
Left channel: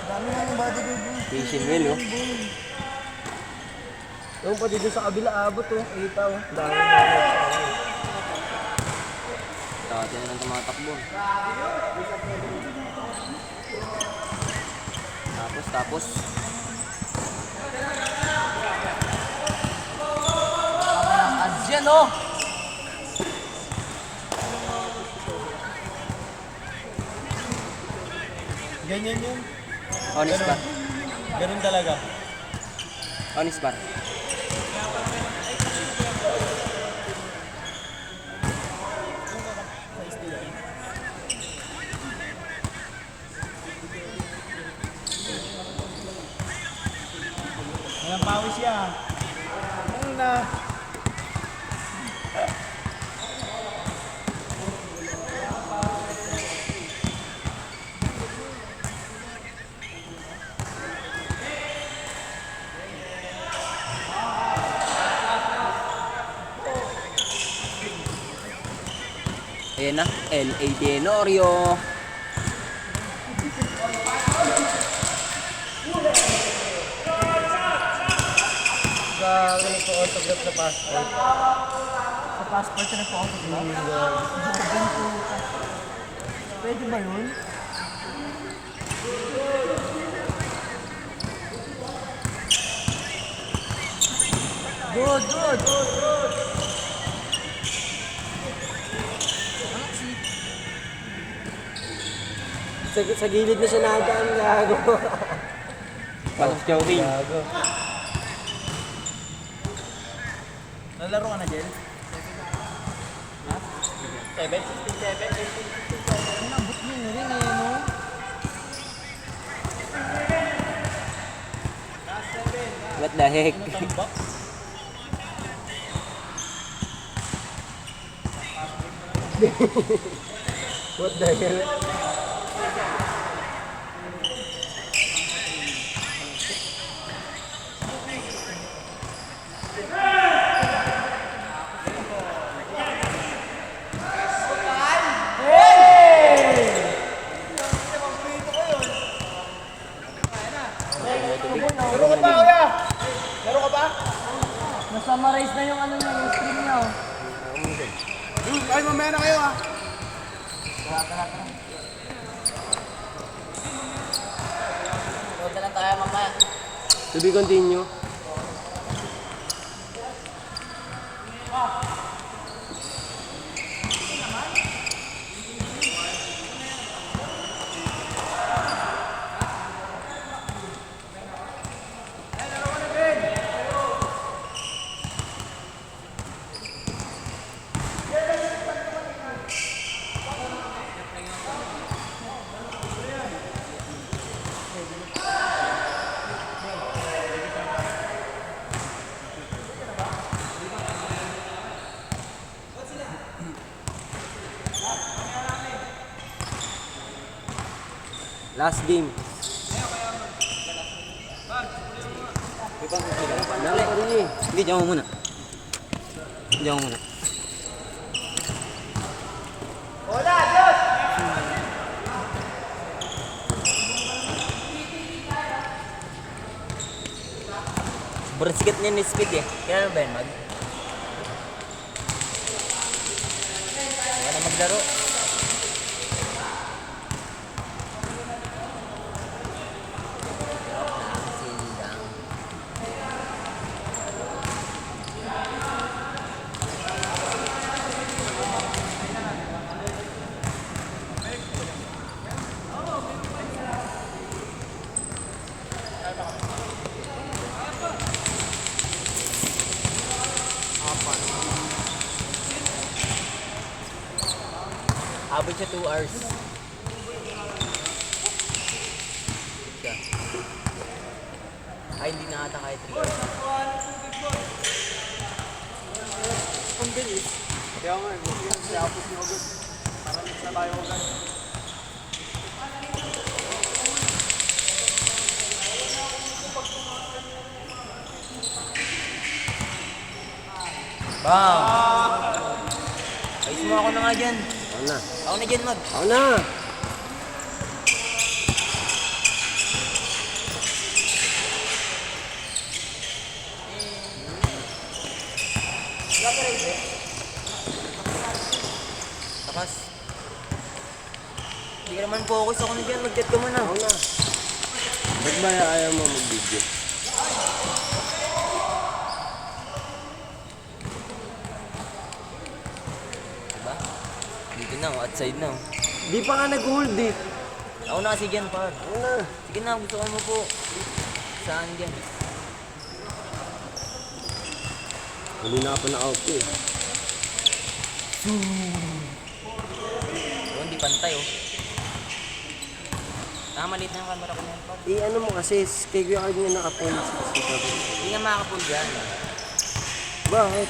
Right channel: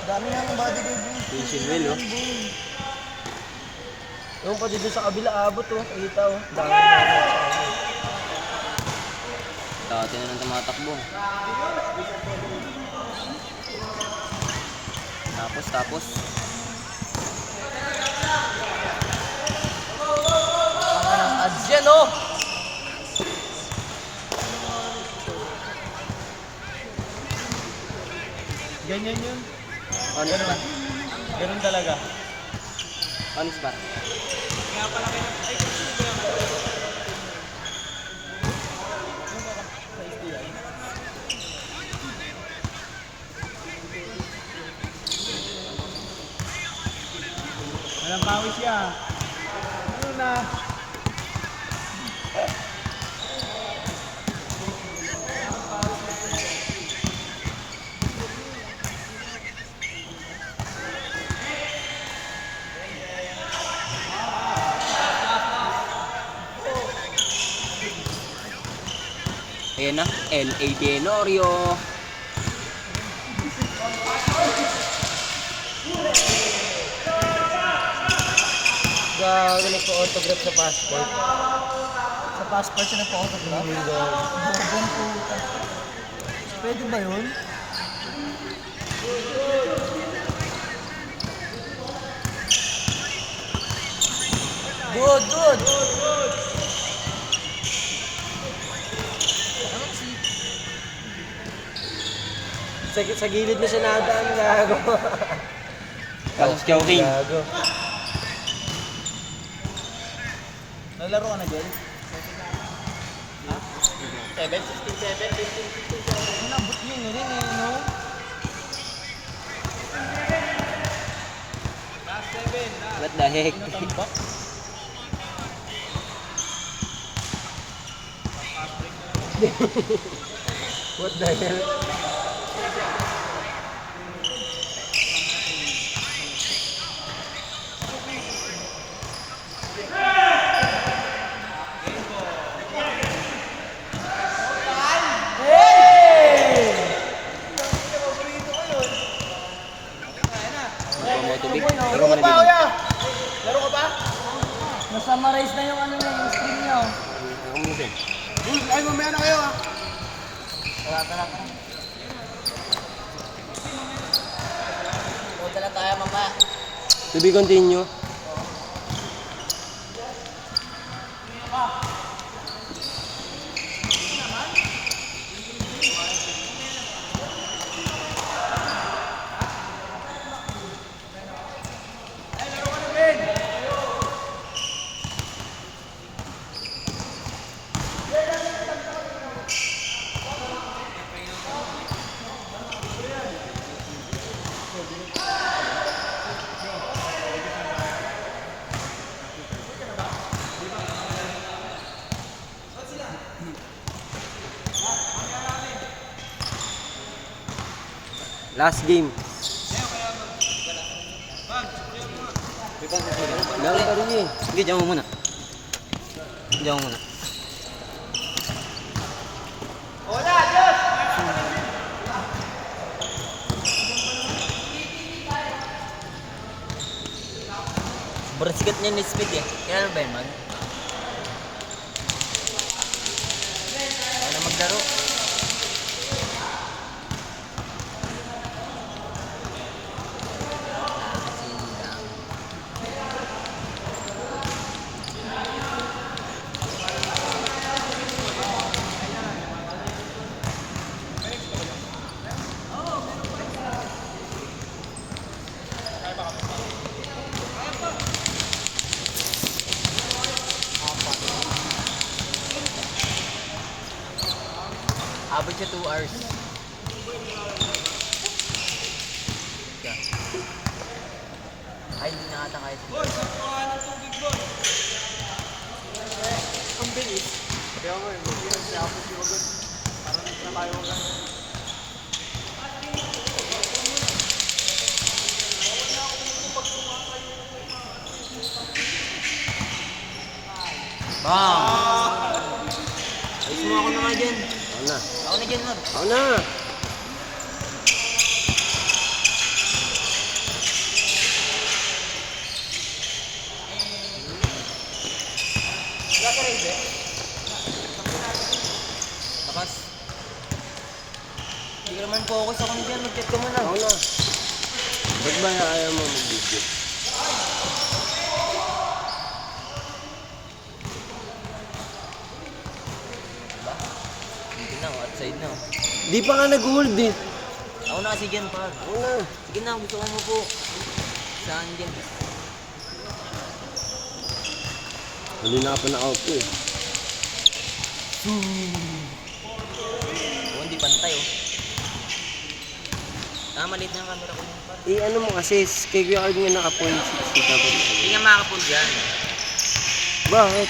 Dami nga ng bodyguard doon. Fishing wheel, oh. Yung pati doon sa kabila abot, oh. Kita, oh. Dami na sa kabila. Dati na lang tumatakbo. Tapos. Kami ng ads yan, no? Ganyan yun. Honest ba? Ganun talaga. Honest ba? Walang pawis siya. Una. Ayan na, L.A. Tenorio. Gago nagpa-autograph sa passport. Sa passport siya nagpa-autograph. Pwede ba yun? Good. Sa gilid na siya nadaan, gago. Pasok joking. Gago. Nalaro ka na, Jel? Ha? 7? 16, 7, Nabot niyo na rin eh, no? Last 7, What the heck? What the hell? Laro ka pa, kuya? Laro ka pa? Nasummarize na yung ano niya, yung screen niya. Ay, mamaya na kayo, ha? Load na lang tayo, mama. To be continue. Last game. Meron pa rin eh. Sige, diyan mo muna. Diyan mo muna. Sobrang sikat niya ni Speed eh. Kaya ano ba yun, Mag? Wala maglaro. Joke lang, silly lang. Abot siya 2 hours. Siya. Ay, hindi na ata kahit 3 hours. Ang bilis. Kaya nga, hindi na siya ako sinugot. Parang isa tayo lang. Bang! Ayos mo ako na nga dyan. Ako na. Ako na dyan, Mag. Ako na. Takas. Hindi ka naman focus ako na dyan. Mag-chat ka muna. Ako na. Ba't ba ayaw mo mag-video? Dito na, outside na. Di pa nga nag-hold eh. Ako na kasi dyan, par. Ako na. Sige na, gusto ko mo po. Saan dyan? Hindi na ka pina-out ko eh. Oh, hindi pantay oh. Maliit na yung camera ko na yan par. Ano mo kasi, kay Kuya Arg nga naka-point 60 pa. Hindi nga makakapul dyan. Bakit?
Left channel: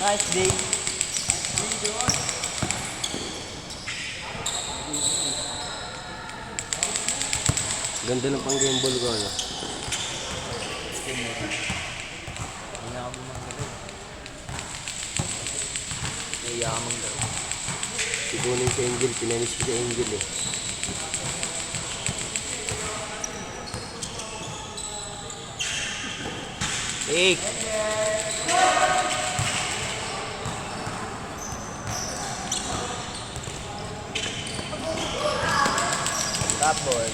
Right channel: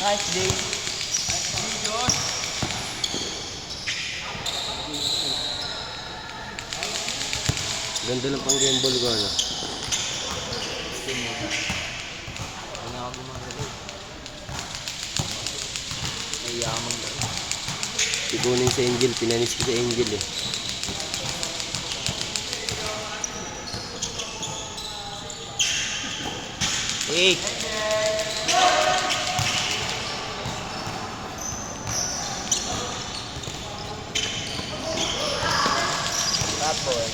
Nice day. Ganda ng pang game ball ko, ano? Hindi nga ako gumagalaw. Naiya ka maglaro. Ikunin si Angel, pinanis ko si Angel eh. Hey! Tapos.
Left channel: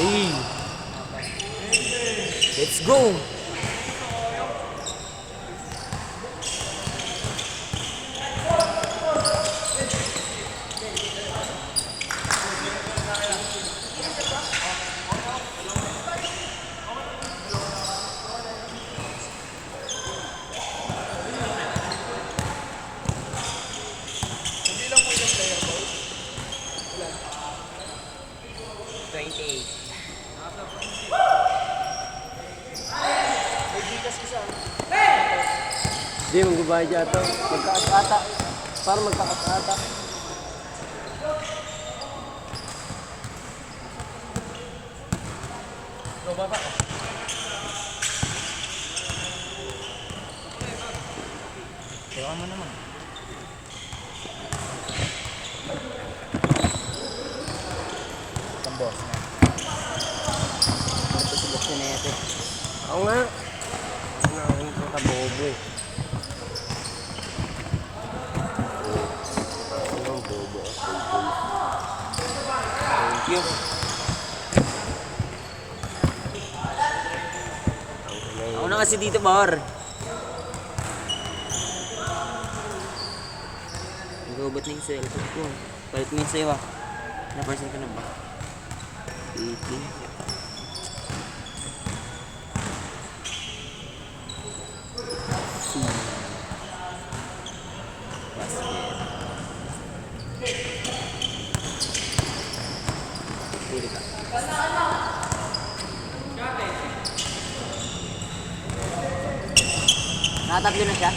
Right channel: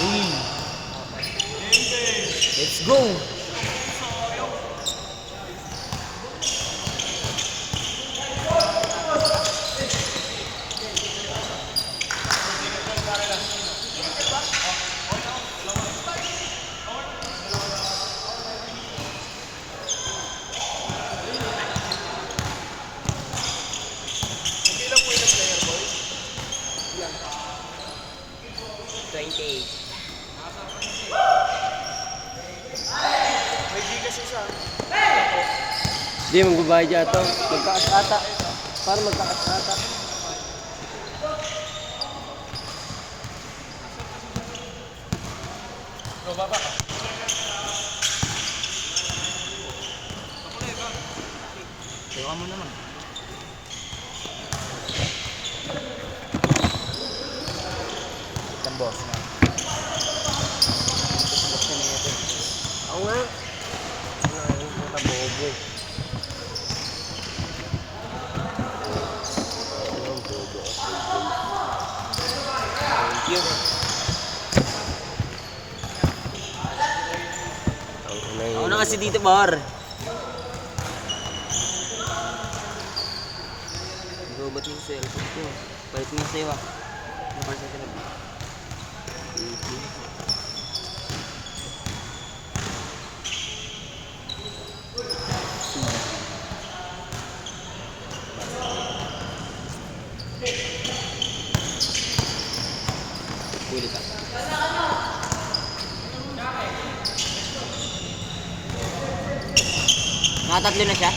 Hey! Let's go! Hindi, magbabayad yata. Magkaas ata. Para magkaas ata. Tawa mo naman. Itang boss nga. Ito si na ito. Ako nga. Ang bobo eh. Ang bobo. Thank you. Ako na kasi dito, bar. Robot na yung cellphone ko. Kahit nga sa'yo ah. Never sa akin na ba? 18. Ulit ah. Nakatatlo na siya.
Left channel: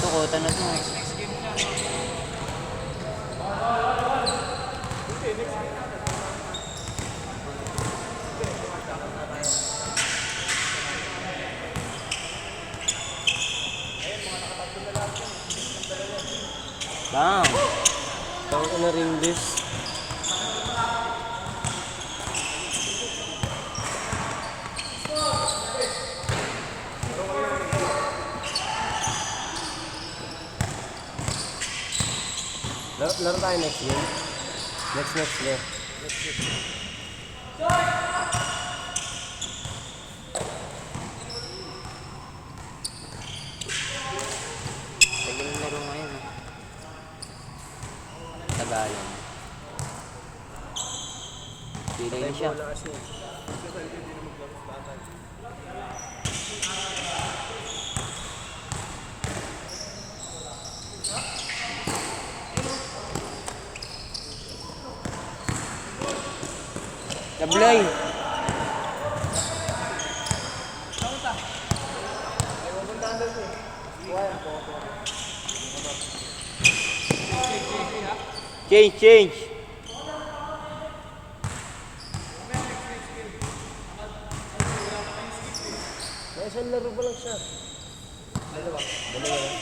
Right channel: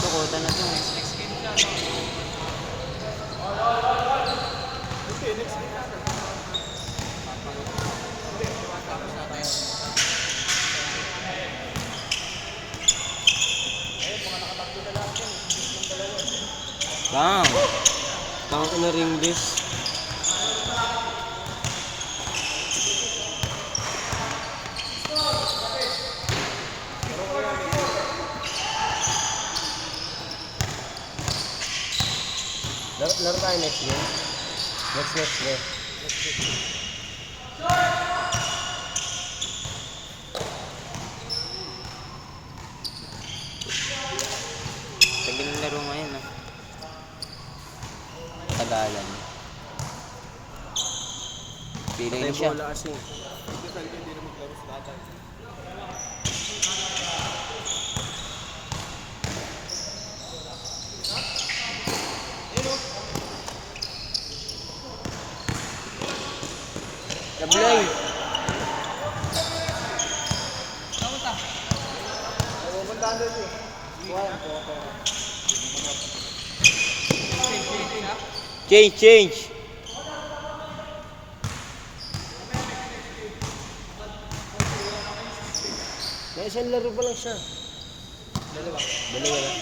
Tukota na to. Bam! Tang ina ring this. Laro tayo next game. Next game. Tagal yung laro ngayon ah. Tagalan. Feeling na siya. Tablay! Change! May isang laro pa lang siya. Dalawa lang.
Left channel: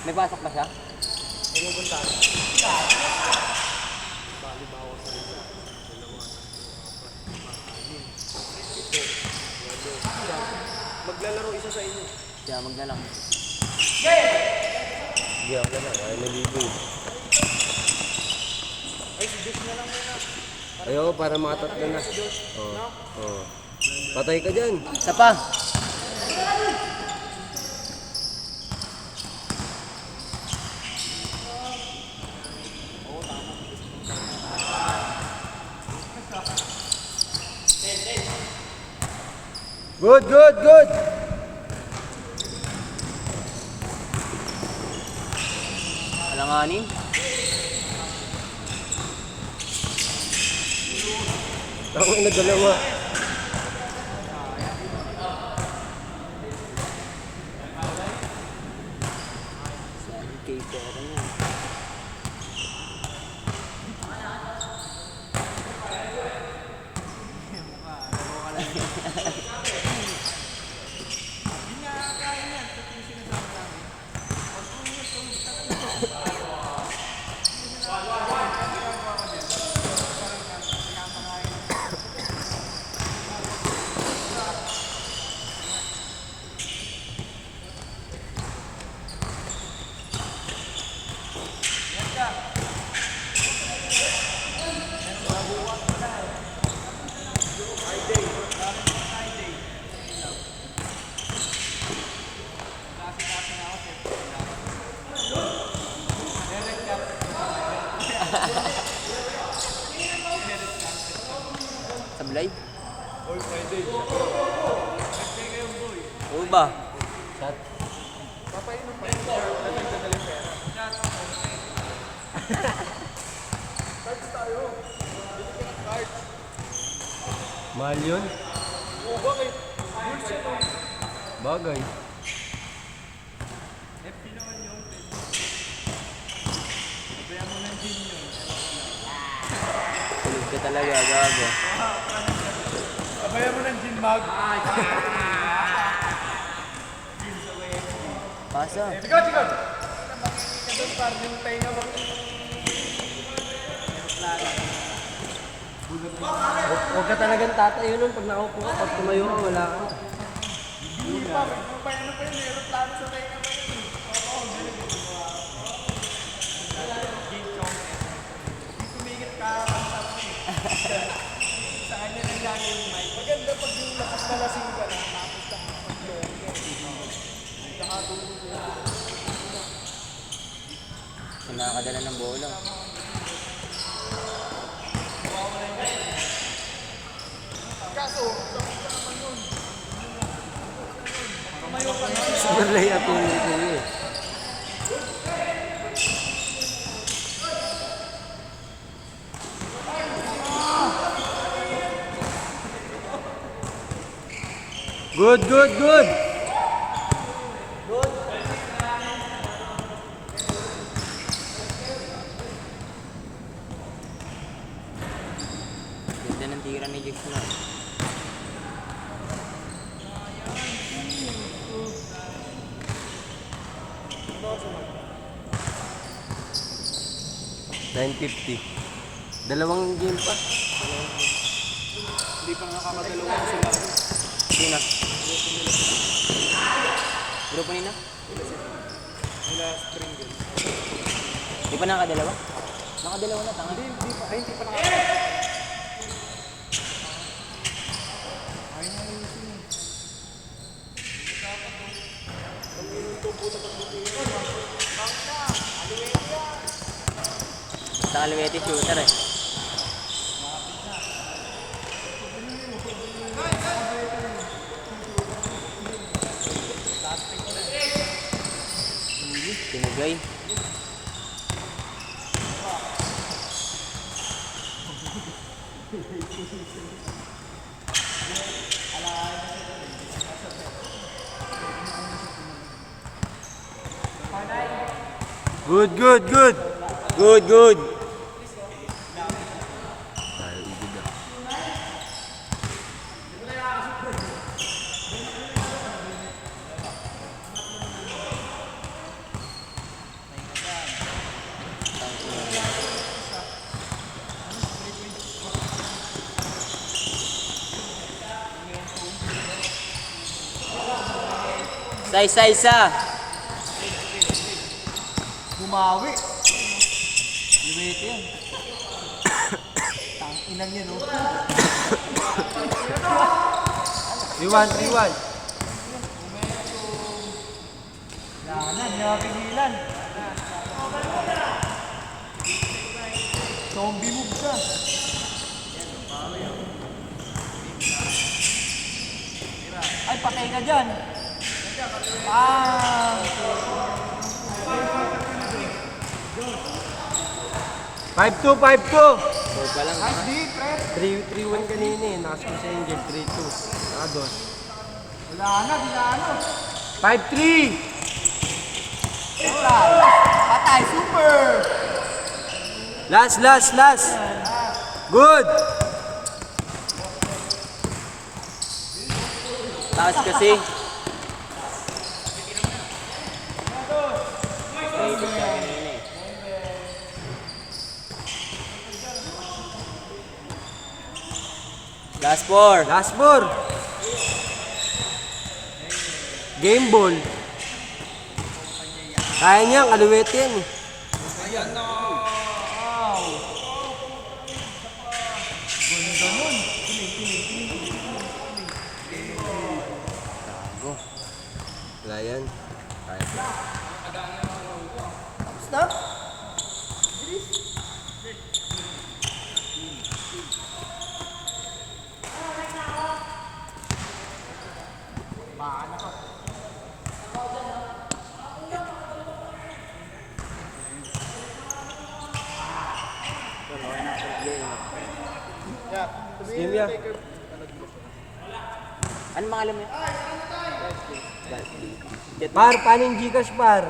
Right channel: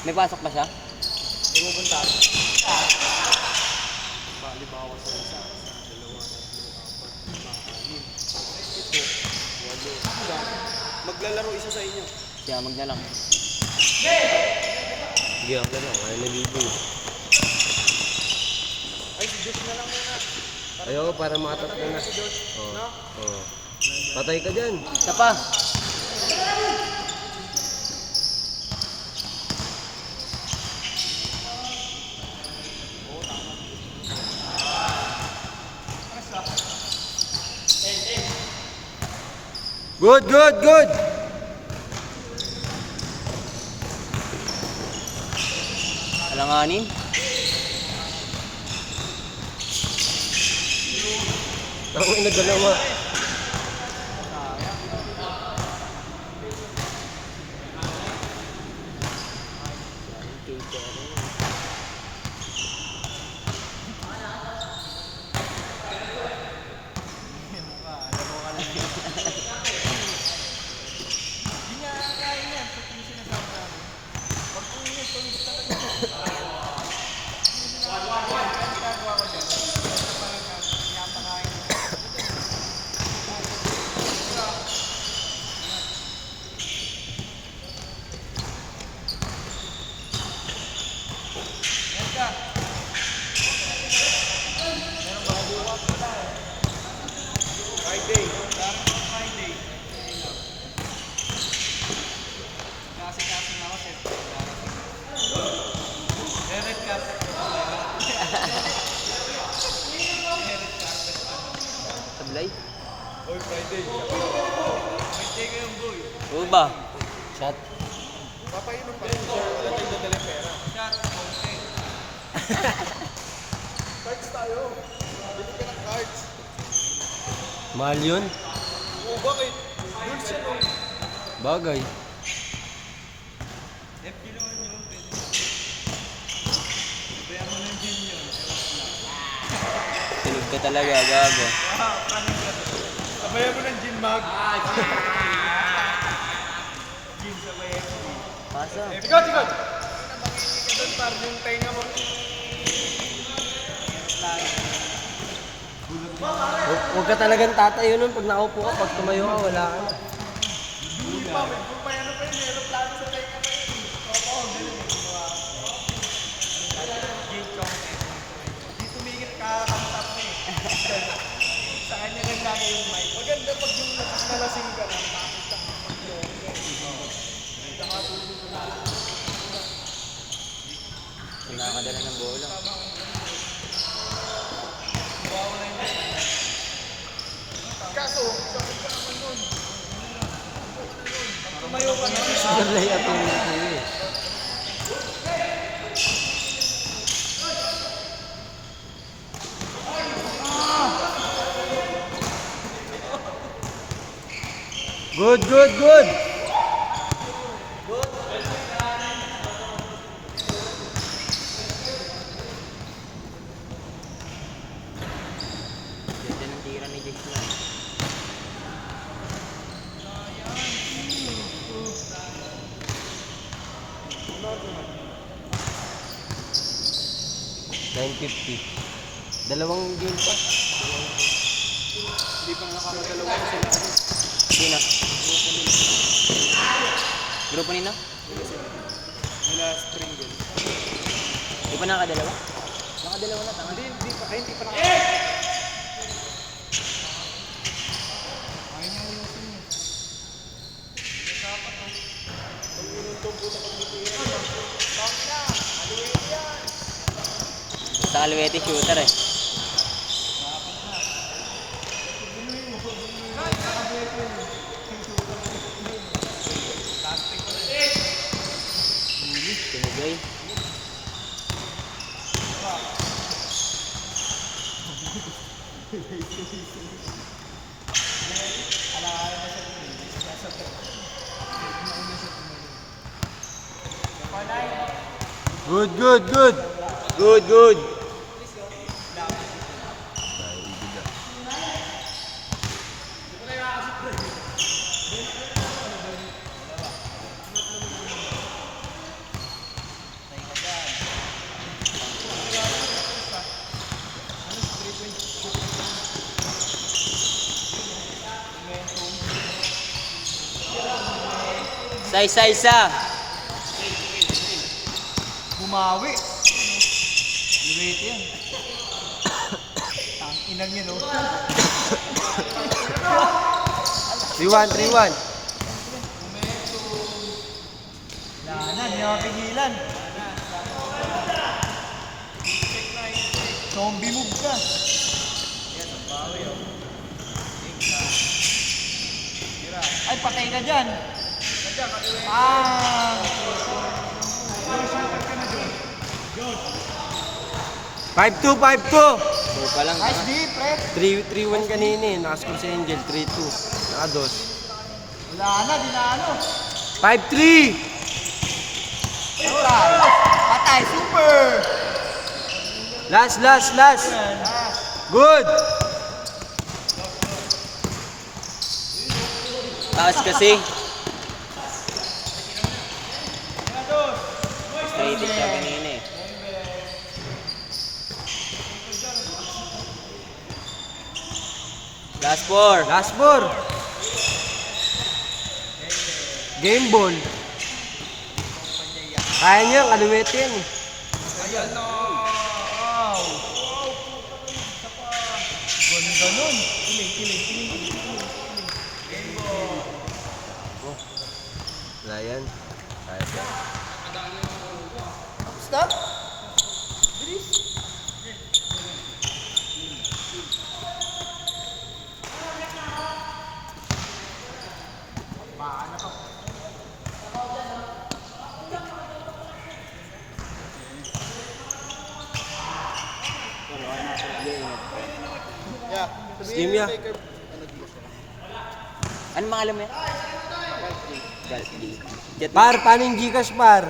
May pasok ba siya? Maglalaro isa sa inyo. Siya magdalang. Hindi ako na. Ako nalibo. Ay, si Josh na lang muna. Ayoko para mga tatlo na. Oo. Oo. Patay ka dyan. Isa pa. Good, good, good! Alanganin. Ako yung nagdalawa. Hindi nga kaya yan. Sa yung sinasabi namin. Pag umingat ko, talaga. Ginagawa ko dyan. Parang pinapakain. Sablay. All Friday. Oo ba? Shot. Mahal yun? Bagay. Tulog ka talaga, gago. Sabayan mo ng gin mag. Pasa. Tigaw, tigaw! Parang yung tainga mo. Huwag ka talagang tatayo nun pag nakaupo ka. Pag tumayo ka, wala ka na. Hindi tumigil ka kantap mo eh. Sa kanya lang lagi yung mic. Maganda pag yung nalasing ka na, tapos nakapag-long. Nakatulog ka. Nakakadala ng bola. Kaso, sakot ka naman yun. Sablay at yung nito eh. Good, good, good! Ganda ng tira ni Josh na. $9.50. Dalawang game pa. Hindi pa nakakadalawa sila. Sino? Grupo nila? Nila Springle. Di pa nakadalawa? Nakadalawa na, tanga. Hindi pa. Ay, hindi pa nakakadalawa. Ayaw niya ayusin eh. Hindi dapat oh. Basta Aluete shooter eh. Tinagay. Good, good, good! Good, good. Isa. Bumawi. Luwete yan. Tang inang yan, oh. 3-1, 3-1. Lahanan, hindi mapigilan. Zombie move ka. Ay, patay ka dyan. Ah! 5-2, 5-2. So pa lang. Nice deep, pre. 3-1 kanina eh. Nakascore si Angel. 3-2. Nakados. Dinano. 5-3. Patay, super! Last. Good. Taas kasi. Straight siya kanina eh. Last 4. Last 4. Game ball. Kaya niya, kaluwete yan eh. Ganda nun. Wala yan. Kaya pa. Stop. Steam ya. Ano mga alam mo yan? Jet Par, paano yung Gcash, par?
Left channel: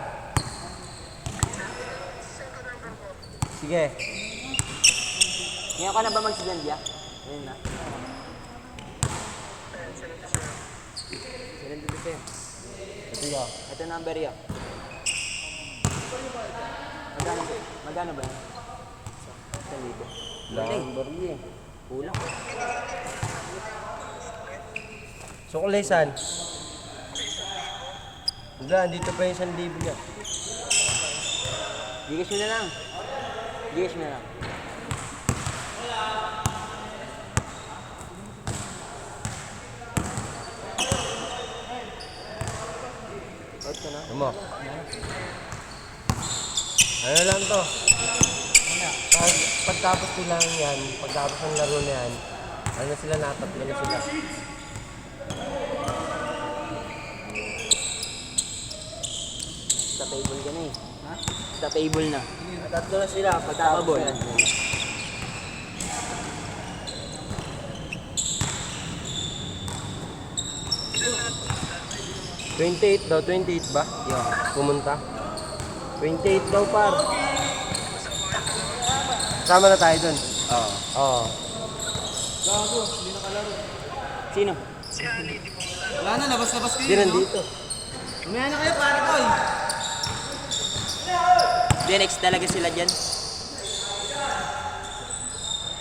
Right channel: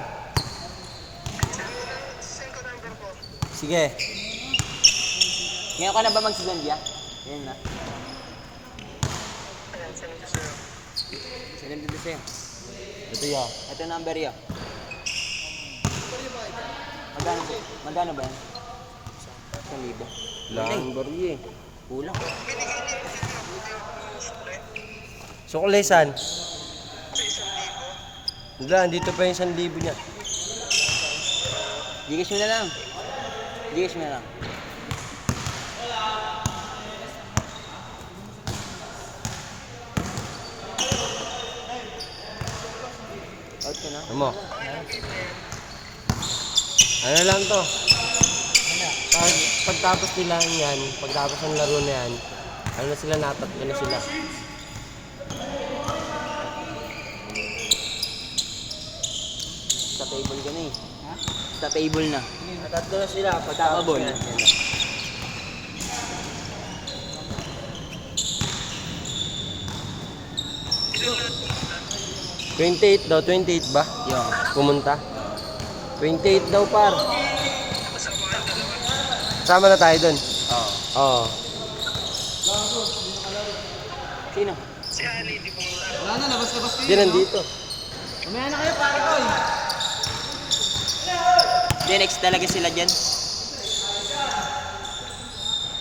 Sige. Ngayon ka na ba magsigandia? Ayun na. Sinend ko sa'yo. Ito yan. Ito number yan. Magkano ba yan? 1,000. Lang, barya eh. Kulang. Suklesan. Wala, dito pa yung 1,000 niya. Gigas mo na lang. Gigas mo na lang. Out ko na. Ano? Ano lang to? Pagtapos nila yan, pagtapos ng laro na yan, ano sila natatlo na sila. Sa table ka na eh. Ha? Sa table na. Natatlo na sila pagtapos Kakabol. yan. 28 daw, 28 ba? Yun. Pumunta. 28 daw par. Sama na tayo dun. Oo. Oo. Sino? Wala na, labas-labas kayo. Di nandito. Umaya na kayo, pare ko eh. Gen X talaga sila dyan.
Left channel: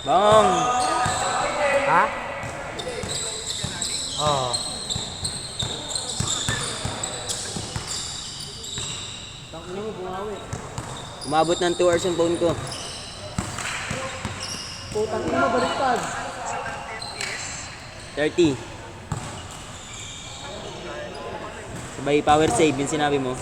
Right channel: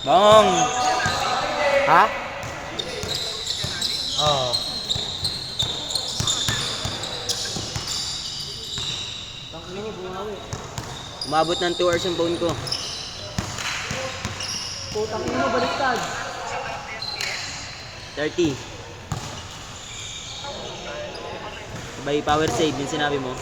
Bong! Ha? Oo. Umabot ng 2 hours yung phone ko. Putang ina, baliktad. 30. Sabay power save yung sinabi mo.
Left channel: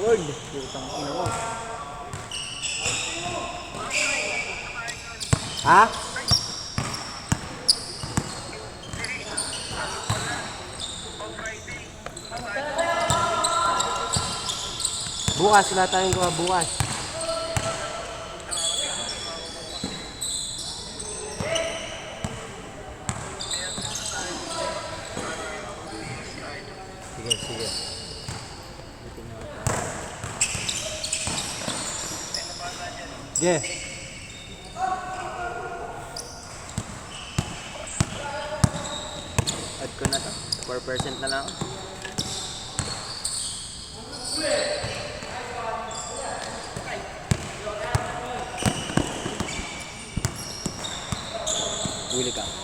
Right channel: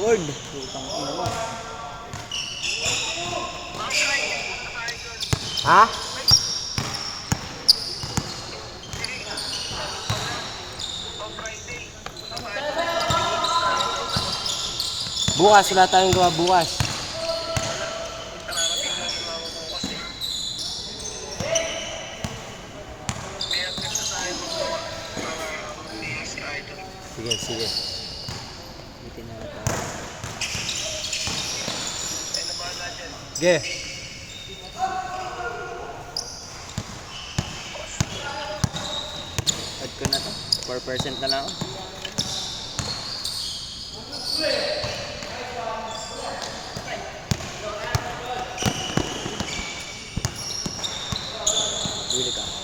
Board. Putang ina mo. Ha? Bukas, wala tayong gawa bukas. Sige, sige. Sige. Add ko ko na to. 4% na lang ako. Huli ka.